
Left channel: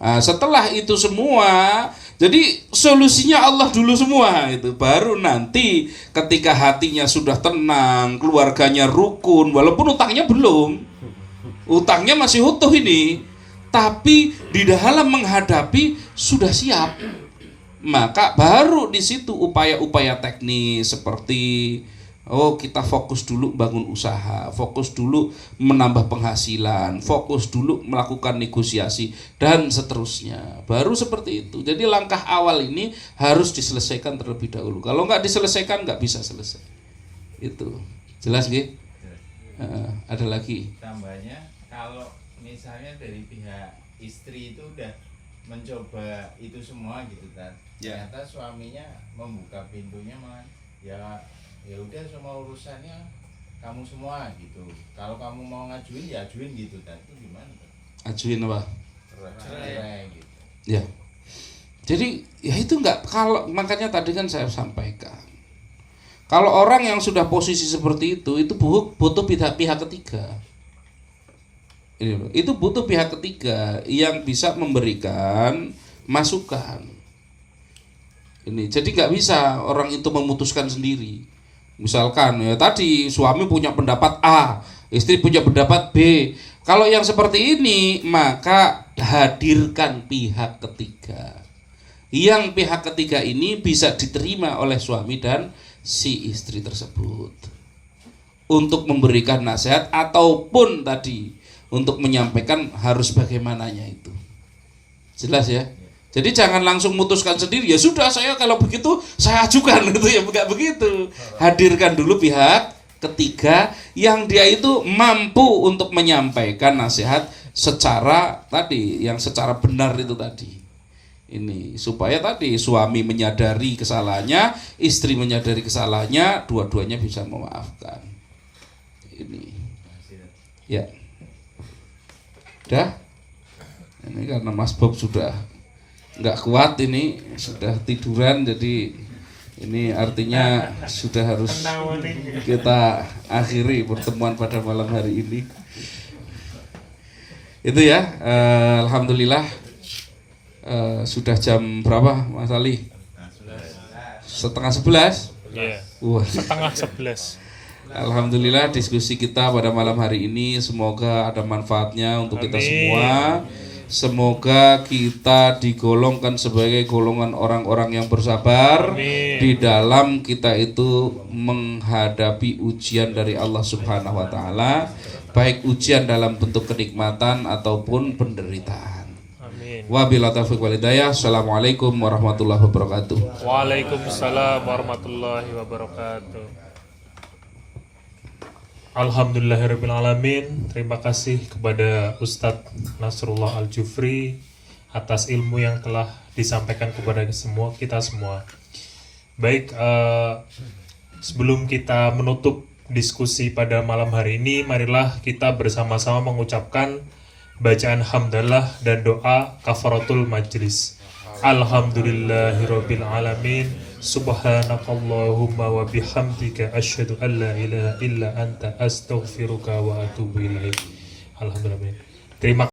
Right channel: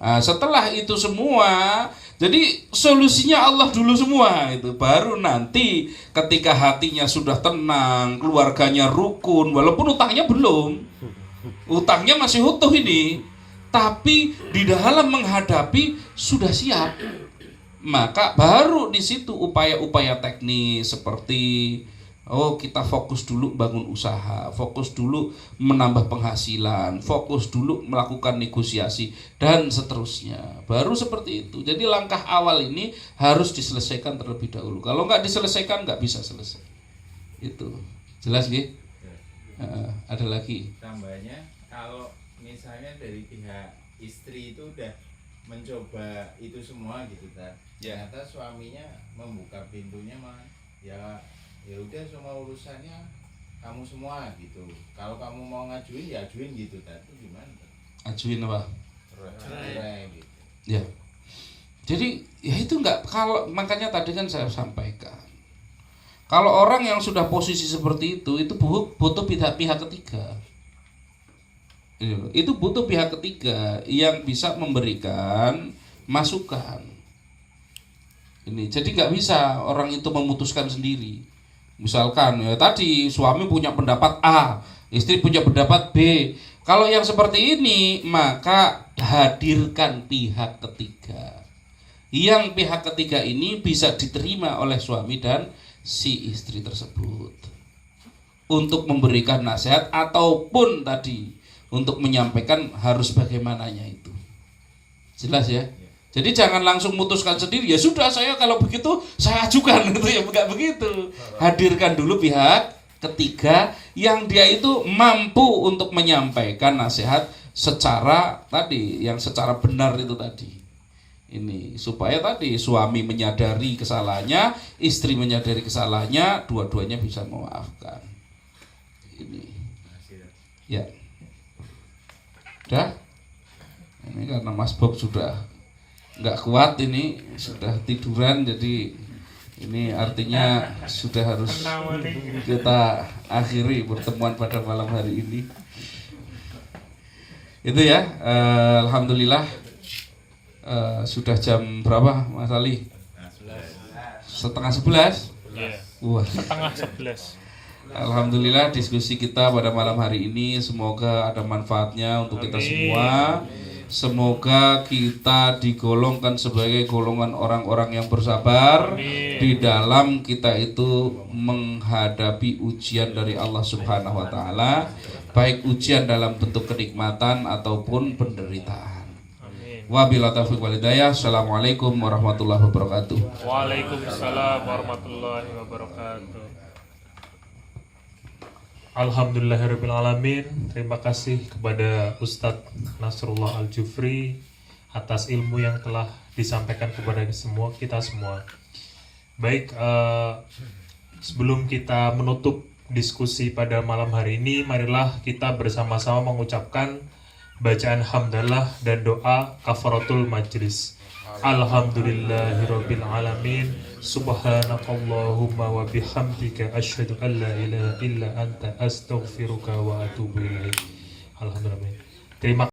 Nah, setelah itu semua, jadi solusinya Allah dulu semua itu. Baru nanti ketika hatinya sudah tenang, keluarganya rukun, walaupun utangnya belum, utangnya masih utuh ini. Tapi di dalam menghadapi sudah siap, maka baru di situ upaya-upaya teknis seperti Oh, kita fokus dulu bangun usaha, fokus dulu menambah penghasilan, fokus dulu melakukan negosiasi dan seterusnya. Baru seperti itu. Jadi langkah awal ini harus diselesaikan terlebih dahulu. Kalau nggak diselesaikan nggak bisa selesai. Itu jelas nggih? Ada lagi? Tambahnya kalau misalnya dari pihak istri itu udah mencoba itu semua gitu kan, ternyata suaminya membuka pintunya malah ya udah semua urusannya kamu semua gitu, kalau kamu mau ngajuin ya ajuin gitu kan, itu gimana kan? Ajuin apa? Cerai gitu. Ya. Jadi ya itu nggak, kalau makanya tadi kan saya sampaikan. Kalau orang yang sudah posisi seperti itu butuh pihak ketiga. Itu butuh pihak ketiga yang bisa memberikan masukan. Ini jadi nggak bisa orang itu memutuskan sendiri. Misalkan ya tadi suami punya pendapat A, istri punya pendapat B. Kalau yang seperti ini maka hadirkan pihak ketiga. Yang pihak ketiga ini bisa diterima oleh suami dan si istri tersebut untuk memberikan nasihat ataupun tadi untuk menyampaikan harus bagaimananya itu. Jelas ya? Jadi jangan langsung memutuskan sendiri, ya sudah saya kalau begitu saya ajukan gitu ya, enggak begitu. Hadirkan dulu pihak ketiga yang dia itu mampu untuk menyampaikan nasihat secara tadi yang secara benar itu tadi. Ini supaya tadi suami menyadari kesalahannya, istri menyadari kesalahannya, dua-duanya bisa memaafkan. Ini. Ya. Udah? Ini karena Mas Bob sudah nggak kuat, ini sudah tiduran, jadi ini artinya sudah harus kita akhiri pertemuan pada malam hari ini. Itu ya, alhamdulillah sudah jam berapa Mas Ali? 10:30. Iya. Wah. 10:30. Alhamdulillah diskusi kita pada malam hari ini semoga ada manfaatnya untuk kita semua. Semoga kita digolongkan sebagai golongan orang-orang yang bersabar. Amin. Di dalam kita itu menghadapi ujian dari Allah Subhanahu wa taala, baik ujian dalam bentuk kenikmatan ataupun penderitaan. Amin. Wabillahi taufiq wal hidayah. Assalamualaikum warahmatullahi wabarakatuh. Waalaikumsalam warahmatullahi wabarakatuh. Alhamdulillahirrabbilalamin. Terima kasih kepada Ustadz Nasrullah Al-Jufri atas ilmu yang telah disampaikan kepada kita semua. Baik, sebelum kita menutup diskusi pada malam hari ini, marilah kita bersama-sama mengucapkan bacaan hamdalah dan doa kafaratul majlis. Alhamdulillahirabbil alamin. Subhanakallahumma wa bihamdika asyhadu an la ilaha illa anta astaghfiruka wa atubu ilaik. Alhamdulillah. Terima